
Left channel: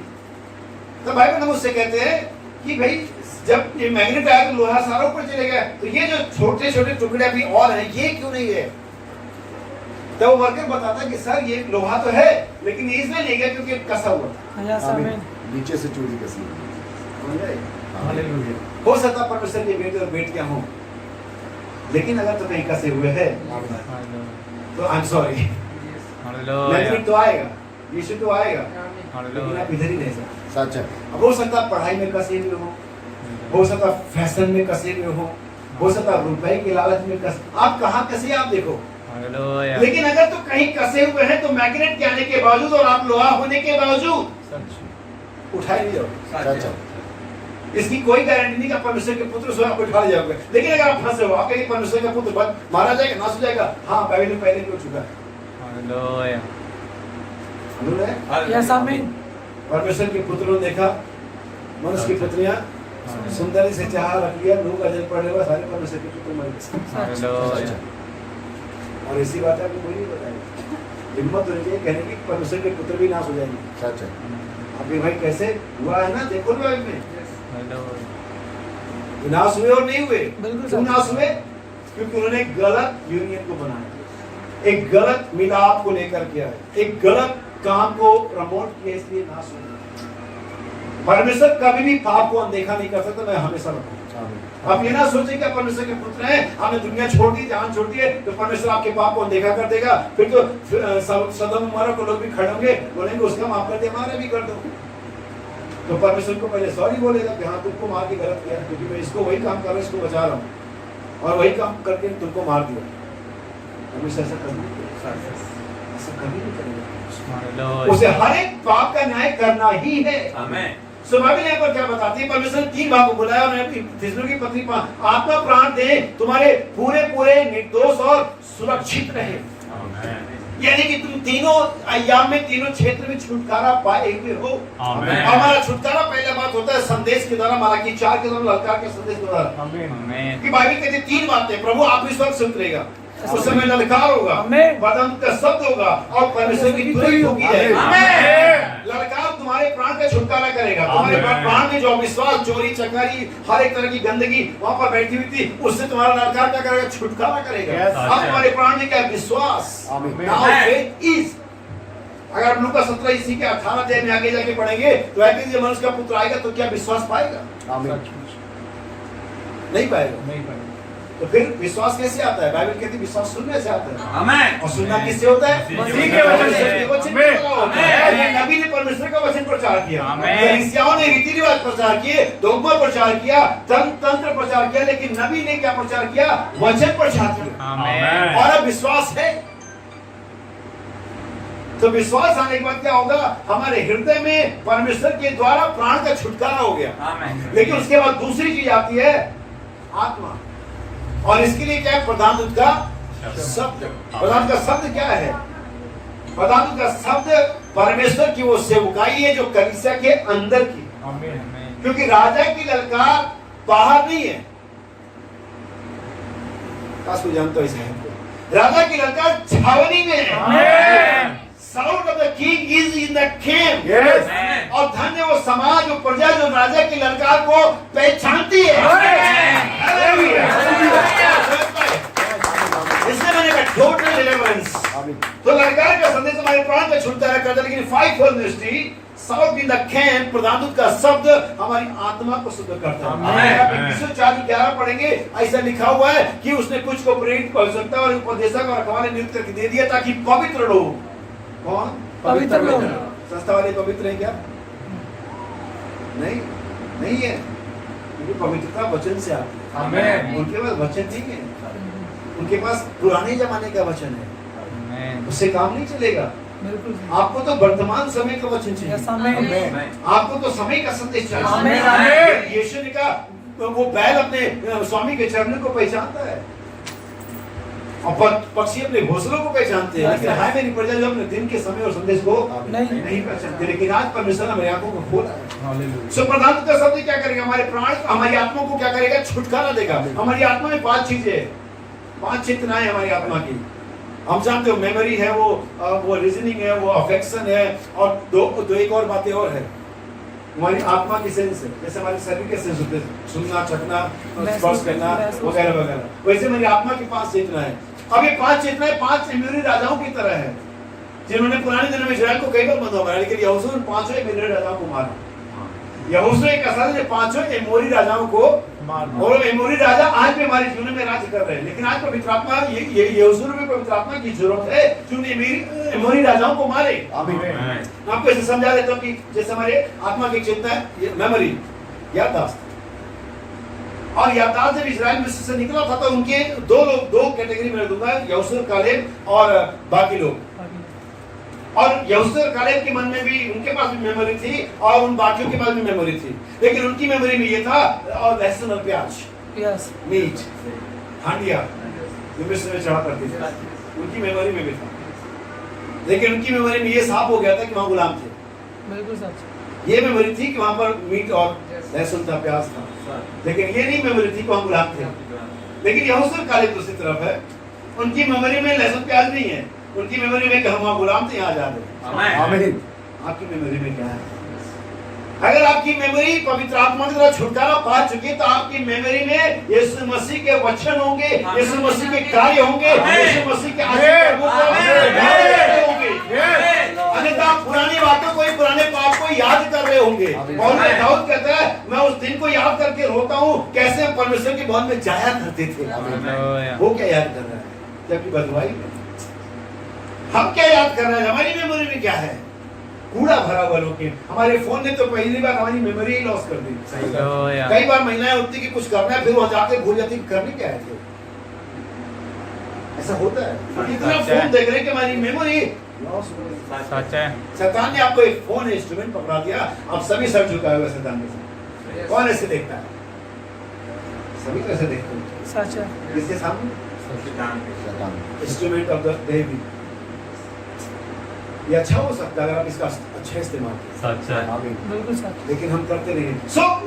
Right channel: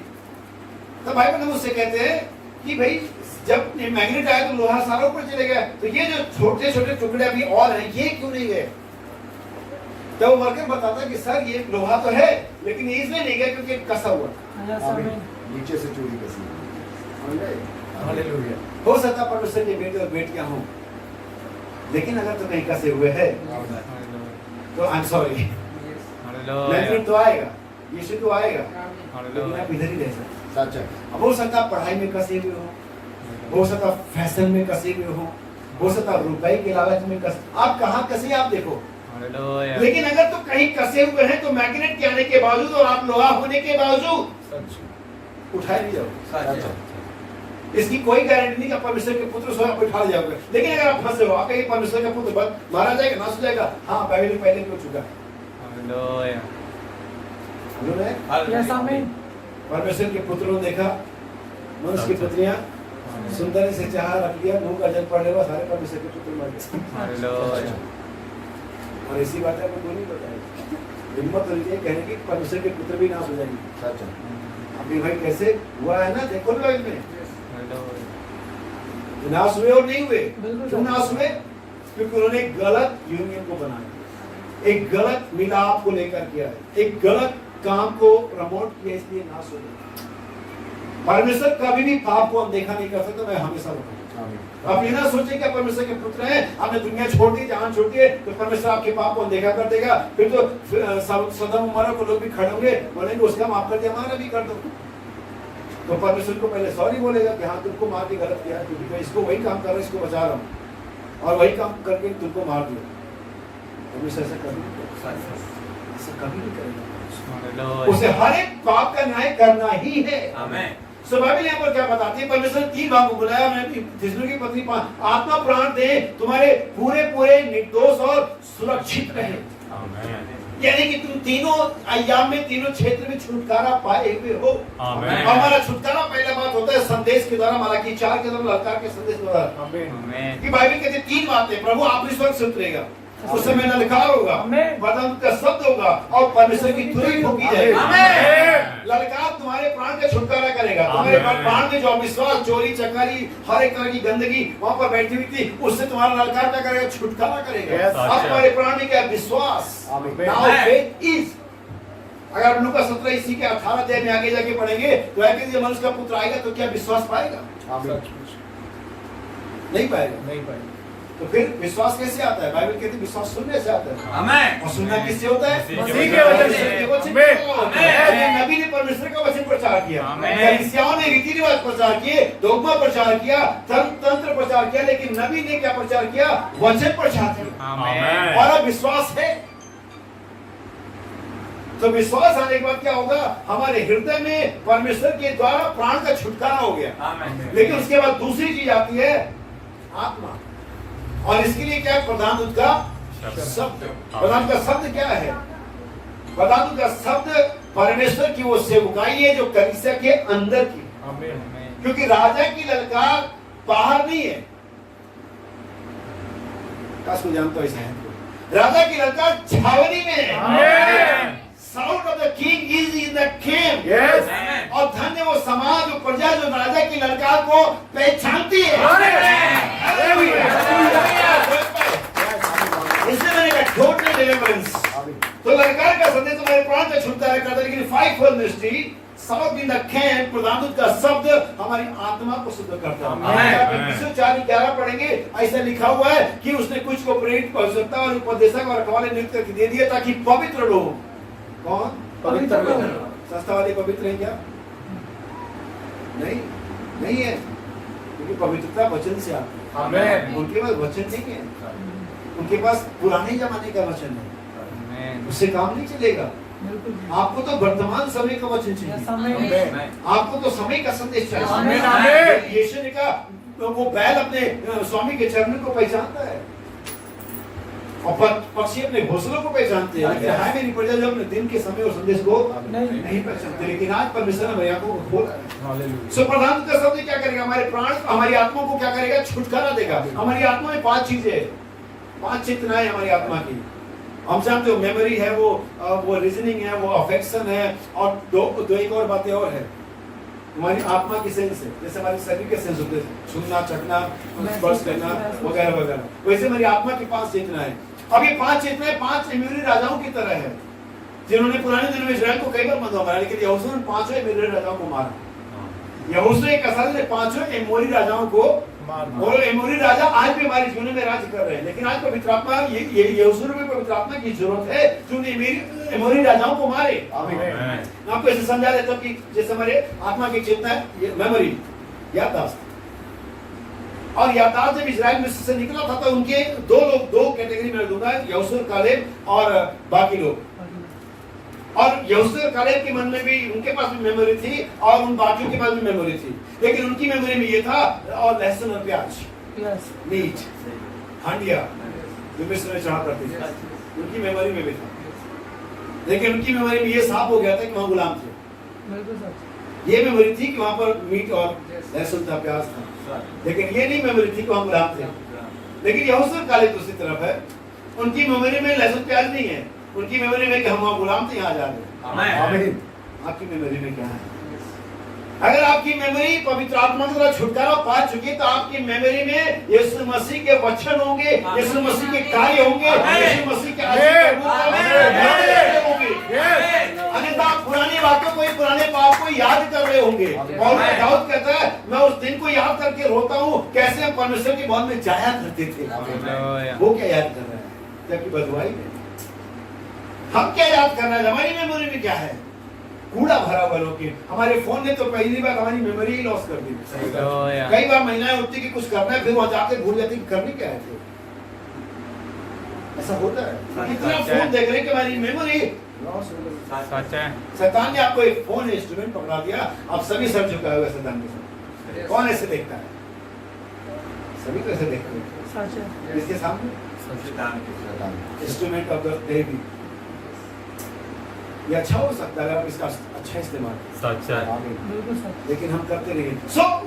तो बाइबल में मुझसे कहते हैं कि भाई जब ये मैग्नेट आया तो लोहा सारा ऊपर चले गया, तो ये जो छोटे छोटे टुकड़े अभी और हैं, ये क्यों नहीं है? तो वो वर्कर बताता है कि सर ये लोहा तो है, लेकिन ये इसलिए नहीं गया क्योंकि कसा हुआ था। नीचे से चोरी कसी। हालेलुया। हो सकता परमेश्वर के बेटे और बेटियां हों, लेकिन अगर तो कहीं कसे हुए हैं तो आई एम सॉरी, मैग्नेट तो आएगा, यीशु तो आएगा, लेकिन आप इधर ही रह सकते। सच है। अब हो सकता पढ़ाई में कसे हुए हो सकता फैशन में कसे हुए हो सकता रुपए के लालच में आप कहाँ कसे आप देखो। लेकिन अगर तो कहीं कसे हुए हैं तो मैग्नेट के आने के बावजूद और आप लोहा होने के बावजूद उठाए नहीं जाओगे। सच है। इसकी कोई गारंटी नहीं कि आप परमेश्वर के पुत्र स्वयं उठा ले जाओगे, लेकिन अगर आप फंसे हो, आप कहीं परमेश्वर का पुत्र मारा जाएगा, नाश हो जाएगा, हाँ बाइबल पहले हो चुका है। परमेश्वर के पुत्रों ने देखा, मनुष्य की पुत्रियां सुंदरी से चाह रख लिया, मुंह का जल पड़ने हुआ, सारे परमेश्वर के पुत्र मर गए। और इसी बात है, आपको बोली बताया, हिम्मत होनी चाहिए कहने की परमेश्वर के पुत्र भी नाश हो जाएंगे। सच है। अभी भाई कैसे हुआ है ना, देखो ना में नाश हुए और नहीं हुए। क्यों नाश हुए? क्योंकि उन्होंने गलत यूनियन को बनाया, एक गलत मिलाप को लेकर किया है, एक गलत काम को प्रमोट किया, इसलिए नाश हो गया। परमेश्वर कभी भी पाप को अनदेखा नहीं कर सकता, मैं हमेशा बताऊं। आप ये ना सोचें कि आप परमेश्वर के पुत्र हैं, आपने दुनिया छोड़ दी, जहां छोड़ दिए, तो परमेश्वर आपके पाप को अनदेखा कर देगा। फिर तो सदम उमर को लोग भी खड़े होंगे, बोलेंगे उसका माफ कर दे, हमारा भी कर दो। तो परमेश्वर को पहले सॉरी बोलेगा कि हाँ तुमको मार के गलत किया, क्योंकि मैं इसको वही काम कर रहा हूँ, इसको बचा रहा हूँ, और वही काम करके तुमको मार दिया। परमेश्वर ऐसा कभी नहीं करेगा, उसे हर एक पाप का न्याय करना ही है। सो बाइबल यहाँ पर क्या बताती है? परमेश्वर ने 3 भाग को बुलाया, थिस्सलुनीकी पत्री आत्मा प्राण दे तुम्हारे पूरे पूरे निर्दोष और सुरक्षित रहे। यानी कि तुम तीनों अय्याम में, तीनों क्षेत्र में छुटकारा पाए हुए हो। हमारा छुटकारा पहला बात होता है संदेश के द्वारा, मलाकी 4 के द्वारा, ललकार के संदेश के द्वारा। कि बाइबल कहती है 3 बातें, प्रभु आप इस वक्त से उतरेगा, उस समय ललकार होगा, वरदान का शब्द होगा और परमेश्वर की तुरंत होगी है। ललकार तुम्हारे प्राण का छुटकारा करेगा, तुम्हारे प्राण में जो अविश्वास, चोरी चकारी, हर एक तरह की गंदगी वहां पर बैठी हुई थी, उससे तुम्हारा ललकार क्या करेगा? छुटकारा करेगा। अब तुम्हारे प्राण में क्या? विश्वास। Now faith is. अगर आप लूका 17 इसी के 18 अध्याय में आगे जाके पढ़ेंगे तो है कि मनुष्य का पुत्र आएगा तो क्या विश्वास पाएगा? नहीं पाएगा। तो फिर विश्वास कैसे आता है? बाइबल कहती है विश्वास सुनने से आता है। आमेन। और सुनना किससे होता है? मसीह के वचन से। नबी ने परमेश्वर का वचन प्रचार किया, आमेन। फरीसियों ने रीति रिवाज प्रचार किए, डोगमा प्रचार किया, तंत्र प्रचार किया, लेकिन नबी ने क्या प्रचार किया? वचन प्रचार किया। आमेन। और अब विश्वास है, तो विश्वास आने के बाद क्या होगा? हमारे हृदय में परमेश्वर के द्वारा प्राण का छुटकारा हो गया। आमेन। लेकिन उसके बाद दूसरी चीज आती है आत्मा, और इसके लिए क्या है? प्रधान दूत का शब्द। प्रधान का शब्द क्या है? प्रधान दूत का शब्द परमेश्वर की वो सेवकाई है जो कलीसिया के अंदर की, क्योंकि राजा की ललकार बाहर नहीं है। काश को जानते हो इस है को? राजा की ललकार छावनी में है। Sound of the king is in the camp. Yes. और धन्य वो समाज, वो प्रजा जो राजा की ललकार को पहचानती है। इसलिए मैंने कहा टोटल डिलीवरेंस। तो ललकार का संदेश हमारे प्राण का छुटकारा करता है, लेकिन five fold ministry south in the camp, प्रधान दूत का शब्द हमारी आत्मा को शुद्ध करता है। आप 4:11 पढ़ेंगे, ऐसा लिखा हुआ है कि उसने कुछ को प्रेरित, भविष्यवक्ता और उपदेशक और रखवाले नियुक्त करके दे दिया ताकि पवित्र लोग। कौन पवित्र लोग। संस्था वाले पवित्र हैं क्या? नहीं, नहीं है, क्योंकि पवित्रता वचन से आती है। आमेन। उनके पास वचन नहीं है, उनके पास पुराने जमाने का वचन है, उससे काम नहीं चलेगा। आपको तो वर्तमान समय का वचन चाहिए, आपको तो समय का संदेश चाहिए। यीशु ने कहा वो बैल अपने स्वामी के चरणों को पहचानता है और पक्षी अपने घोंसलों को पहचानते हैं, लेकिन हाय मेरी प्रजा जो अपने दिन के समय और संदेश को नहीं पहचानते। लेकिन आज परमेश्वर ने मेरी आंखों को खोला है। सो प्रधान दूत का शब्द क्या करेगा? हमारे प्राण, हमारी आत्मा को क्या करेगा? छुटकारा देगा। हमारी आत्मा में 5 चीजें, 5 चेतनाएं हमारी आत्मा की। हम जानते हो मेमोरी है, वो रीजनिंग है, वो अफेक्शन है, और दो एक और बातें और है। हमारी आत्मा की सेंस है, जैसे हमारे शरीर के सेंस होते हैं, सुनना, चखना, स्पर्श करना वगैरह वगैरह, वैसे हमारी आत्मा की 5 चेतनाएं। अब ये 5 चेतनाएं 5 एमोरी राजाओं की तरह है, जिन्होंने पुराने दिनों में इस्राएल को कई बार बंधा मारा, लेकिन यहोशू ने 5 एमोरी राजाओं को मारा। यहोशू एक असाल ने 5 एमोरी राजाओं को, और एमोरी राजा आज भी हमारे जीवन में राज्य कर रहे हैं। लेकिन आज पवित्र आत्मा, ये यहोशू में पवित्र आत्मा की जरूरत है जो एमोरी राजाओं को मारे। मैं आपको ऐसे समझा देता हूँ कि जैसे हमारे आत्मा की चेतना है मेमोरी, याददाश्त, और याददाश्त जब इजराइल मिस्र से निकला था तो उनके दो कैटेगरी में दूंगा, यहोशू कालेब और बाकी लोग। और यहोशू और कालेब के मन में भी, उनके पास भी मेमोरी थी और उन बाकियों के पास भी मेमोरी थी, लेकिन उनकी मेमोरी में ये था, और लहसुन और प्याज, मीट, हांडिया जो मिस्र में चढ़ा करती थी, उनकी मेमोरी में भी था। लेकिन उनकी मेमोरी में ये साफ हो गया था कि वहां गुलाम थे। ये मेमोरी थी कि वहां पर मीट और लहसुन था, प्याज था, लेकिन ये नहीं मेमोरी थी कि वहां गुलाम थे। लेकिन यहोशू और कालेब दूसरी तरफ है, उनकी मेमोरी में लहसुन प्याज नहीं है, उनकी मेमोरी में कि हम वहां गुलाम थे, यहाँ जा रहे हैं। आमीन। आपकी मेमोरी में क्या है? अगर आपकी मेमोरी पवित्र आत्मा के द्वारा छुटकारा पा चुकी है, तो आपकी मेमोरी में यीशु मसीह के वचन होंगे, यीशु मसीह के कार्य होंगे, यीशु मसीह के आशीर्वाद होंगे। अन्यथा पुरानी बातों को, पुराने पाप को याद कर रहे होंगे। और दाऊद कहता है, मैं उस दिन को याद करके रोता हूँ, कैसे परमेश्वर के भवन में जाया करते थे। वो क्या याद कर रहा है? जबकि बदवाई में हम क्या याद कर रहे हैं? हमारी मेमोरी में क्या है? कूड़ा भरा हुआ लोग के। हमारे फोन ने तो पहली बार हमारी मेमोरी ही लॉस कर दी। कई बार महिलाएं उठती कि कुछ करना है, फिर वो जाके भूल जाती कि करने क्या है थे। ऐसा होता है, इतना फोन देख रहे हैं कि हमारी मेमोरी लॉस हो गई। शैतान ने आपको एक फोन इंस्ट्रूमेंट पकड़ा दिया, अब सभी सर झुकाए हुए शैतान के साथ। कौन ऐसे देखता है? सभी कैसे देखते हैं? इसके सामने इंस्ट्रूमेंट ऑफ द डेविल। ये अच्छा हो सकता है अगर आप इसका अच्छा इस्तेमाल करें, लेकिन हम करते नहीं।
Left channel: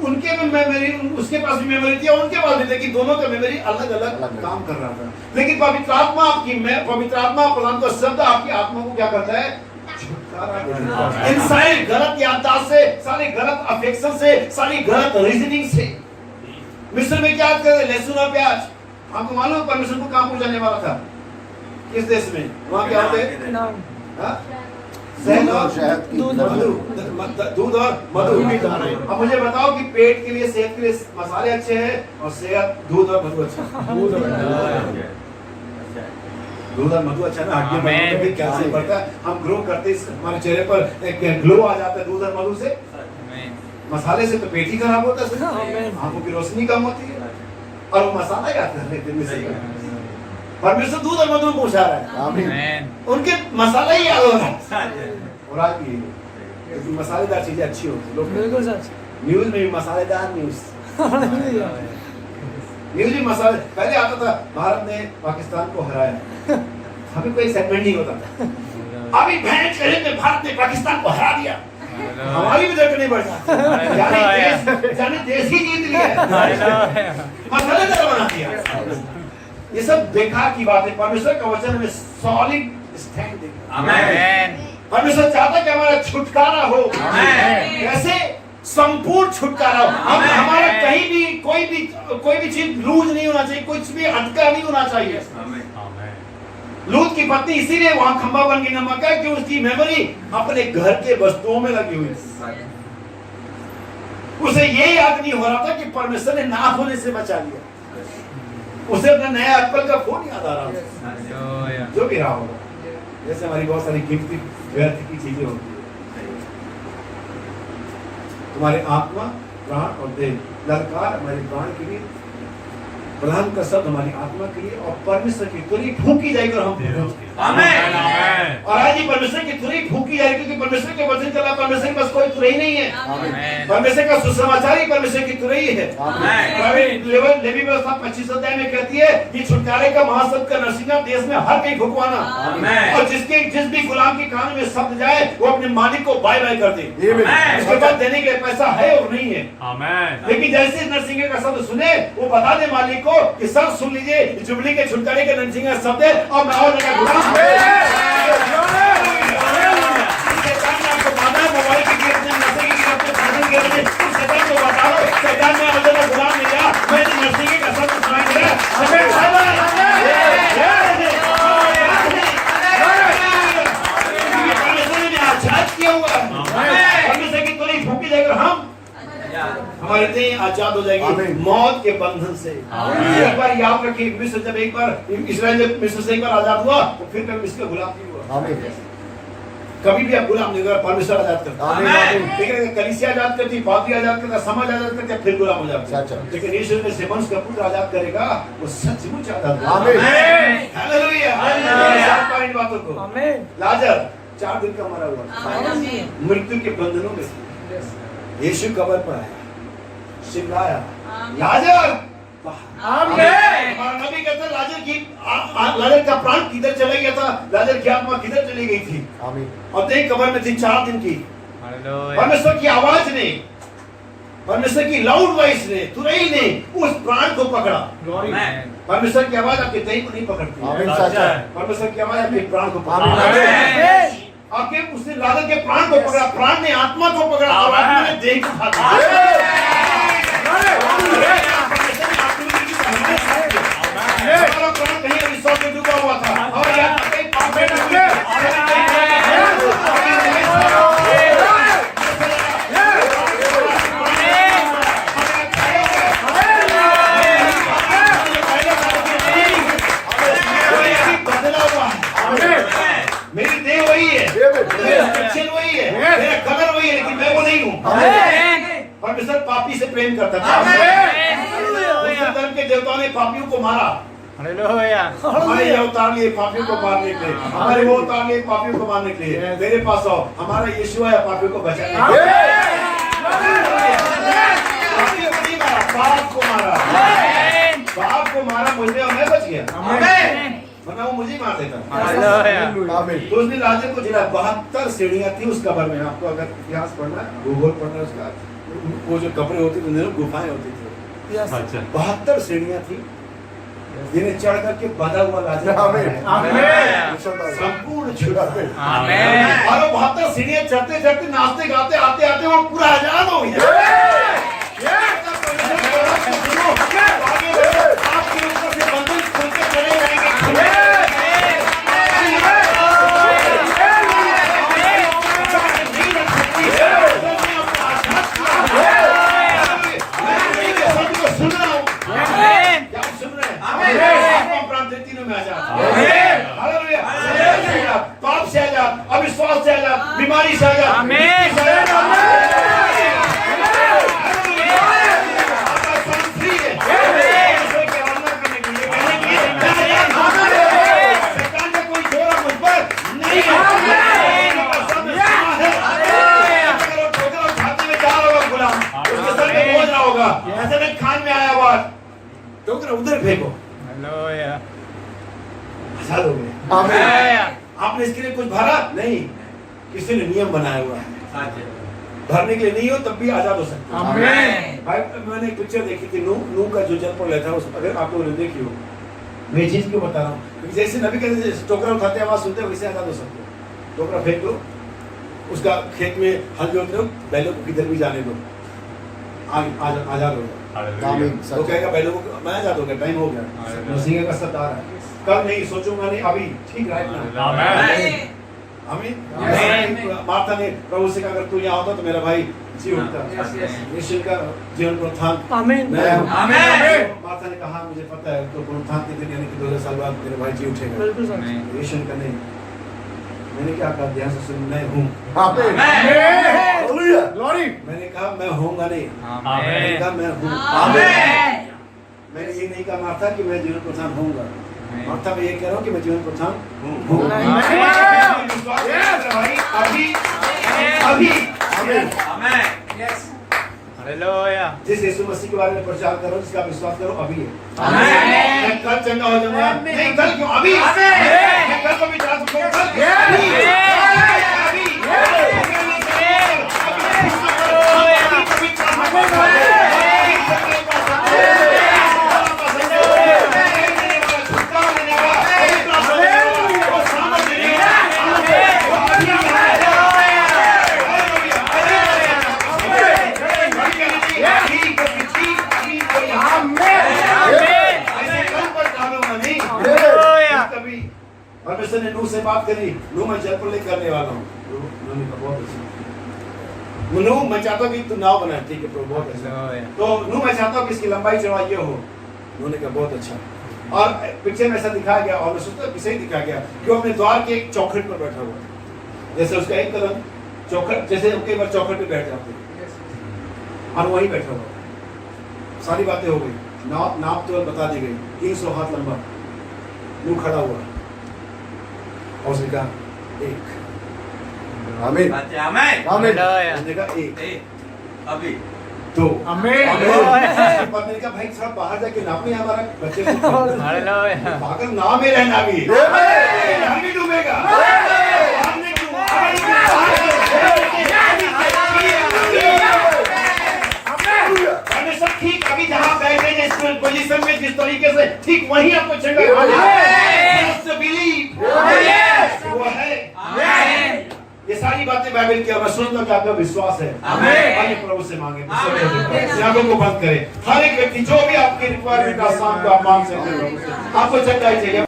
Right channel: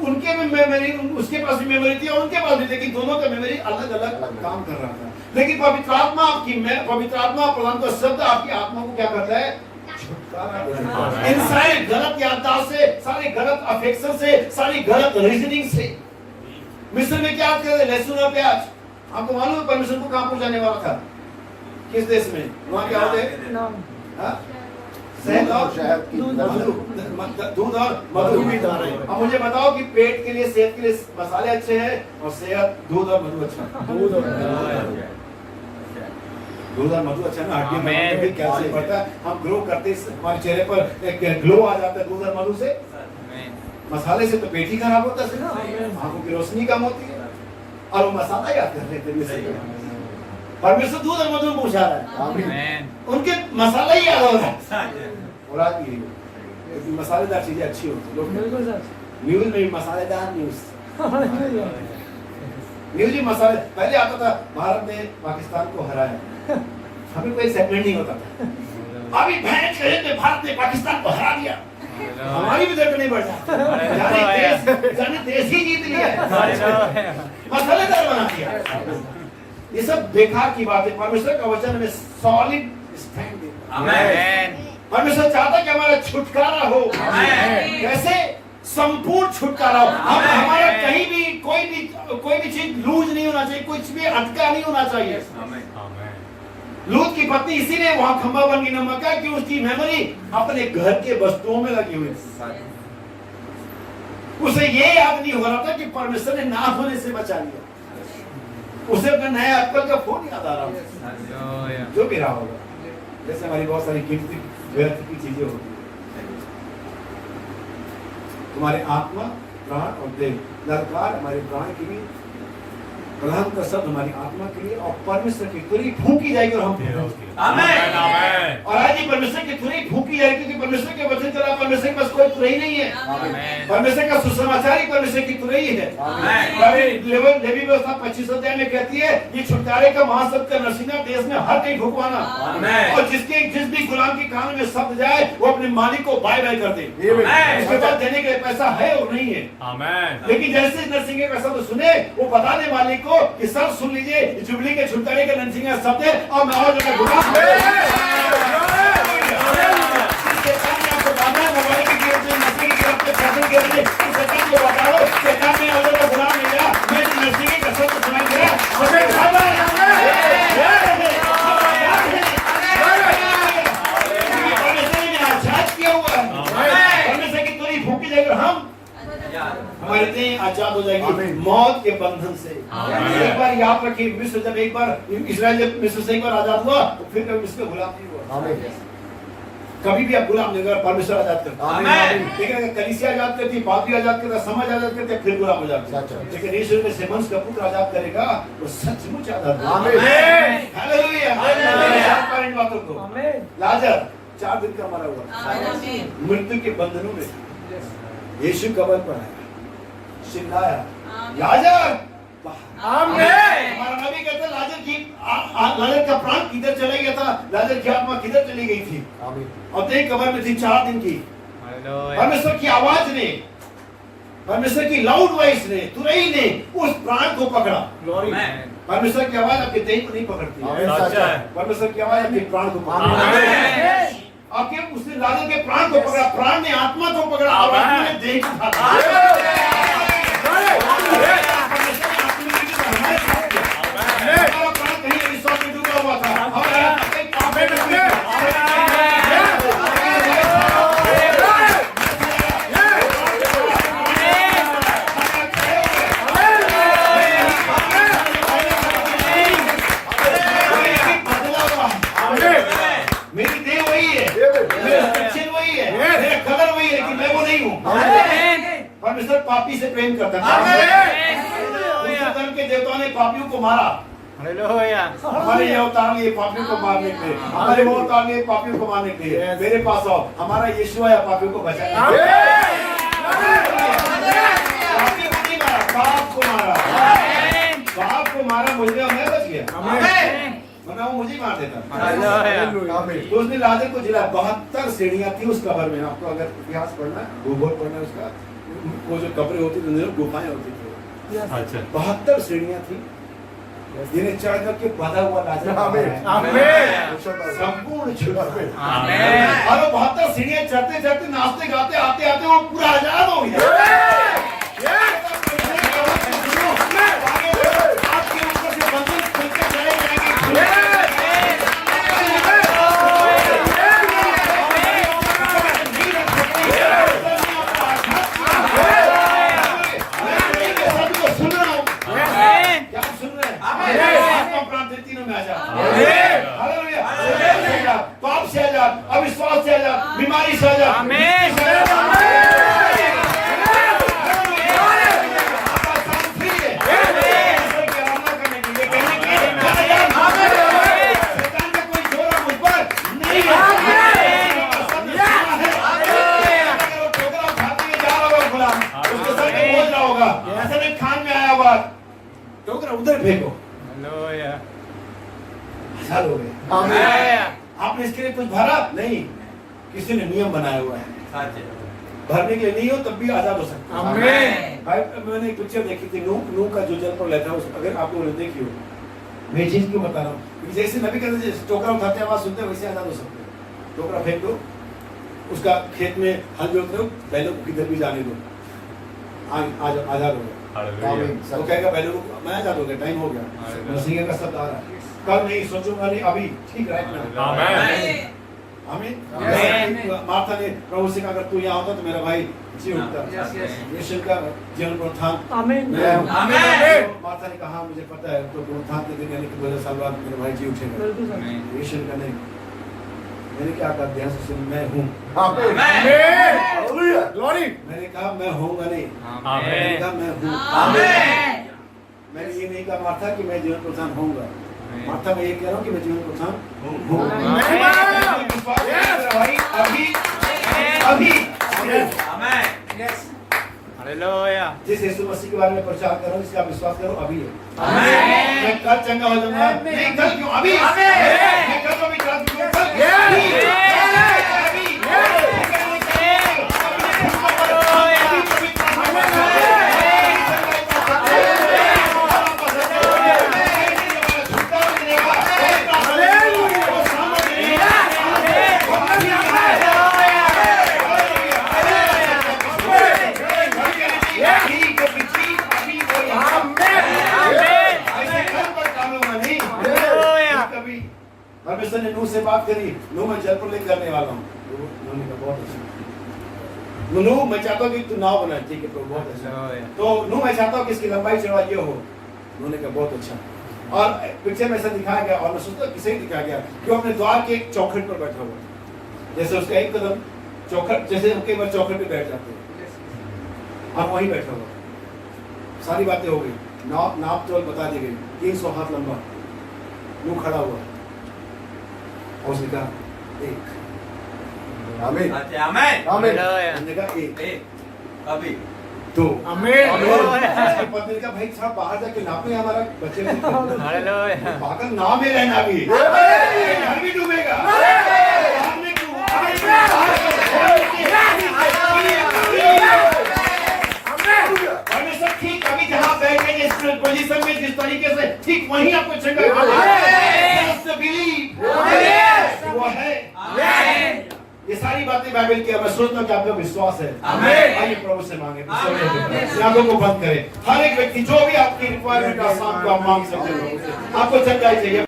उनके में मेमोरी, उसके पास भी मेमोरी थी और उनके पास भी, लेकिन दोनों का मेमोरी अलग अलग काम कर रहा था। लेकिन पवित्र आत्मा आपकी, पवित्र आत्मा प्रधान का शब्द आपकी आत्मा को क्या करता है? छुटकारा। इन सारी गलत याददाश्त से, सारी गलत अफेक्शन से, सारी गलत रीजनिंग से। मिस्र में क्या कर रहे? लहसुन और प्याज। आपको मालूम है परमेश्वर को कहां पहुंचाने वाला था? किस देश में? वहां क्या होते हैं? शहद और शहद की मधु, दूध और मधु। अब मुझे बताओ कि पेट के लिए, सेहत के लिए मसाले अच्छे हैं और सेहत दूध और मधु अच्छा है? दूध और मधु अच्छा है ना, हड्डियों में भी कैल्शियम बढ़ता है, हम ग्रो करते हैं, हमारे चेहरे पर एक ग्लो आ जाता है दूध और मधु से। मसाले से तो पेट ही खराब होता है, आंखों की रोशनी कम होती है और वो मसाला याद कर लेते हैं। परमेश्वर दूध और मधु में पहुंचा रहा है, उनके मसाला ही याद हो रहा है। और आज भी मसालेदार चीजें अच्छी होती है, लोग न्यूज में भी मसालेदार न्यूज भी मसाले। पहले आता था भारत ने पाकिस्तान को हराया, अभी कोई सेगमेंट नहीं होता था, अभी भैंस कहे में भारत ने पाकिस्तान को हरा दिया, हमारी भी धड़कनें बढ़ जाती हैं, जाने देश ही जीत लिया, मसालेदार बना दिया। ये सब बेकार की बात है। परमेश्वर का वचन में सॉलिड स्टैंड देता है। परमेश्वर चाहता कि हमारा छुटकारा हो, कैसे संपूर्ण छुटकारा हो। हम हमारा कहीं भी कोई भी चीज लूज नहीं होना चाहिए, कुछ भी अटका नहीं होना चाहिए। लूत की पत्नी इसीलिए वहां खंबा बन गई नमक का कि उसकी मेमोरी अपने घर के वस्तुओं में लगी हुई, उसे ये याद नहीं हो रहा था कि परमेश्वर ने ना होने से बचा लिया। उसे अपना नया एप्पल का फोन याद आ रहा था, जो भी रहा होगा। जैसे हमारी बहुत सारी कीमती व्यर्थ की चीजें होती है। तुम्हारे आत्मा, प्राण और देह, ललकार हमारे प्राण के लिए, प्रधान का शब्द हमारी आत्मा के लिए, और परमेश्वर की तुरही फूंकी जाएगी और हम आमेन। और आज ही परमेश्वर की तुरही फूंकी जाएगी, क्योंकि परमेश्वर के वचन चला, परमेश्वर के पास कोई तुरही नहीं है। परमेश्वर का सुसमाचार ही परमेश्वर की तुरही है। लेवी व्यवस्था 25 अध्याय में कहती है कि छुटकारे का महाशब्द का नरसिंगा देश में हर कहीं फुकवाना, और जिस भी गुलाम के कान में शब्द जाए वो अपने मालिक को बाय बाय कर दे। उसके बाद देने के लिए पैसा है और नहीं है, लेकिन जैसे नरसिंगे का शब्द सुने वो बता दे मालिक को कि सर सुन लीजिए, जुबली के छुटकारे के नरसिंगा शब्द है और मैं और बड़ा गुलाम मोबाइल की गिरफ्त में, नशे की गिरफ्त में, फंसी की गिरफ्त में, शैतान को बताओ, शैतान में और बड़ा गुलाम नहीं गया, मैं नरसिंगे का शब्द सुनाई दे रहा है। परमेश्वर की तुरही फूंकी जाएगी और हम हमारी देह आजाद हो जाएगी मौत के बंधन से। एक बार याद रखिए, मिस्र जब एक बार इस्राएल जब मिस्र से एक बार आजाद हुआ तो फिर कभी मिस्र का गुलाम नहीं हुआ। कभी भी आप गुलाम नहीं होगा, परमेश्वर आजाद करता है। लेकिन अगर कलीसिया आजाद करती, पादरी आजाद करता, समाज आजाद करता, फिर गुलाम हो जाता है। लेकिन यीशु में से वंश का पुत्र आजाद करेगा, वो सचमुच आजाद होगा। Hallelujah, hallelujah. इन बातों को लाजर 4 दिन का मरा हुआ, मृत्यु के बंधनों में, यीशु कब्र पर आया, चिल्लाया लाजर आमीन। हमारा नबी कहते लाजर का प्राण किधर चला गया था, लाजर की आत्मा किधर चली गई थी। और देख कब्र में थी 4 दिन की। परमेश्वर की आवाज ने, परमेश्वर की लाउड वॉइस ने, तुरही ने उस प्राण को पकड़ा। परमेश्वर की आवाज आपके देह को नहीं पकड़ती, परमेश्वर की आवाज आपके प्राण को पकड़ती। आपके उसने लाजर के प्राण को पकड़ा, प्राण ने आत्मा को पकड़ा और आत्मा ने देह को पकड़ा। हमारा प्राण कहीं विश्वास में डूबा हुआ था और मेरी देह वही है, वही है, मेरा कलर वही है, लेकिन मैं वो नहीं हूँ। परमेश्वर पापी से प्रेम करता था। धर्म के देवताओं ने पापियों को मारा, हमारे यहाँ उतार लिए पापियों को मारने के लिए, हमारे वो उतार लिए पापियों को मारने के लिए। मेरे पास आओ, हमारा यीशु है पापियों को बचाने के लिए। पापियों को नहीं मारा, पाप को मारा, पाप को मारा मुझे और मैं बच गया, वरना वो मुझे मार देता। तो उसने लाजर को जिला 72 सीढ़ियां थी उस कब्र में। आपको अगर इतिहास पढ़ना है, भूगोल पढ़ना है उसका, वो जो कब्रें होती थी गुफाएं होती थी, 72 सीढ़ियां थी जिन्हें चढ़ करके बंधा हुआ लाजर संपूर्ण छुड़ा। और 72 सीढ़ियां चढ़ते चढ़ते, नाचते गाते, आते आते वो पूरा आजाद हो गया। आपके ऊपर से बंधन खुल के चले जाएंगे। यीशु में आजाद, हालेलुया, पाप से आजाद, अविश्वास से आजाद, बीमारी से आजाद, आमीन। शैतान का कोई जोरा मुझ पर नहीं है। होगा ऐसा नहीं खान में आया बात टोकरा उधर फेंको, हालेलुया, आजाद हो गए। हालेलुया। आपने इसके लिए कुछ भरा नहीं, किसी ने नियम बनाया हुआ है, भरने के लिए नहीं हो तब भी आजाद हो सकते हैं। आमीन। भाई मैंने एक पिक्चर देखी थी, नूह का जो जल प्रलय था, उस अगर आप लोगों ने देखी हो, मैं ये चीज क्यों बता रहा हूँ, क्योंकि जैसे नबी कहते हैं टोकरा उठाते आवाज सुनते हैं वैसे आजाद हो सकते हैं। टोकरा फेंक दो, उसका खेत में हल जोतते हो, बैलों को किधर भी जाने दो, आजाद हो गया। आमीन। वो कहेगा बैलों को मैं आजाद हो गया, टाइम हो गया, मसीह का सत्ता आ रहा है, कल नहीं सोचूंगा नहीं अभी, ठीक है। आमीन। मार्था ने प्रभु से कहा अगर तू यहाँ होता तो मेरा भाई जी उठता। यीशु का जीवन पुनरुत्थान, आमीन। मार्था ने कहा मुझे पता है तो पुनरुत्थान के दिन यानी कि 2000 साल बाद मेरा भाई जी उठेगा। यीशु का नहीं, मैंने क्या कहा, ध्यान से सुन, मैं हूँ। मैंने कहा मैं होऊंगा नहीं, मैंने कहा मैं हूँ। मैंने ये नहीं कहा मार्था कि मैं जीवन पुनरुत्थान होऊंगा, मार्था मैं ये कह रहा हूँ कि मैं जीवन पुनरुत्थान हूँ। भाई अभी अभी हालेलुया। जिस यीशु मसीह के बारे में प्रचार कर रहा हूँ, जिसका विश्वास करो अभी है। मैं कल चंगा हो जाऊंगा, नहीं कल क्यों, अभी। मैं कल को भी चला दूंगा, कल परमेश्वर ने नूह से बात करी, नूह मैं जल प्रलय करने वाला हूँ। नूह ने कहा बहुत अच्छा, नूह मैं चाहता हूँ कि तू नाव बना, ठीक है प्रभु बहुत अच्छा। तो नूह मैं चाहता हूँ कि इसकी लंबाई चौड़ाई ये हो, नूह ने कहा बहुत अच्छा। और पिक्चर में ऐसा दिखाया गया, और मैं सोचता हूँ सही दिखाया गया कि वो अपने द्वार के एक चौखट पर बैठा हुआ, जैसे उसका एक कदम चौखट, जैसे कई बार चौखट पे बैठ जाते हैं, और वहीं बैठा हुआ। सारी बातें हो गई, नाप तोल बता दी गई, 300 हाथ लंबा, नूह खड़ा हुआ और उसने कहा एक, आमीन। उसने कहा एक, अभी दो, हालेलुया। पत्नी ने कहा भाई थोड़ा बाहर जाके नापे हमारा बच्चे को, हालेलुया। पागल नाव में रहना भी, घर भी डूबेगा। सब ठीक अभी जहाँ बैठे जिस पोजीशन में जिस तरीके से ठीक वहीं आपको चंगा वो है। ये सारी बातें बाइबल की, मैं सोचता हूँ कि आपका विश्वास है। आइए प्रभु से मांगे, आंखों को बंद करें। हर एक व्यक्ति जो भी आपकी रिक्वायरमेंट का साथ आप मांग सकते हैं, आपको चंगाई चाहिए।